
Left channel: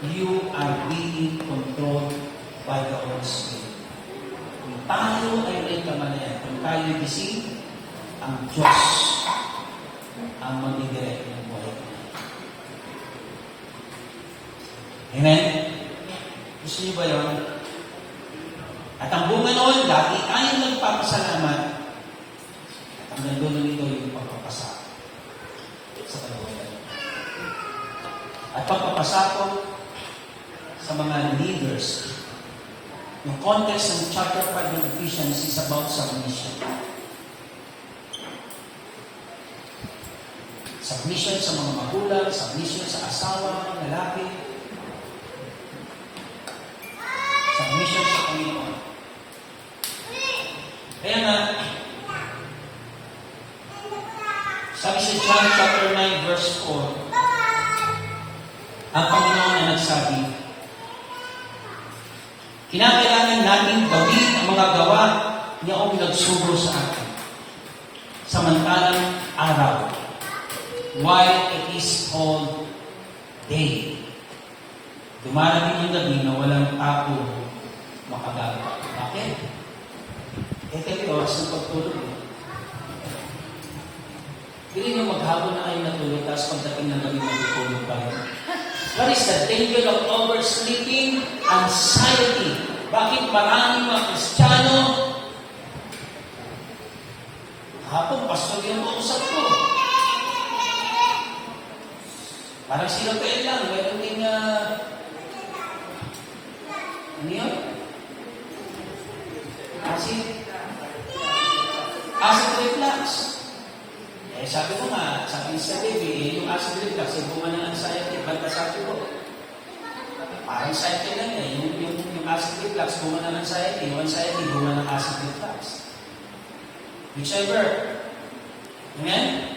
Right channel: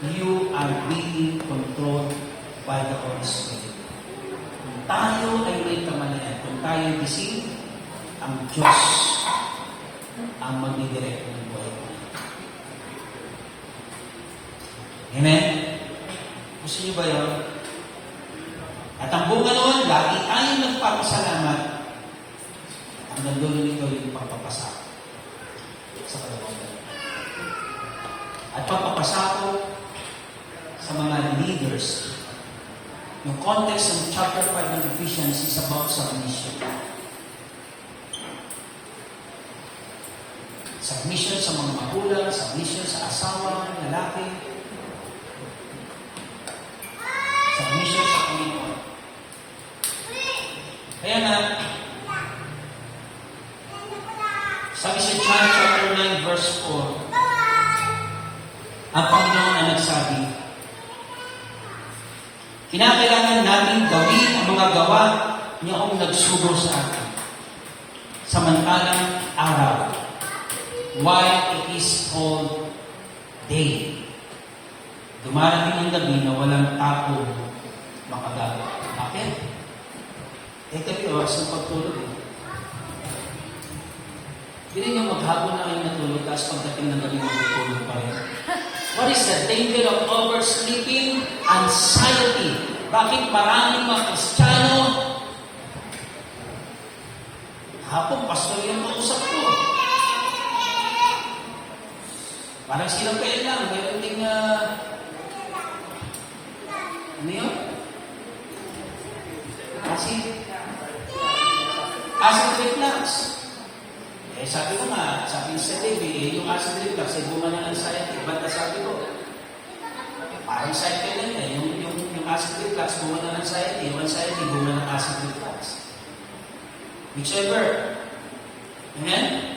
You are being controlled by the Holy Spirit. Kung tayo ay may kamalayan, kung tayo gising, ang Diyos ang magdidirect ng buhay. Amen? Gusto niyo ba yun? At ang bunga noon, lagi tayong nagpapasalamat. At ang nandun nito yung pagpapasa sa kalooban. At pagpapasa ko sa mga leaders. Yung context ng chapter 5 ng Ephesians is about submission. Submission sa mga magulang, submission sa asawa, mga lalaki, submission sa Panginoon. Kaya nga, sabi sa John chapter 9 verse 4, ang Panginoon ay nagsabi, kinakailangan natin gawin ang mga gawa niyong nagsugod sa atin. Samantalang araw, while it is called day. Dumarating ang gabi na walang tao makagagawa. Bakit? Ito yung oras ng pagtulog. Hindi nyo maghapon na kayo natulog, tapos pagdating ng gabi magtulog pa rin. What is the danger of oversleeping? Anxiety. Bakit maraming mga Kristiyano Kahapon, pastor yung mausap ko. Parang silang kayo lang, meron ding, ano yun? Acid reflux. Eh, sabi ko nga, sabi sa baby, yung acid reflux, eh, bumana ang sciatic. Banta sabi ko, parang sciatic lang eh. Yung acid reflux, bumana ng sciatic. Yung sciatic, bumana ng acid reflux. Whichever. Amen?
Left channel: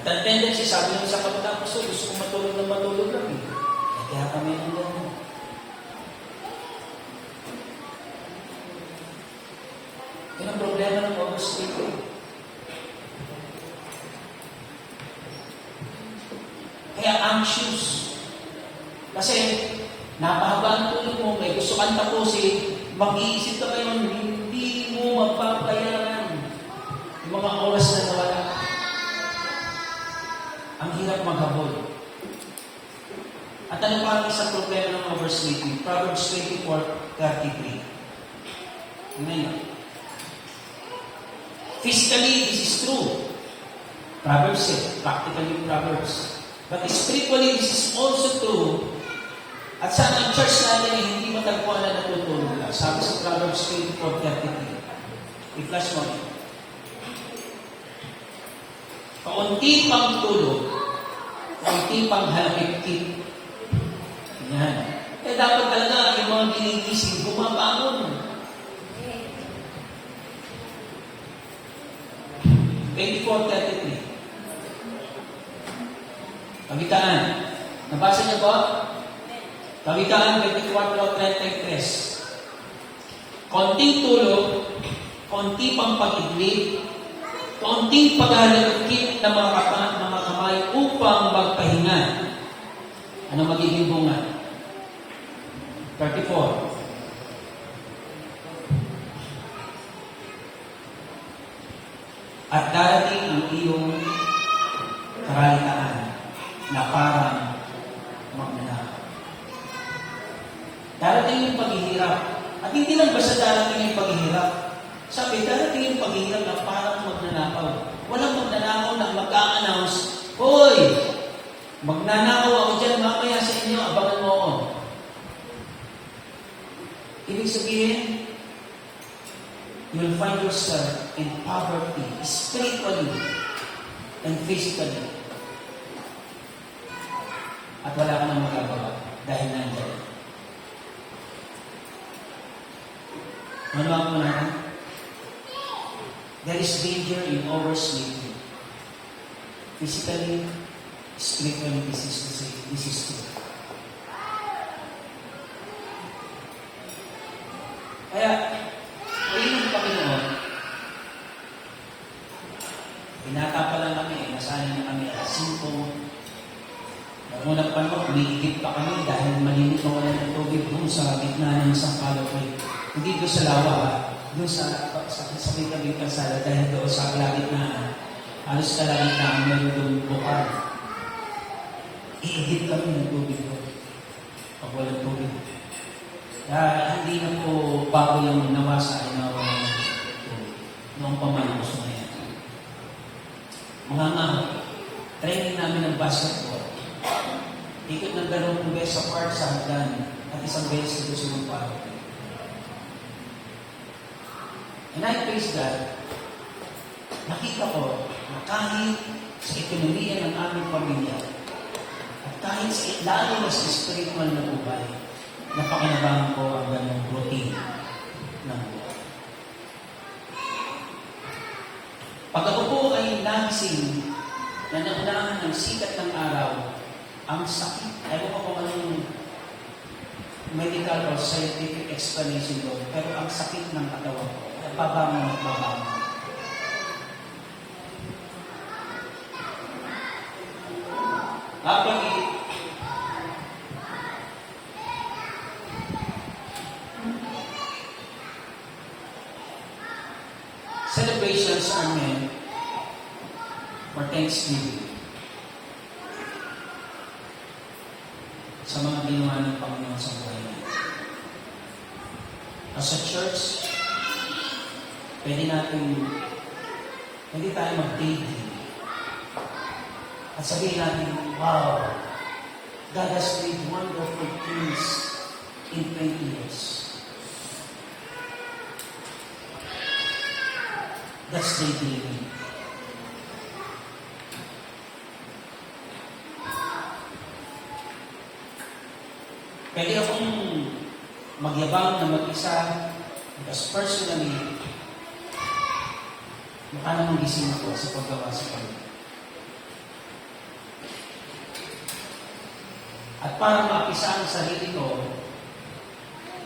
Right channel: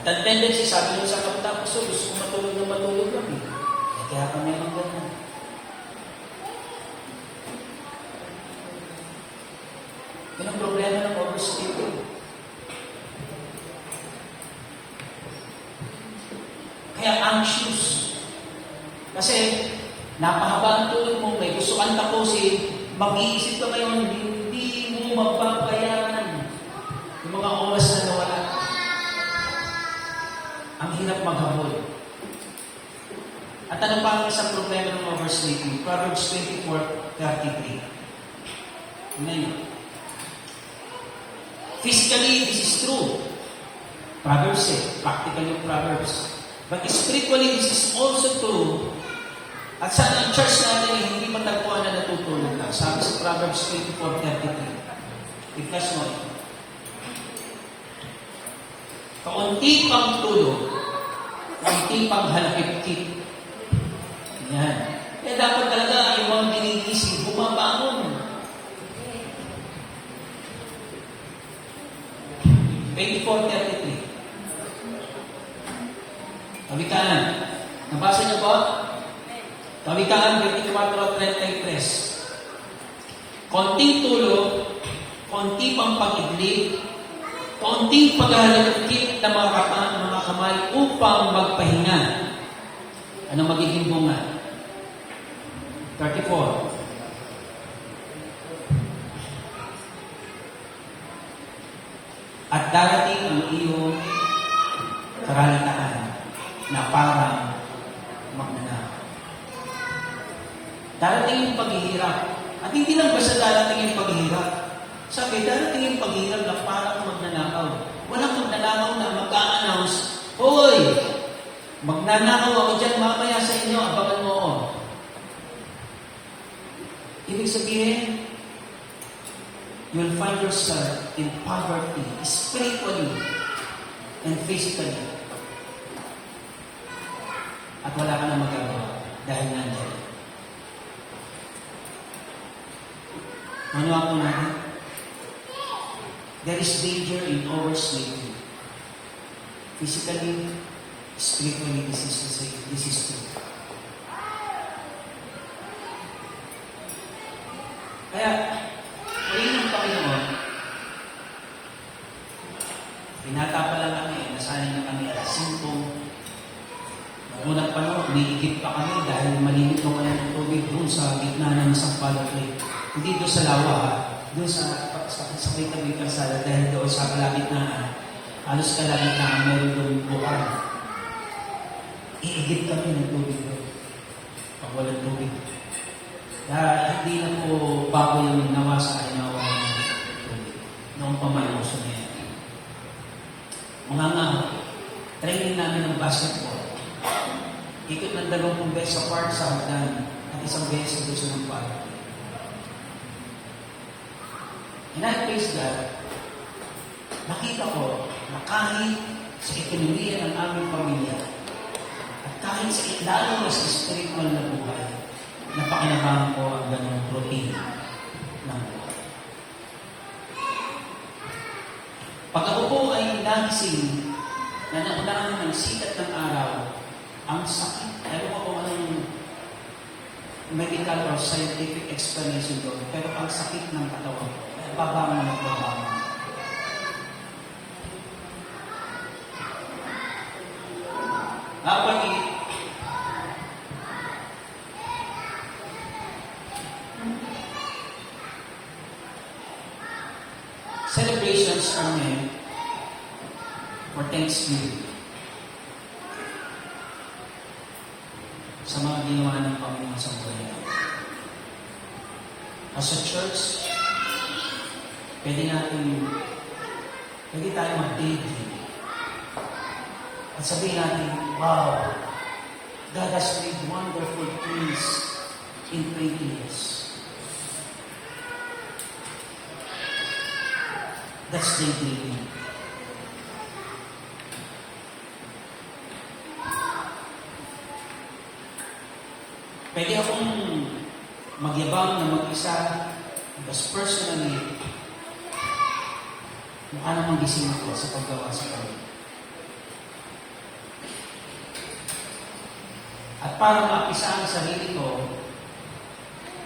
At ang tendency, sabi nyo sa kapatapos, gusto ko matulog na matulog lang eh. Kaya kami ang ganyan. Yan ang problema ng oversleeping. Kaya anxious. Kasi, napahaba ang tulog mo, may gusto kang tapusin, mag-iisip ka ngayon, hindi mo magpapayaran yung mga oras na nawala. Ang hirap maghabol. At ano pa ang isang problema ng oversleeping? Proverbs 24:33. Amen. Physically, this is true. Proverbs say, practically Proverbs. But spiritually, this is also true. At sana ang church natin ay hindi matagpuan na natutulog ka. Sabi sa Proverbs 24:33. I-flash mo. Kaunti pang tulog, kaunti pang halapit-kit. Yan. Eh dapat talaga yung mga ginigising, bumabangon. 24:33. Kawikaan. Nabasa niyo po? Kawikaan 24:33. Konting tulog, konti pang pag-idlip, konting paghahalagkit ng mga kamay upang magpahinga. Ano magiging bunga? 34. At darating ang iyong karalitaan na parang magnanakaw. Darating yung paghihirap. At hindi lang basta darating yung paghihirap. Sabi, darating yung paghihirap na parang magnanakaw. Walang magnanakaw na mag-a-announce, hoy! Magnanakaw ako dyan mamaya sa inyo, abangan mo ako. Ibig sabihin, you'll find yourself in poverty, spiritually and physically. At wala ka na magagawa dahil nandiyan. Ano ako natin? There is danger in oversleeping. Physically, spiritually, this is true. Kaya, ayun ang Panginoon, binata pa lang kami, nasanay na kami alas 5. Nagmunang panahon, umiigit pa kami dahil malimit na wala ng tubig doon sa gitna ng isang palapay. Hindi doon sa lawa, doon sa may tabi pasada dahil doon sa kalagitnaan. Halos kalagitnaan meron doon bukal. Iigit kami ng tubig doon. Pag walang tubig. Kaya hindi na po bago yung nawa sa inawa ng tubig. Noong pamayo sa niya. Mga training namin ng basketball. Ikot ng 20 beses sa park sa hagdan at isang beses sa Sumong Park. And I praise God, nakita ko na kahit sa ekonomiya ng aming pamilya at kahit sa lalo na sa spiritual na buhay, napakinabangan ko ang ganong routine ng buhay. Pag ako po ay nagising na naunahan ng sikat ng araw, ang sakit, ayaw ko kung anong medical or scientific explanation doon, pero ang sakit ng katawan, babangon at babangon. Habang celebrations are made for Thanksgiving sa mga ginawa ng Panginoon sa buhay. As a church, pwede tayo mag-dating. At sabihin natin, wow, God has made wonderful things in 20 years. That's daydreaming. Pwede akong magyabang na mag-isa, because personally, mukha namang gising ako sa paggawa sa Panginoon. At para maapisa ang sarili ko,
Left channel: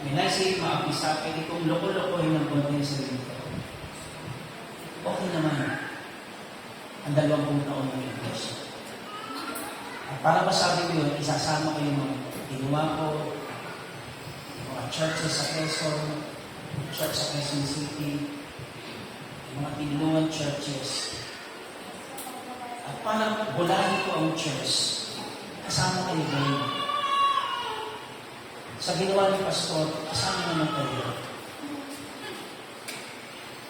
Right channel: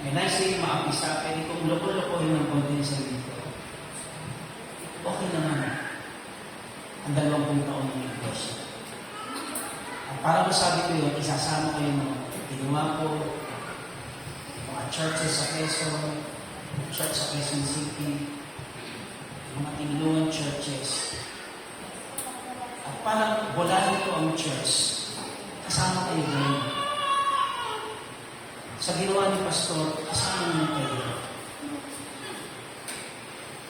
when I say maapisa, pwede kong loko-lokohin ng konti yung sarili ko. Okay naman ang 20 taon ng iglesia. At para masabi ko yun, isasama ko yung ginawa ko, yung mga churches sa Quezon, church sa Quezon City, yung mga tinulungan churches. At parang walahin ko ang church, kasama kayo ngayon. Sa ginawa ni Pastor, kasama naman kayo.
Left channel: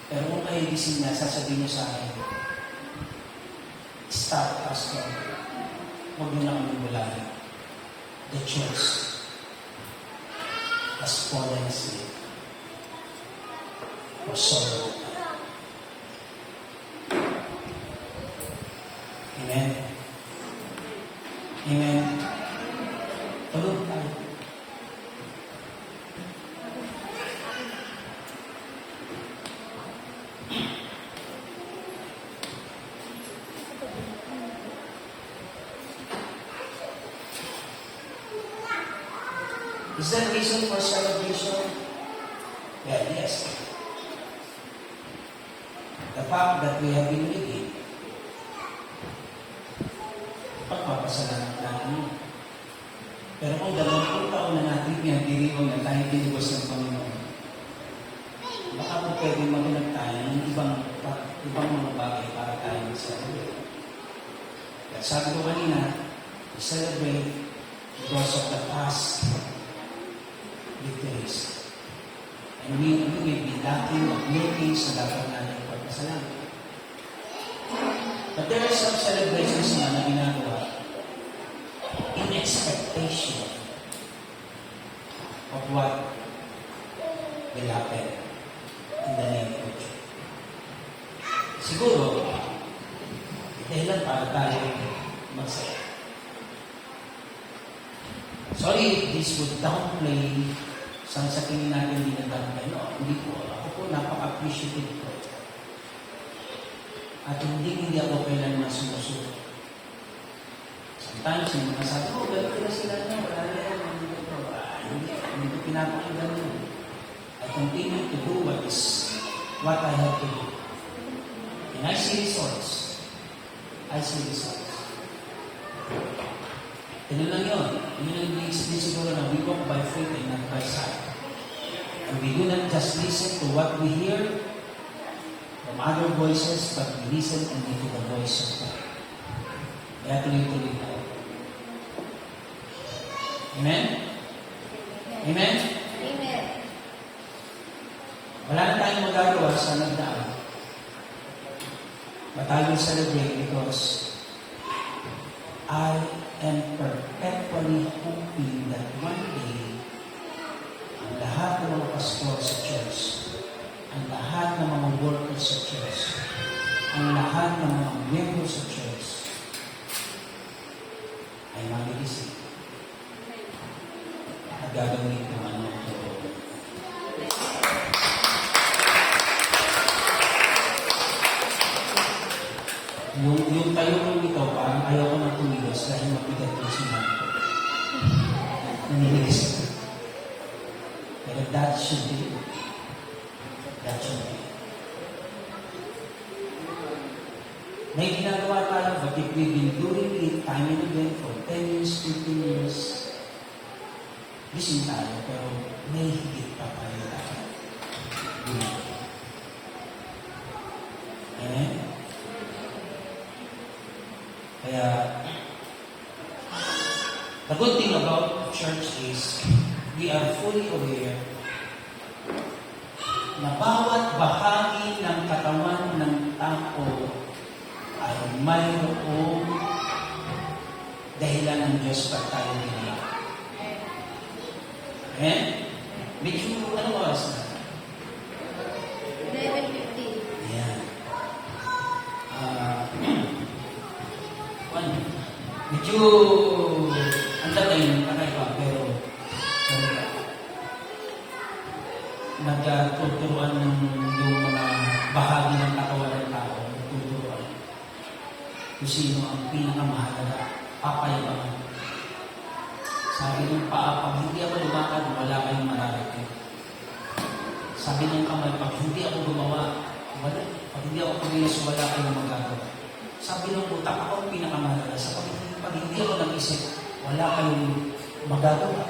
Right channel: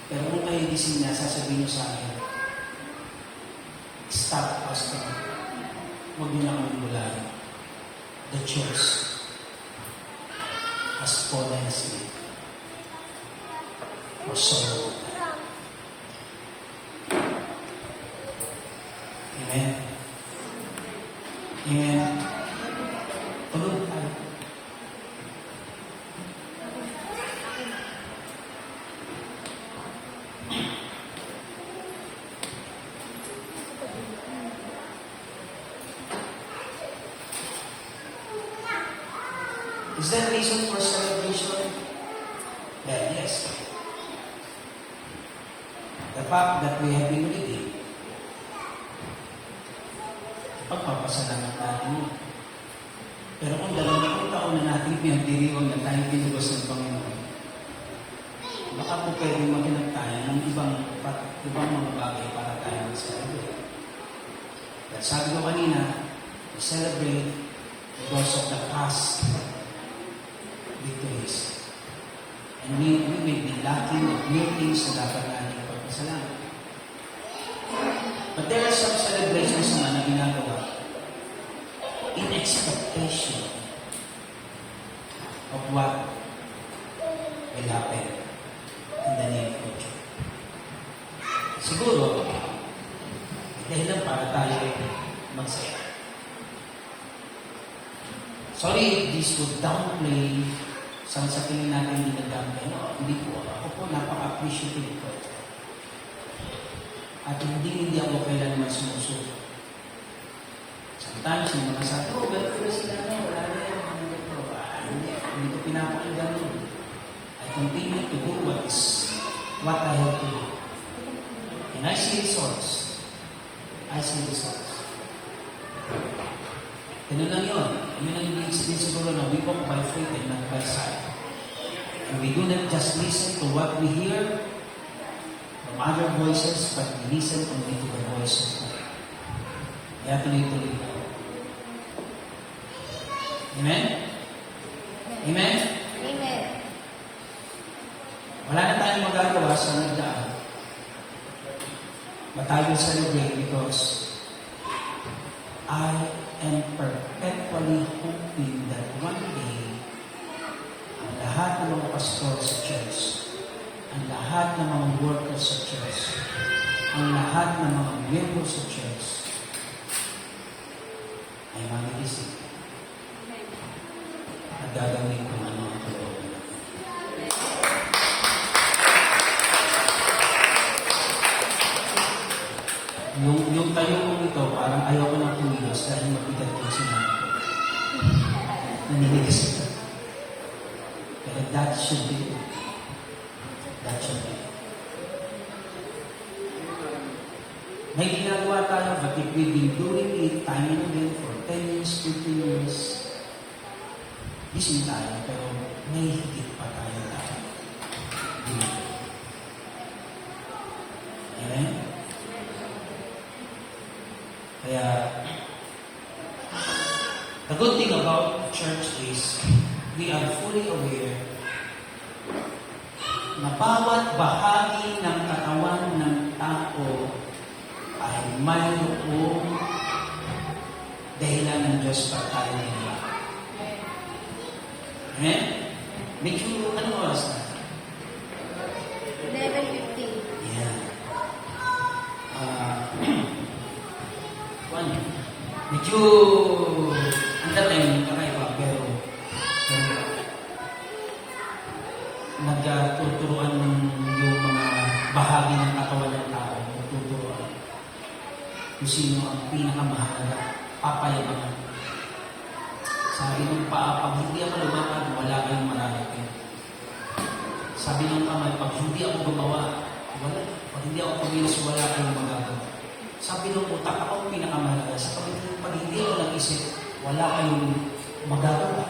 Pero kung kayo gising na, sasabihin niyo sa akin, stop, Pastor. Huwag niyo lang ang walahin. The church has fallen asleep. Or sorrow. Amen. Amen. Tulog tayo. Is there reason for celebration? Well, yes. The fact that we have been reading, pagpapasalamat natin yun. Pero kung 20 taon na natin pinagdiriwang na tayo tinubos ng Panginoon, baka po pwede maganap tayo ng ibang mga bagay para tayo mag-celebrate. At sabi ko kanina, we celebrate because of the past victories. And we may be lacking of many things na dapat natin pagpasalamat. But there are some celebrations naman na ginagawa in expectation of what will happen in the near future. Siguro, dahil lang para tayo magsaya. Sorry if this would downplay sa tingin natin hindi na-downplay. No, hindi po. Ako po napaka-appreciative ko. At hindi ako kailanman sumusuko. Sometimes yung mga sabi, ganito na sila na, wala na yan, hindi ko pinapakinggan mo. I continue to do what I have to do. And I see results. I see results. Ganun lang yun. Yun ang ibig sabihin siguro na we walk by faith and not by sight. And we do not just listen to what we hear from other voices, but we listen only to the voice of God. Kaya tuloy-tuloy tayo. Amen? Amen? Amen. Wala na tayong magagawa sa nagdaan. But I will celebrate because I am perpetually hoping that one day, ang lahat ng mga pastor sa church, ang lahat ng mga workers sa church, ang lahat ng mga miyembro sa church, ay mamilisip at gagawin ko ang mga turo. Yung tayo kong ito, parang ayaw ko ng tumigas dahil mapigat ko si Marco. Naniligas ko. Pero that should be it. That should be it. May ginagawa tayo, but if we've been doing it time and again for 10 years, 15 years, gising tayo, pero may higit pa tayo tayo. Amen? Kaya, the good thing about church is we are fully aware na bawat bahagi ng katawan ng tao ay mayroong dahilan ng Diyos para tayo nila. Amen? Medyo, ano oras na? 11:15. Ayan. Ano? Medyo, ang dami yung kakaiba, pero nagtuturuan ng yung mga bahagi ng katawan ng tao, nagtuturuan kung sino ang pinakamahalaga, papayaman. Sabi ng paa, pag hindi ako lumakad, wala kayong malalaking. Sabi ng kamay, pag hindi ako gumawa, wala. Pag hindi ako kumilos, wala kayong magagawa. Sabi ng utak, ako ang pinakamahalaga. Sa pag hindi ako nag-isip, wala kayong magagawa.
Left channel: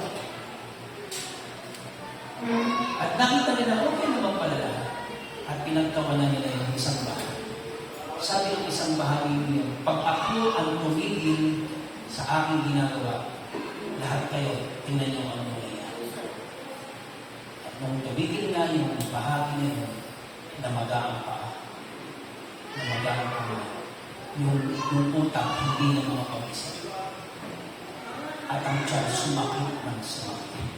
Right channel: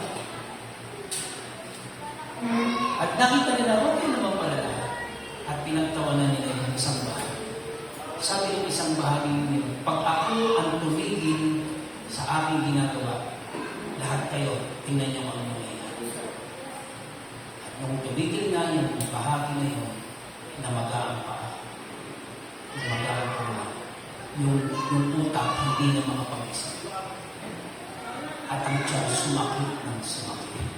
At nakita nila, okay naman pala lahat. At pinagtawanan nila yung isang bahagi. Sabi ng isang bahagi niyo, pag ako ang tumigil sa aking ginagawa, lahat kayo, tingnan niyo ang mangyayari. At nung tumigil nga yung bahagi na yun, namagaan pa. Namagaan pa. Yung utak, hindi na mga pag-isip. At ang tiyan, sumakit ng sumakit.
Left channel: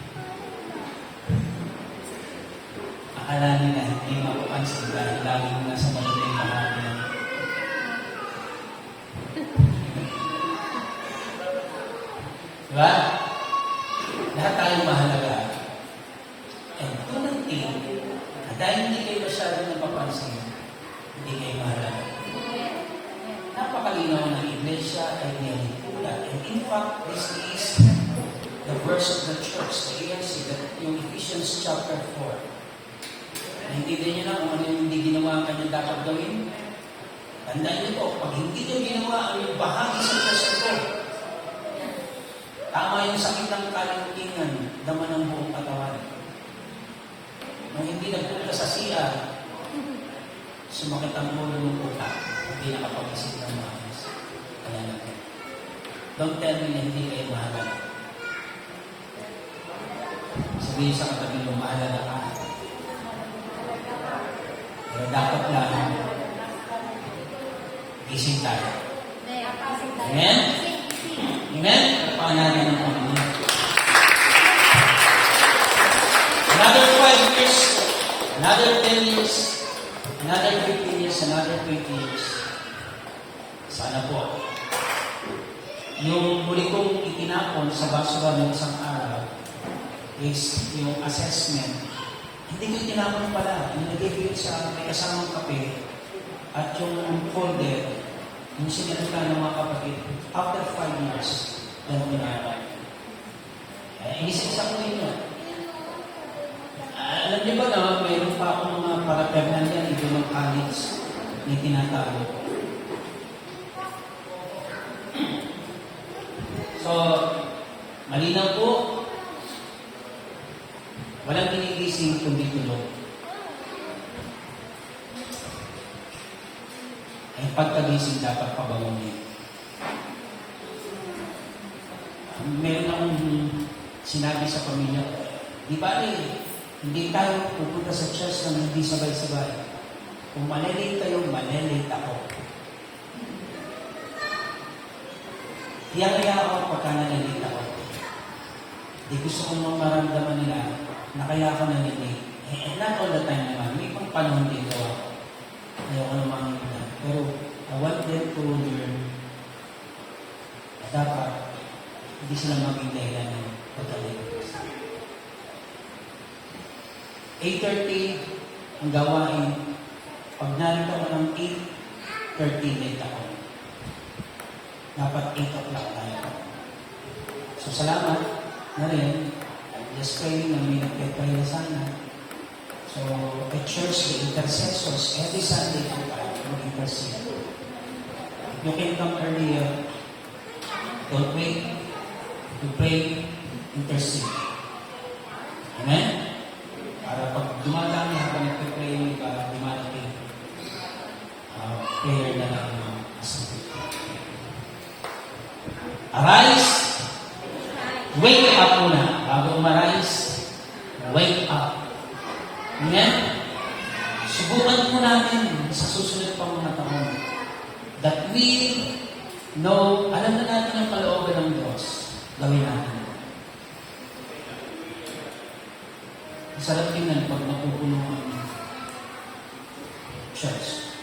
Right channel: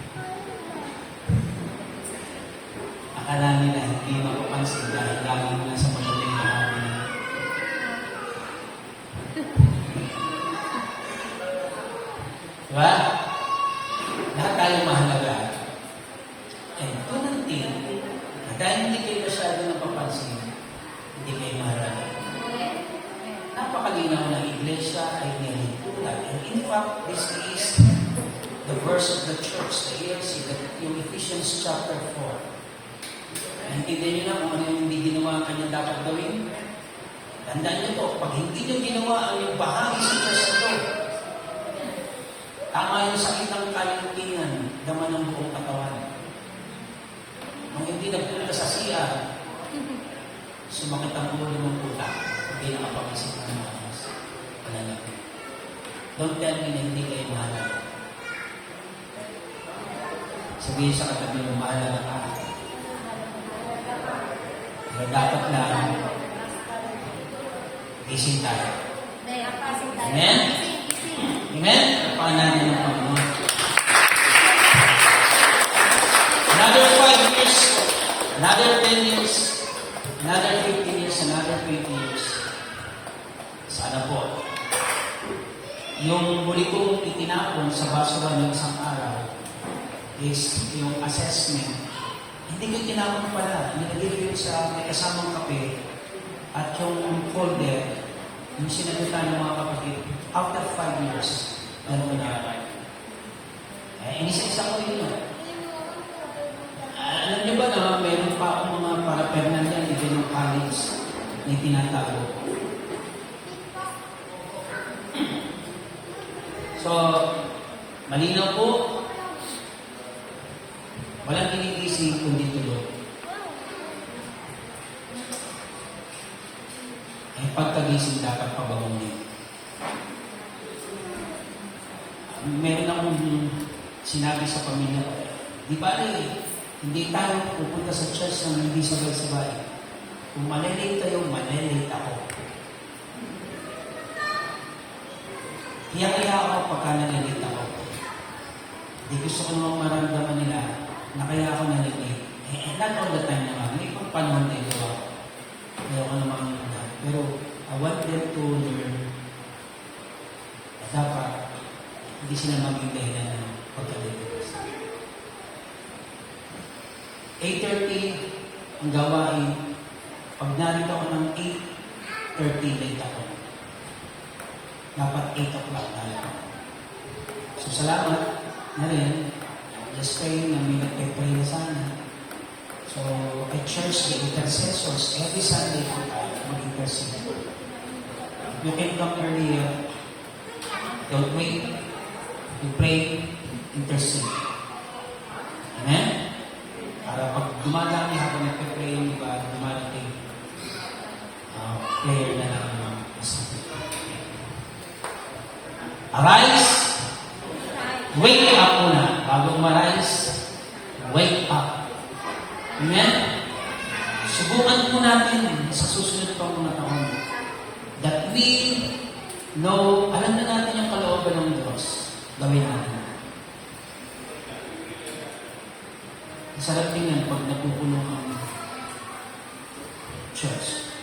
Akala nila hindi mapapansin dahil laging nasa madaling bahagi. Diba? Lahat tayo mahalaga. And unang tingin, dahil hindi kayo masyado napapansin, hindi kayo mahalaga. Napakalinaw na iglesia ay nilipula. And in fact, this is the verse of the church, the ERC, yung Ephesians chapter 4. Naintindihan nyo lang kung ano yung hindi ginawa ang kanyang dapat gawin. Tandaan nyo ito, pag hindi nyo ginawa ang yung bahagi sa Diyos ito, tama yung sakit ng kayang tingan, dama ng buong katawan. Nung hindi nagpunta sa siya, sumakit ang ulo ng utak, hindi nakapag-isip ng mga mas. Wala lang. Don't tell me na hindi kayo mahalaga. Sabihin sa katabi mo, mahalaga ka. Pero dapat lang gising tayo. Amen? Amen? Paan natin ang Panginoon. Another 5 years, another 10 years, another 15 years, another 20 years. Sana po. Yung muli kong itinapon sa basura ng isang araw is yung assessment. Hindi ko tinapon pala. Nilagay ko yun sa may kasamang kape at yung folder, yung sinalutan ng mga kapatid, after 5 years, ganun na. Inisa-isa ko yun yun. Alam niyo ba na mayroon pa akong mga paraternan yan, ito ng college, ni tinatawag. So, malinaw po, walang ginigising kundi tulog. Ay pagkagising dapat pabangunin. Meron akong sinabi sa pamilya, di ba hindi tayo pupunta sa church na hindi sabay-sabay. Kung malilate kayo, malilate ako. Hiyak-hiyak ako pagka nalilate ako. Di gusto ko nang maramdaman nila na kaya ako nalilate. Not all the time naman. May pang panahon dito ako. Ayoko naman nila. Pero I want them to learn na dapat hindi sila maging dahilan ng pagkalilate. 8:30 ang gawain. Pag narito ako ng 8:30 late ako. Dapat 8 o'clock tayo. So salamat na rin. Just praying na may nagpipray na sana. So at church, the intercessors, every Sunday po tayo mag-intercede. If you can come earlier, don't wait. You pray, intercede. Amen? Para pag dumadami habang nagpipray yung iba, dumadating prayer na lang ng asabi. Arise! Wake up muna. Bago umarise, wake up. Amen? natin sa susunod pang mga taon that we know, alam na natin ang kalooban ng Diyos, gawin natin. Masarap tingnan pag napupuno ang church.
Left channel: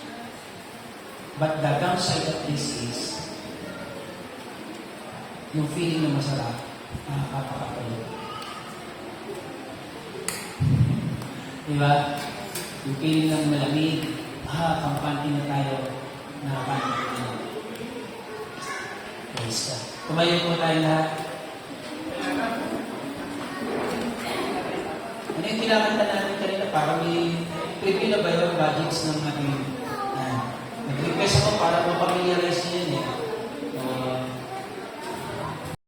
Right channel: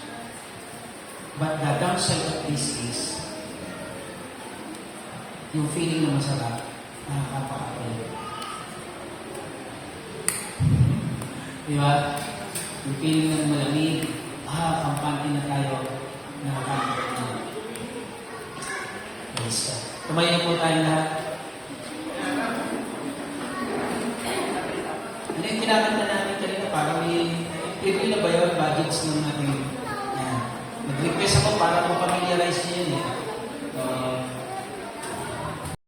But the downside of this is yung feeling na masarap, nakakapakain. Di ba? Yung feeling ng malamig, kampante na tayo, nakakapakain na. Praise God. Tumayo po tayo lahat. Ano yung pinakanta natin kanina? Parang may na ba yun budgets ng ating nag-request ako para po familiarize niyo